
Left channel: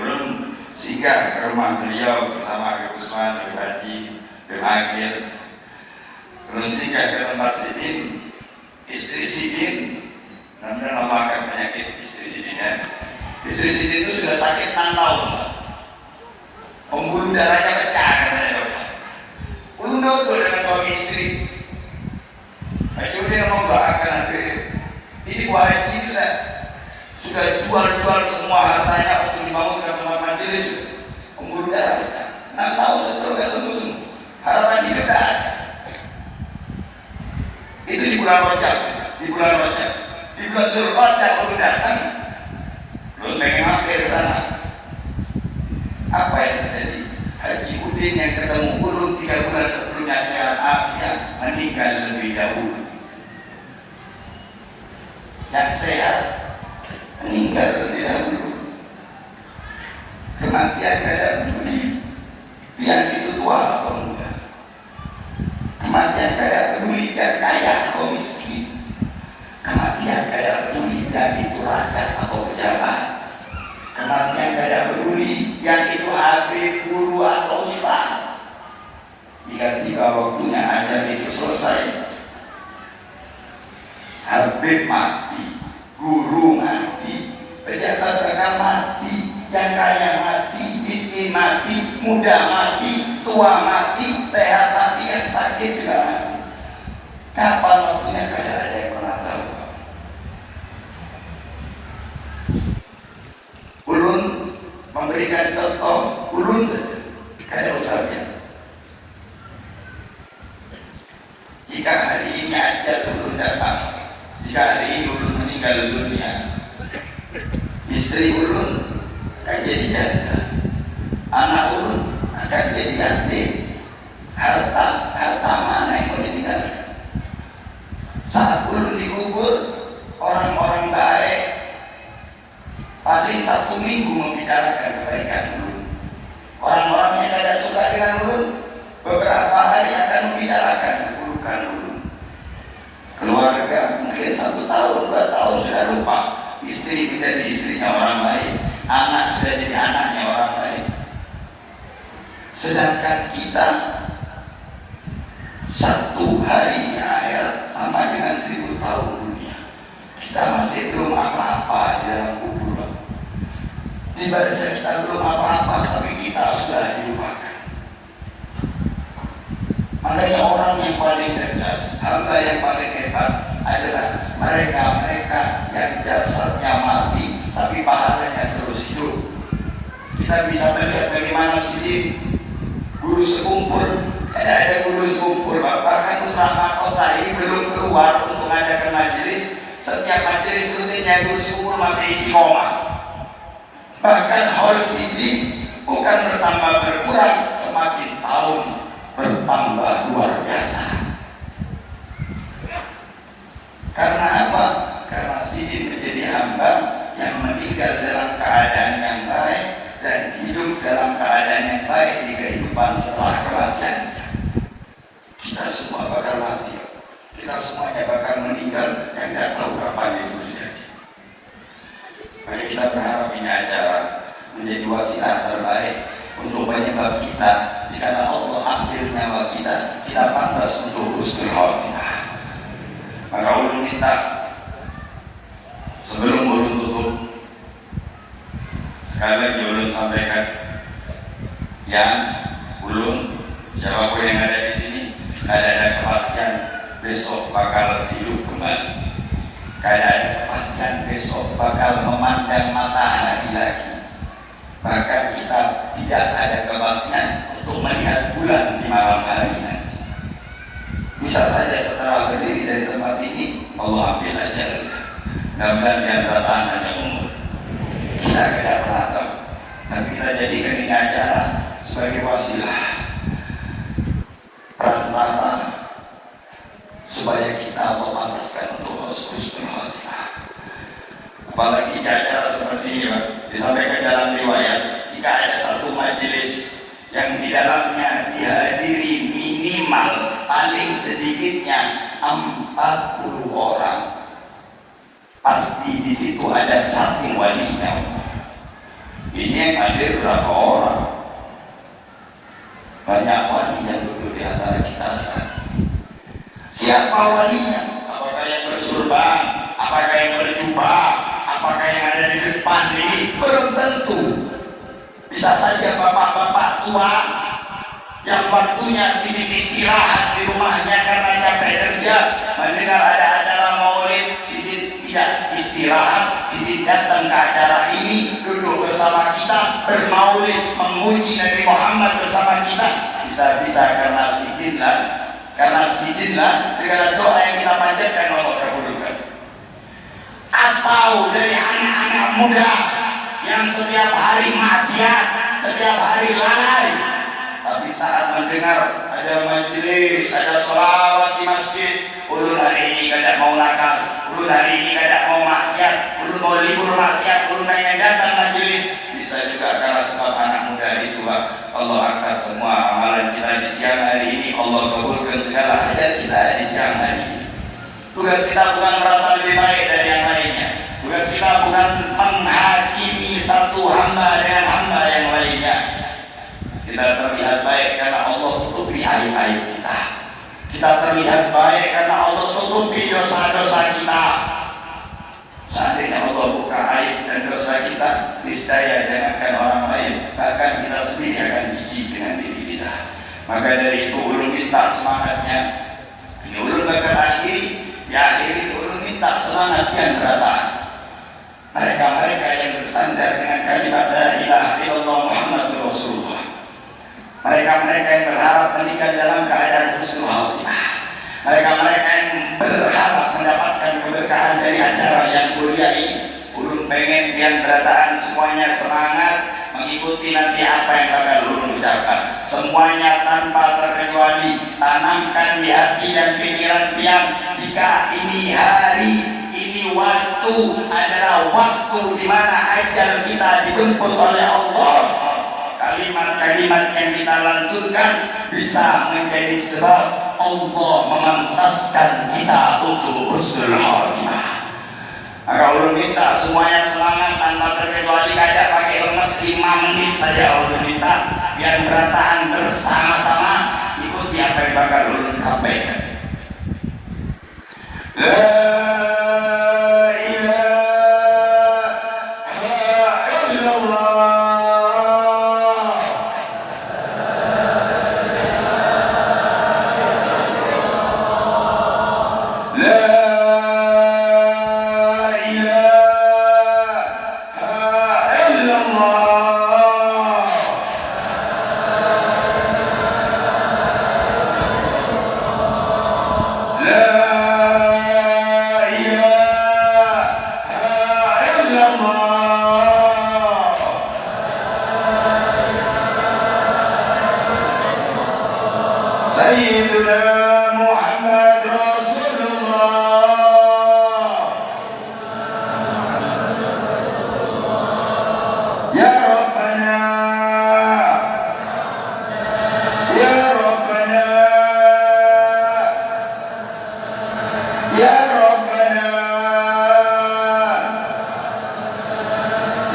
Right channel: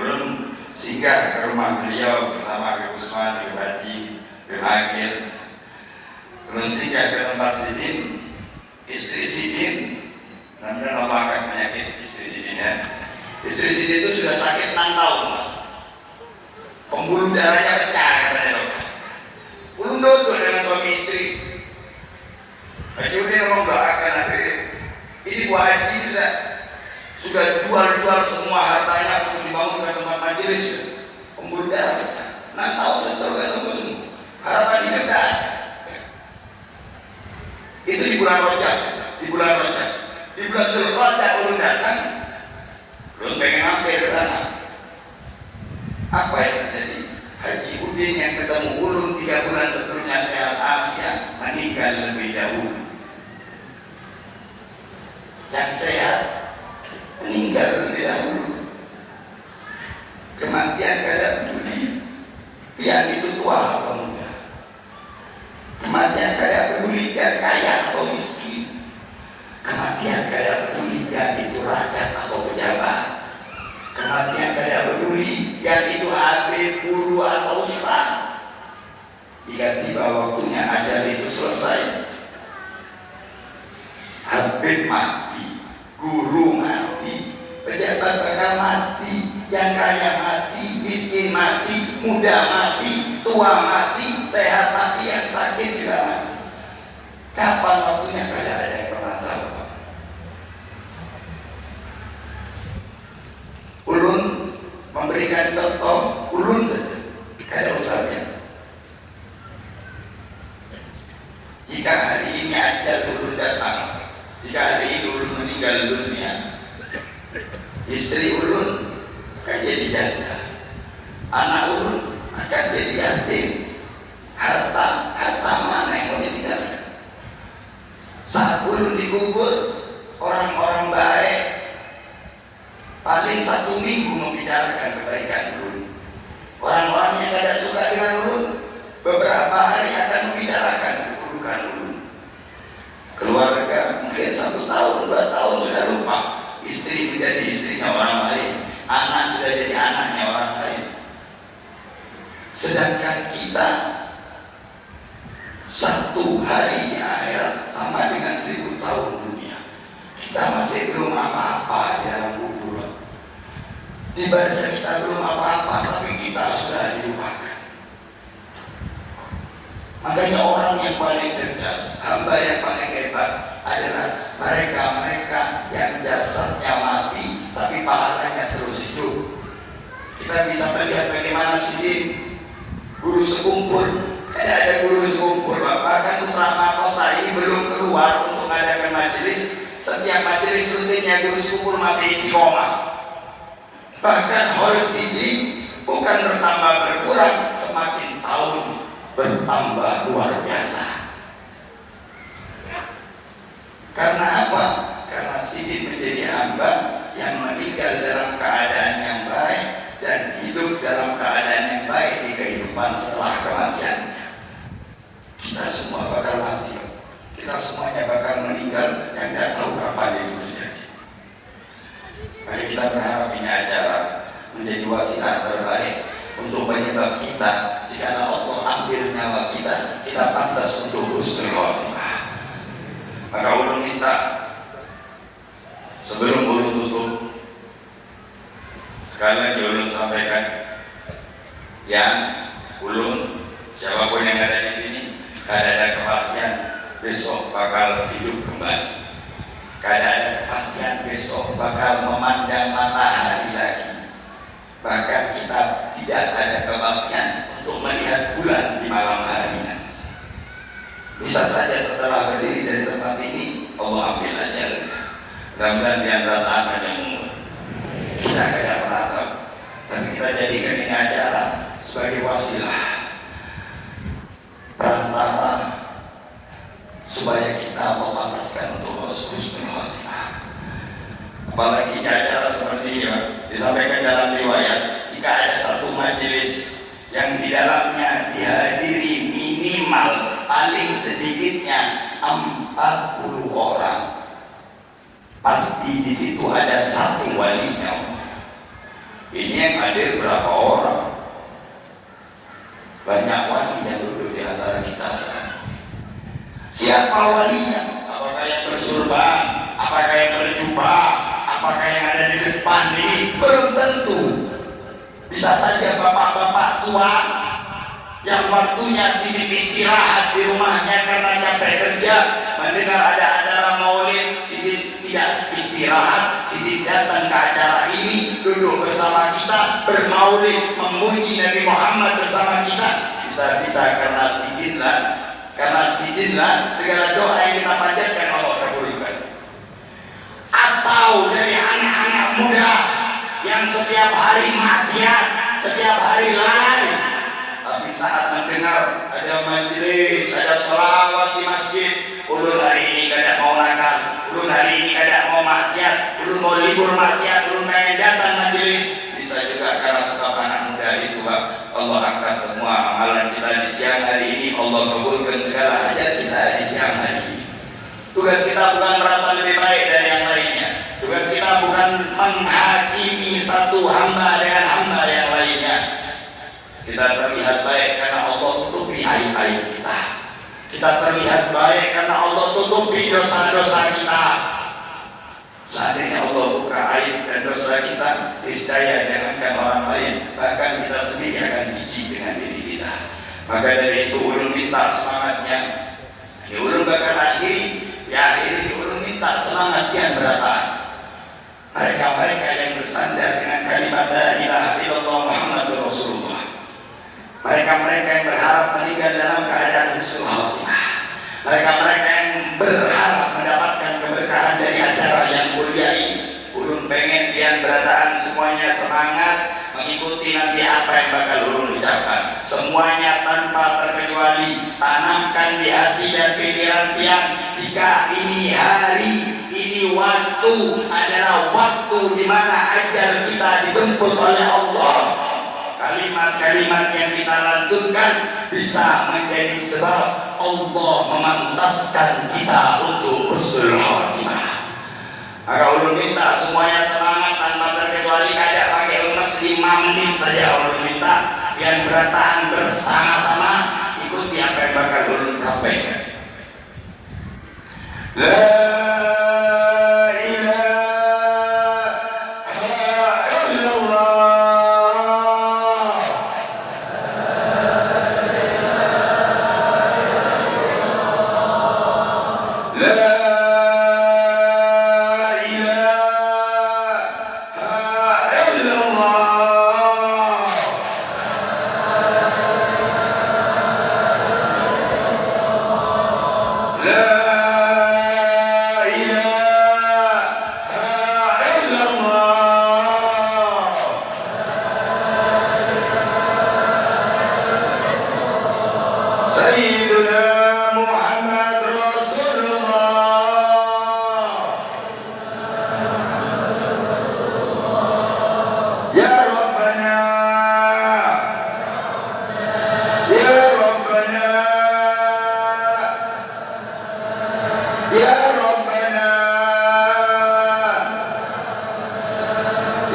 ulun singgah ke rumah beliau bersama Habib Usman, Habib Haji, Habib Akil. Ulun singgah ke tempat sidin, istri sidin, namanya memakan penyakit istri sidinnya. Istri sidin itu sudah sakit 6 tahun. Pembuluh darahnya pecah katanya dokter. Ulun duduk dengan suami istri. Haji Udin membanggakan Habib. Ini Bu Haji sudah jual semua hartanya untuk dibangunkan tempat majelis. Pembuluh darah pecah. 6 tahun seterusnya sembuh. Harapan hidup dah ada. Itu di bulan Rajab. Di bulan Dzulqa'dah ulun datang, ulun pengen mampir ke sana. Apa yang terjadi? Haji Udin yang ketemu ulun 3 bulan sebelumnya sehat afiat meninggal lebih dahulu. Yang sehat meninggal lebih dahulu. Kematian kada peduli yang itu tua atau muda. Kematian kada peduli yang kaya atau miskin. Kematian kada peduli yang itu rakyat atau pejabat. Kematian kada peduli yang itu habib, guru atau ustaz. Jika tiba waktunya ajal itu selesai, habib mati, guru mati, pejabat bakal mati, yang kaya mati, miskin mati, muda mati, tua mati, sehat mati, yang sakit juga mati. Kapan waktunya kada ada yang pernah tahu. Ulun memberikan contoh, ulun saja, kada usah banyak. Jika hari ini ajal ulun datang, jika hari ini ulun meninggal dunia, istri ulun akan jadi janda, anak ulun akan jadi yatim. Harta mana yang mau ditinggalkan? Saat ulun dikubur, orang-orang baik paling 1 minggu membicarakan kebaikan ulun. Orang-orang yang tidak suka dengan ulun beberapa hari akan membicarakan keburukan ulun. Keluarga mungkin 1 tahun, 2 tahun sudah lupa. Istri menjadi istrinya orang lain, anak sudah jadi anaknya orang lain. Sedangkan kita 1 harinya akhirat sama dengan 1000 tahun dunia. Kita masih belum apa-apa di dalam kubur. Di barisan kita belum apa-apa, tapi kita sudah dilupakan. Makanya orang yang paling cerdas, hamba yang paling hebat adalah mereka yang jasadnya mati tapi pahalanya terus hidup. Kita bisa melihat bagaimana sidin guru sekumpul, tidak ada guru sekumpul, bahkan putra mahkota ini belum keluar untuk mengadakan majelis. Setiap majelis rutinnya guru sekumpul masih istiqomah. Bahkan hal sidin bukan bertambah berkurang, semakin tahun bertambah luar biasa. Karena apa? Karena sidin menjadi hamba yang meninggal dalam keadaan yang baik dan hidup dalam keadaan yang baik di kehidupan menjadi wasilah terbaik untuk penyebab kita. Jika Allah ambil nyawa kita, kita pantas untuk husnul khotimah. Maka ulun minta sebelum ulun tutup, sekali lagi ulun sampaikan, yang ulun siapapun yang ada di sini, ada kepastian besok bakal hidup kembali. Karena ada kepastian besok bakal memandang matahari lagi. Bahkan kita tidak ada kepastian untuk melihat bulan di malam hari nanti. Bisa saja setelah berdiri dari tempat ini, Allah ambil ajalnya. Mudah-mudahan yang bertahan hanya umur. Kita tidak pernah tahu. Dan kita jadikan ini acara sebagai wasilah, perantara, supaya kita memantaskan untuk husnul khotimah. Apalagi acara seperti ini disampaikan dalam riwayat, jika ada satu majelis yang di dalamnya dihadiri minimal paling sedikitnya 40 orang, pasti di situ ada satu walinya. Ini yang hadir berapa orang? Banyak wali yang duduk di antara kita sekarang. Siapa walinya? Apakah yang bersurban? Apakah yang berjubah? Apakah yang ada di depan ini? Belum tentu. Bisa saja bapak-bapak tua yang waktunya sibuk istirahat di rumahnya karena capek kerja, mendengar ada acara maulid, sibuk tidak istirahat, sibuk datang ke acara ini, duduk bersama kita, bermaulid, memuji Nabi Muhammad bersama kita. Bisa-bisa karena sidinlah segala doa yang kita panjatkan Allah kabulkan. Atau dari anak-anak muda yang setiap hari maksiat, setiap hari lalai, tapi saat mendengar ada majelis, ada sholawat di masjid, ulun hari ini kada mau nakal, ulun hari ini kada mau maksiat, ulun mau libur maksiat, ulun pengen datang majelis. Bisa juga karena sebab anak muda itu, Pak. Allah angkat semua amalan kita di siang hari ini, Allah kabulkan segala hajat kita di siang hari ini. Tugas kita bukan merasa lebih baik dari yang lainnya. Tugas kita bukan menghakimi satu hamba dengan hamba yang lainnya. Kita terlihat baik karena Allah tutupi aib-aib kita. Kita terlihat baik karena Allah tutupi dosa-dosa kita. Seandainya Allah buka aib dan dosa kita, niscaya jangankan orang lain, bahkan kita sendiri akan jijik dengan diri kita. Maka dari itu ulun minta semangatnya. Ini ulun akan akhiri, ya akhiri ulun minta semangat yang berata. Mereka-mereka yang bersandar dengan kalimat la ilaha illallah Muhammadur Rasulullah. Mereka-mereka yang berharap meninggal dalam keadaan husnul khotimah. Mereka-mereka yang berharap mendapatkan keberkahan dari acara yang mulia ini. Ulun pengen pian berataan semuanya semangat mengikuti nanti apa yang bakal ulun ucapkan. Semuanya tanpa terkecuali tanamkan di hati dan pikiran pian, jika ini hari, ini waktu adalah waktu di mana ajal kita dijemput oleh Allah. Kalimat-kalimat yang kita lantunkan bisa menjadi sebab Allah memantaskan kita untuk husnul khotimah. Maka ulun minta semuanya semangat tanpa terkecuali, kada pakai lemes 5 menit saja ulun minta yang berataan bersama-sama ikuti apa yang bakal ulun sampaikan.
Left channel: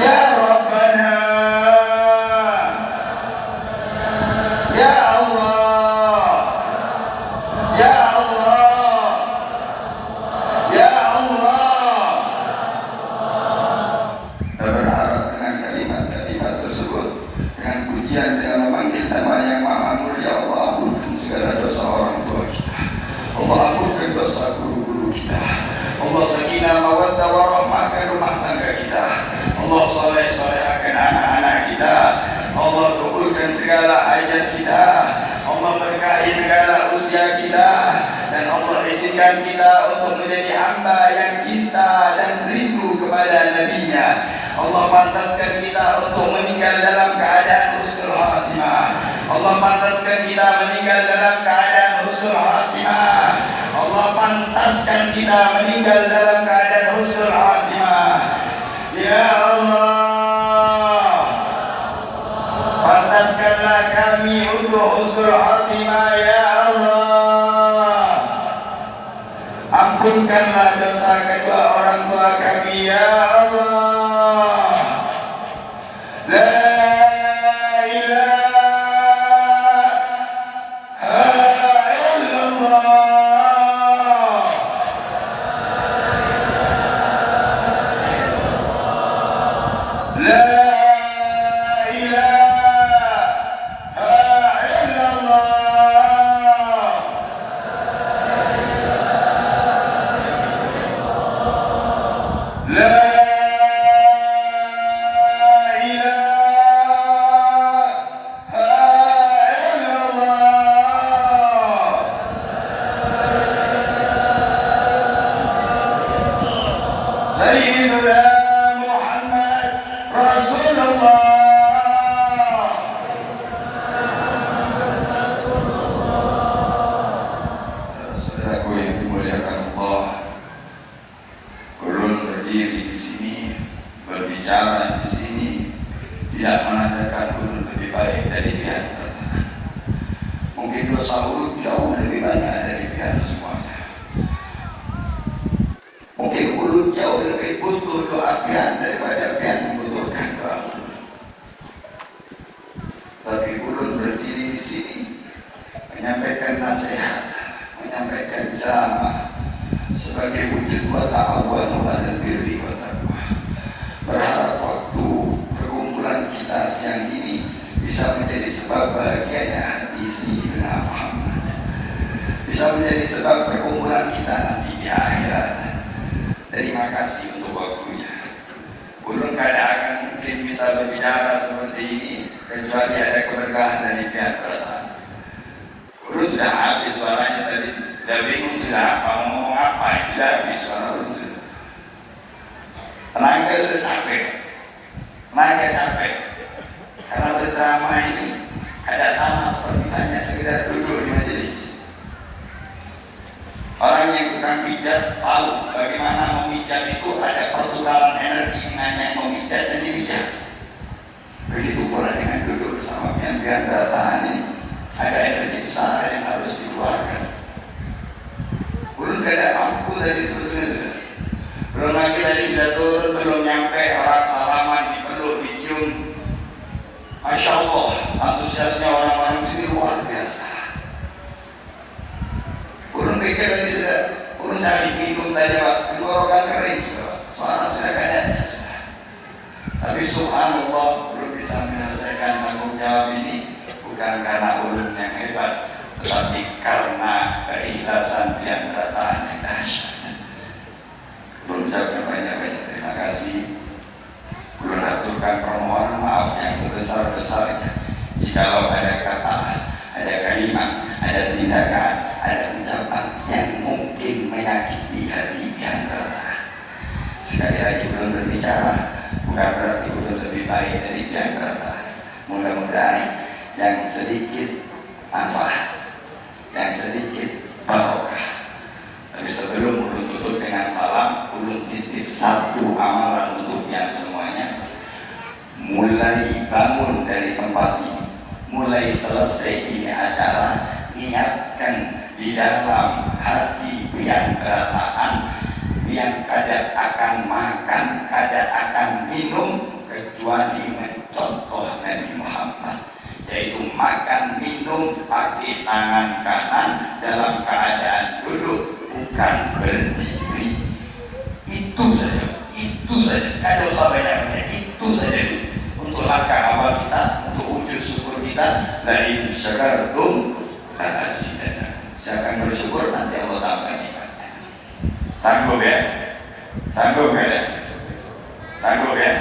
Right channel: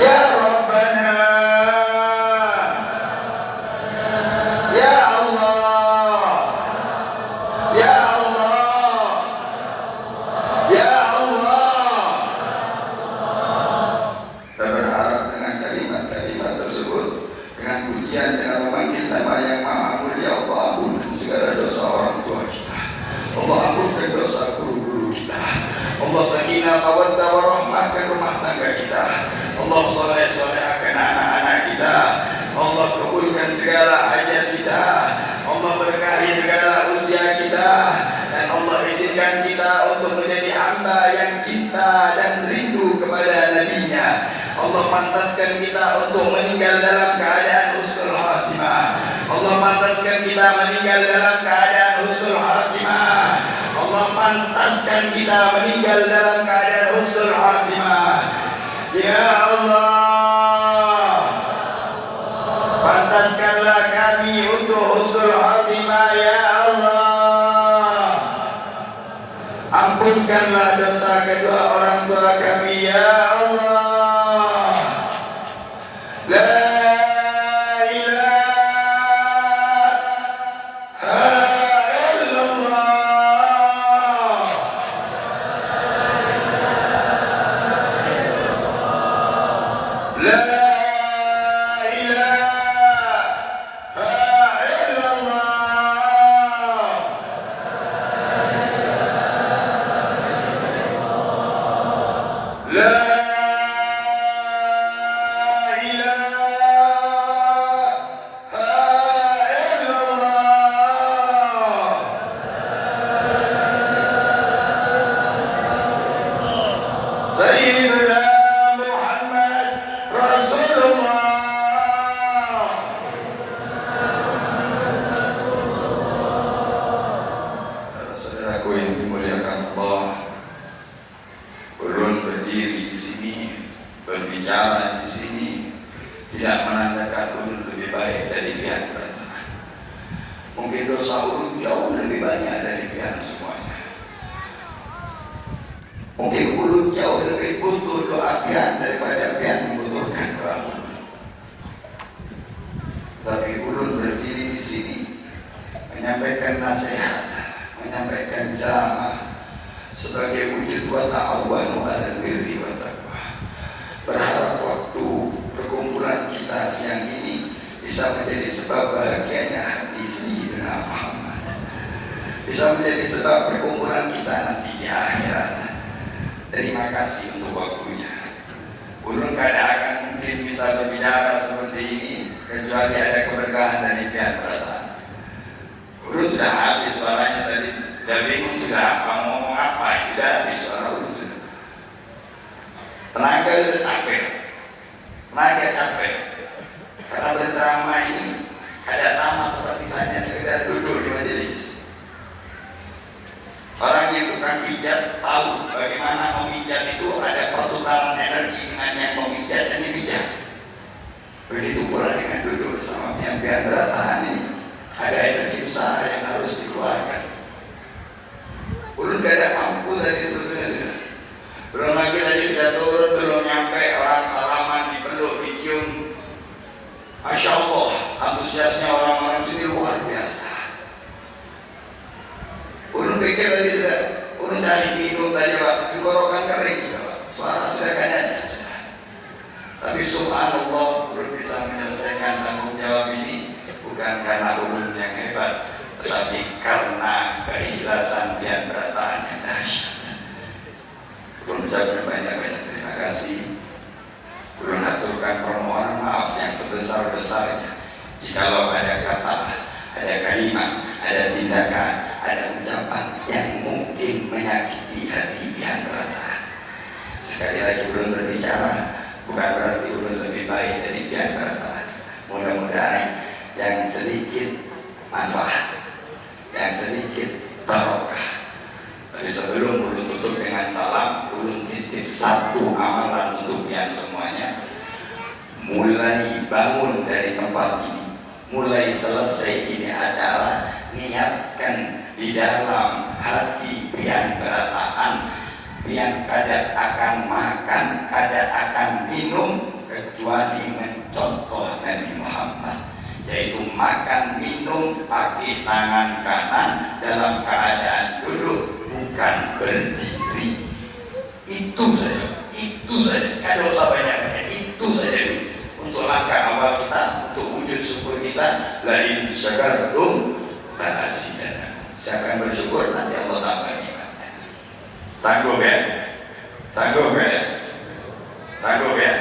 Ya Rabbana Kemudian dengan memanggil nama yang maha mulia, Allah ampunkan segala dosa orang tua kita, Allah ampunkan dosa guru-guru kita, Allah sakinah mawaddah warahmahkan rumah tangga kita, Allah soleh-solehkan anak-anak kita, Allah kabulkan segala hajat kita, Allah berkahi segala usia kita, dan Allah izinkan kita untuk menjadi hamba yang cinta dan rindu kepada Nabi-Nya. Allah pantaskan kita untuk meninggal dalam keadaan husnul khatimah. Allah pantaskan kita meninggal dalam keadaan husnul khatimah. Allah pantaskan kita meninggal dalam keadaan husnul khatimah. Ya Allah, pantaskanlah kami untuk husnul khatimah. Ya Allah, ampunkanlah dosa kedua orang tua kami. Ya Allah, la tidak menandakan ulun lebih baik dari pihak pertama. Mungkin dosa ulun jauh lebih banyak dari pihak semuanya. Mungkin ulun jauh lebih butuh doa pihak daripada pihak membutuhkan doa ulun. Tapi ulun berdiri di sini menyampaikan nasihat, menyampaikan ceramah sebagai wujud wa ta'awanu 'alal birri wa taqwa. Berharap waktu perkumpulan kita siang ini bisa menjadi sebab bahagianya hati Sayyidina Muhammad, bisa menjadi sebab perkumpulan kita nanti di akhirat. Terima kasih untuk waktunya. Ulun tidak akan mungkin bisa berbicara seperti ini kecuali ada keberkahan dari pihak pertama. Ulun sudah habis suaranya tadi, sudah bingung sudah mau ngomong apa, sudah habis suara ulun. Tenaga sudah capek, tenaga capek. Karena berceramah ini tidak sama seperti hanya sekedar duduk di majelis. Orang yang tukang pijat tahu bagaimana memijat itu ada pertukaran energi dengan yang memijat dan dipijat. Begitu pula dengan duduk sama pian-pian bertahan ini, ada energi besar yang harus dikeluarkan. Ulun tidak mampu tadi sebetulnya sudah. Belum lagi tadi sudah turun, belum nyampe orang salaman, dipeluk, dicium. Masya Allah, antusiasnya orang-orang sini luar biasa. Ulun pikir tadi sudah, ulun cari minum tadi, tenggorokan kering suara sudah kadang. Tapi subhanallah, ulun bisa menyelesaikan tanggung jawab ini bukan karena ulun yang hebat, tetapi karena keikhlasan pian berataan yang dahsyat. Ulun ucapkan banyak-banyak terima kasih. Ulun aturkan permohonan maaf yang sebesar-besarnya jikalau ada kata, ada kalimat, ada tindakan, ada ucapan yang mungkin menyakiti hati pian berataan. Sekali lagi ulun berbicara bukan berarti ulun lebih baik dari pian berataan. Mudah-mudahan yang sedikit manfaat, yang sedikit barokah. Tapi sebelum ulun tutup dengan salam, ulun titip satu amalan untuk yang semuanya. Mulai bangun dari tempat ini, mulai selesai ini acara, niatkan di dalam hati pian berataan, pian kada akan makan, kada akan minum kecuali mencontoh Nabi Muhammad, yaitu makan minum pakai tangan kanan dalam keadaan duduk, bukan berdiri. Itu saja, tidak usah banyak-banyak, itu saja dulu untuk langkah awal kita untuk wujud syukur la in syakartum la azidannakum. Siapa yang bersyukur nanti Allah tambah nikmatnya. Sanggup ya? Sanggup ya? Sanggup ya?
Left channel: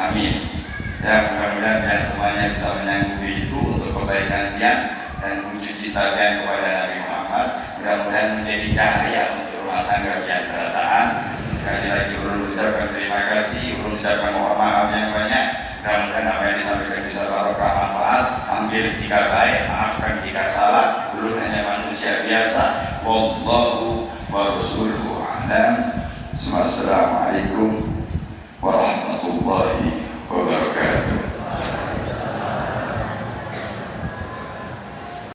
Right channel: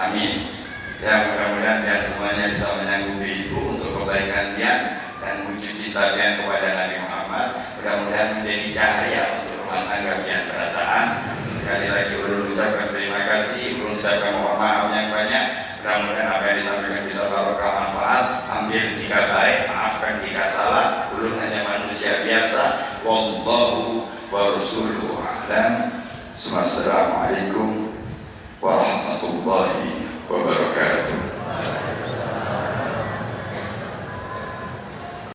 Amin. Ya, mudah-mudahan kalian semuanya bisa menyanggupi itu untuk kebaikannya dan wujud cinta kalian kepada Nabi Muhammad. Mudah-mudahan menjadi cahaya untuk rumah tangga kalian berantakan. Sekali lagi ucapkan terima kasih, ucapkan mohon maaf yang banyak. Mudah-mudahan apa yang disampaikan bisa barokah manfaat. Ambil jika baik, maafkan jika salah. Ulun hanya manusia biasa. Wallahu wa rasuluhu a'lam. Assalamualaikum warahmatullahi wabarakatuh.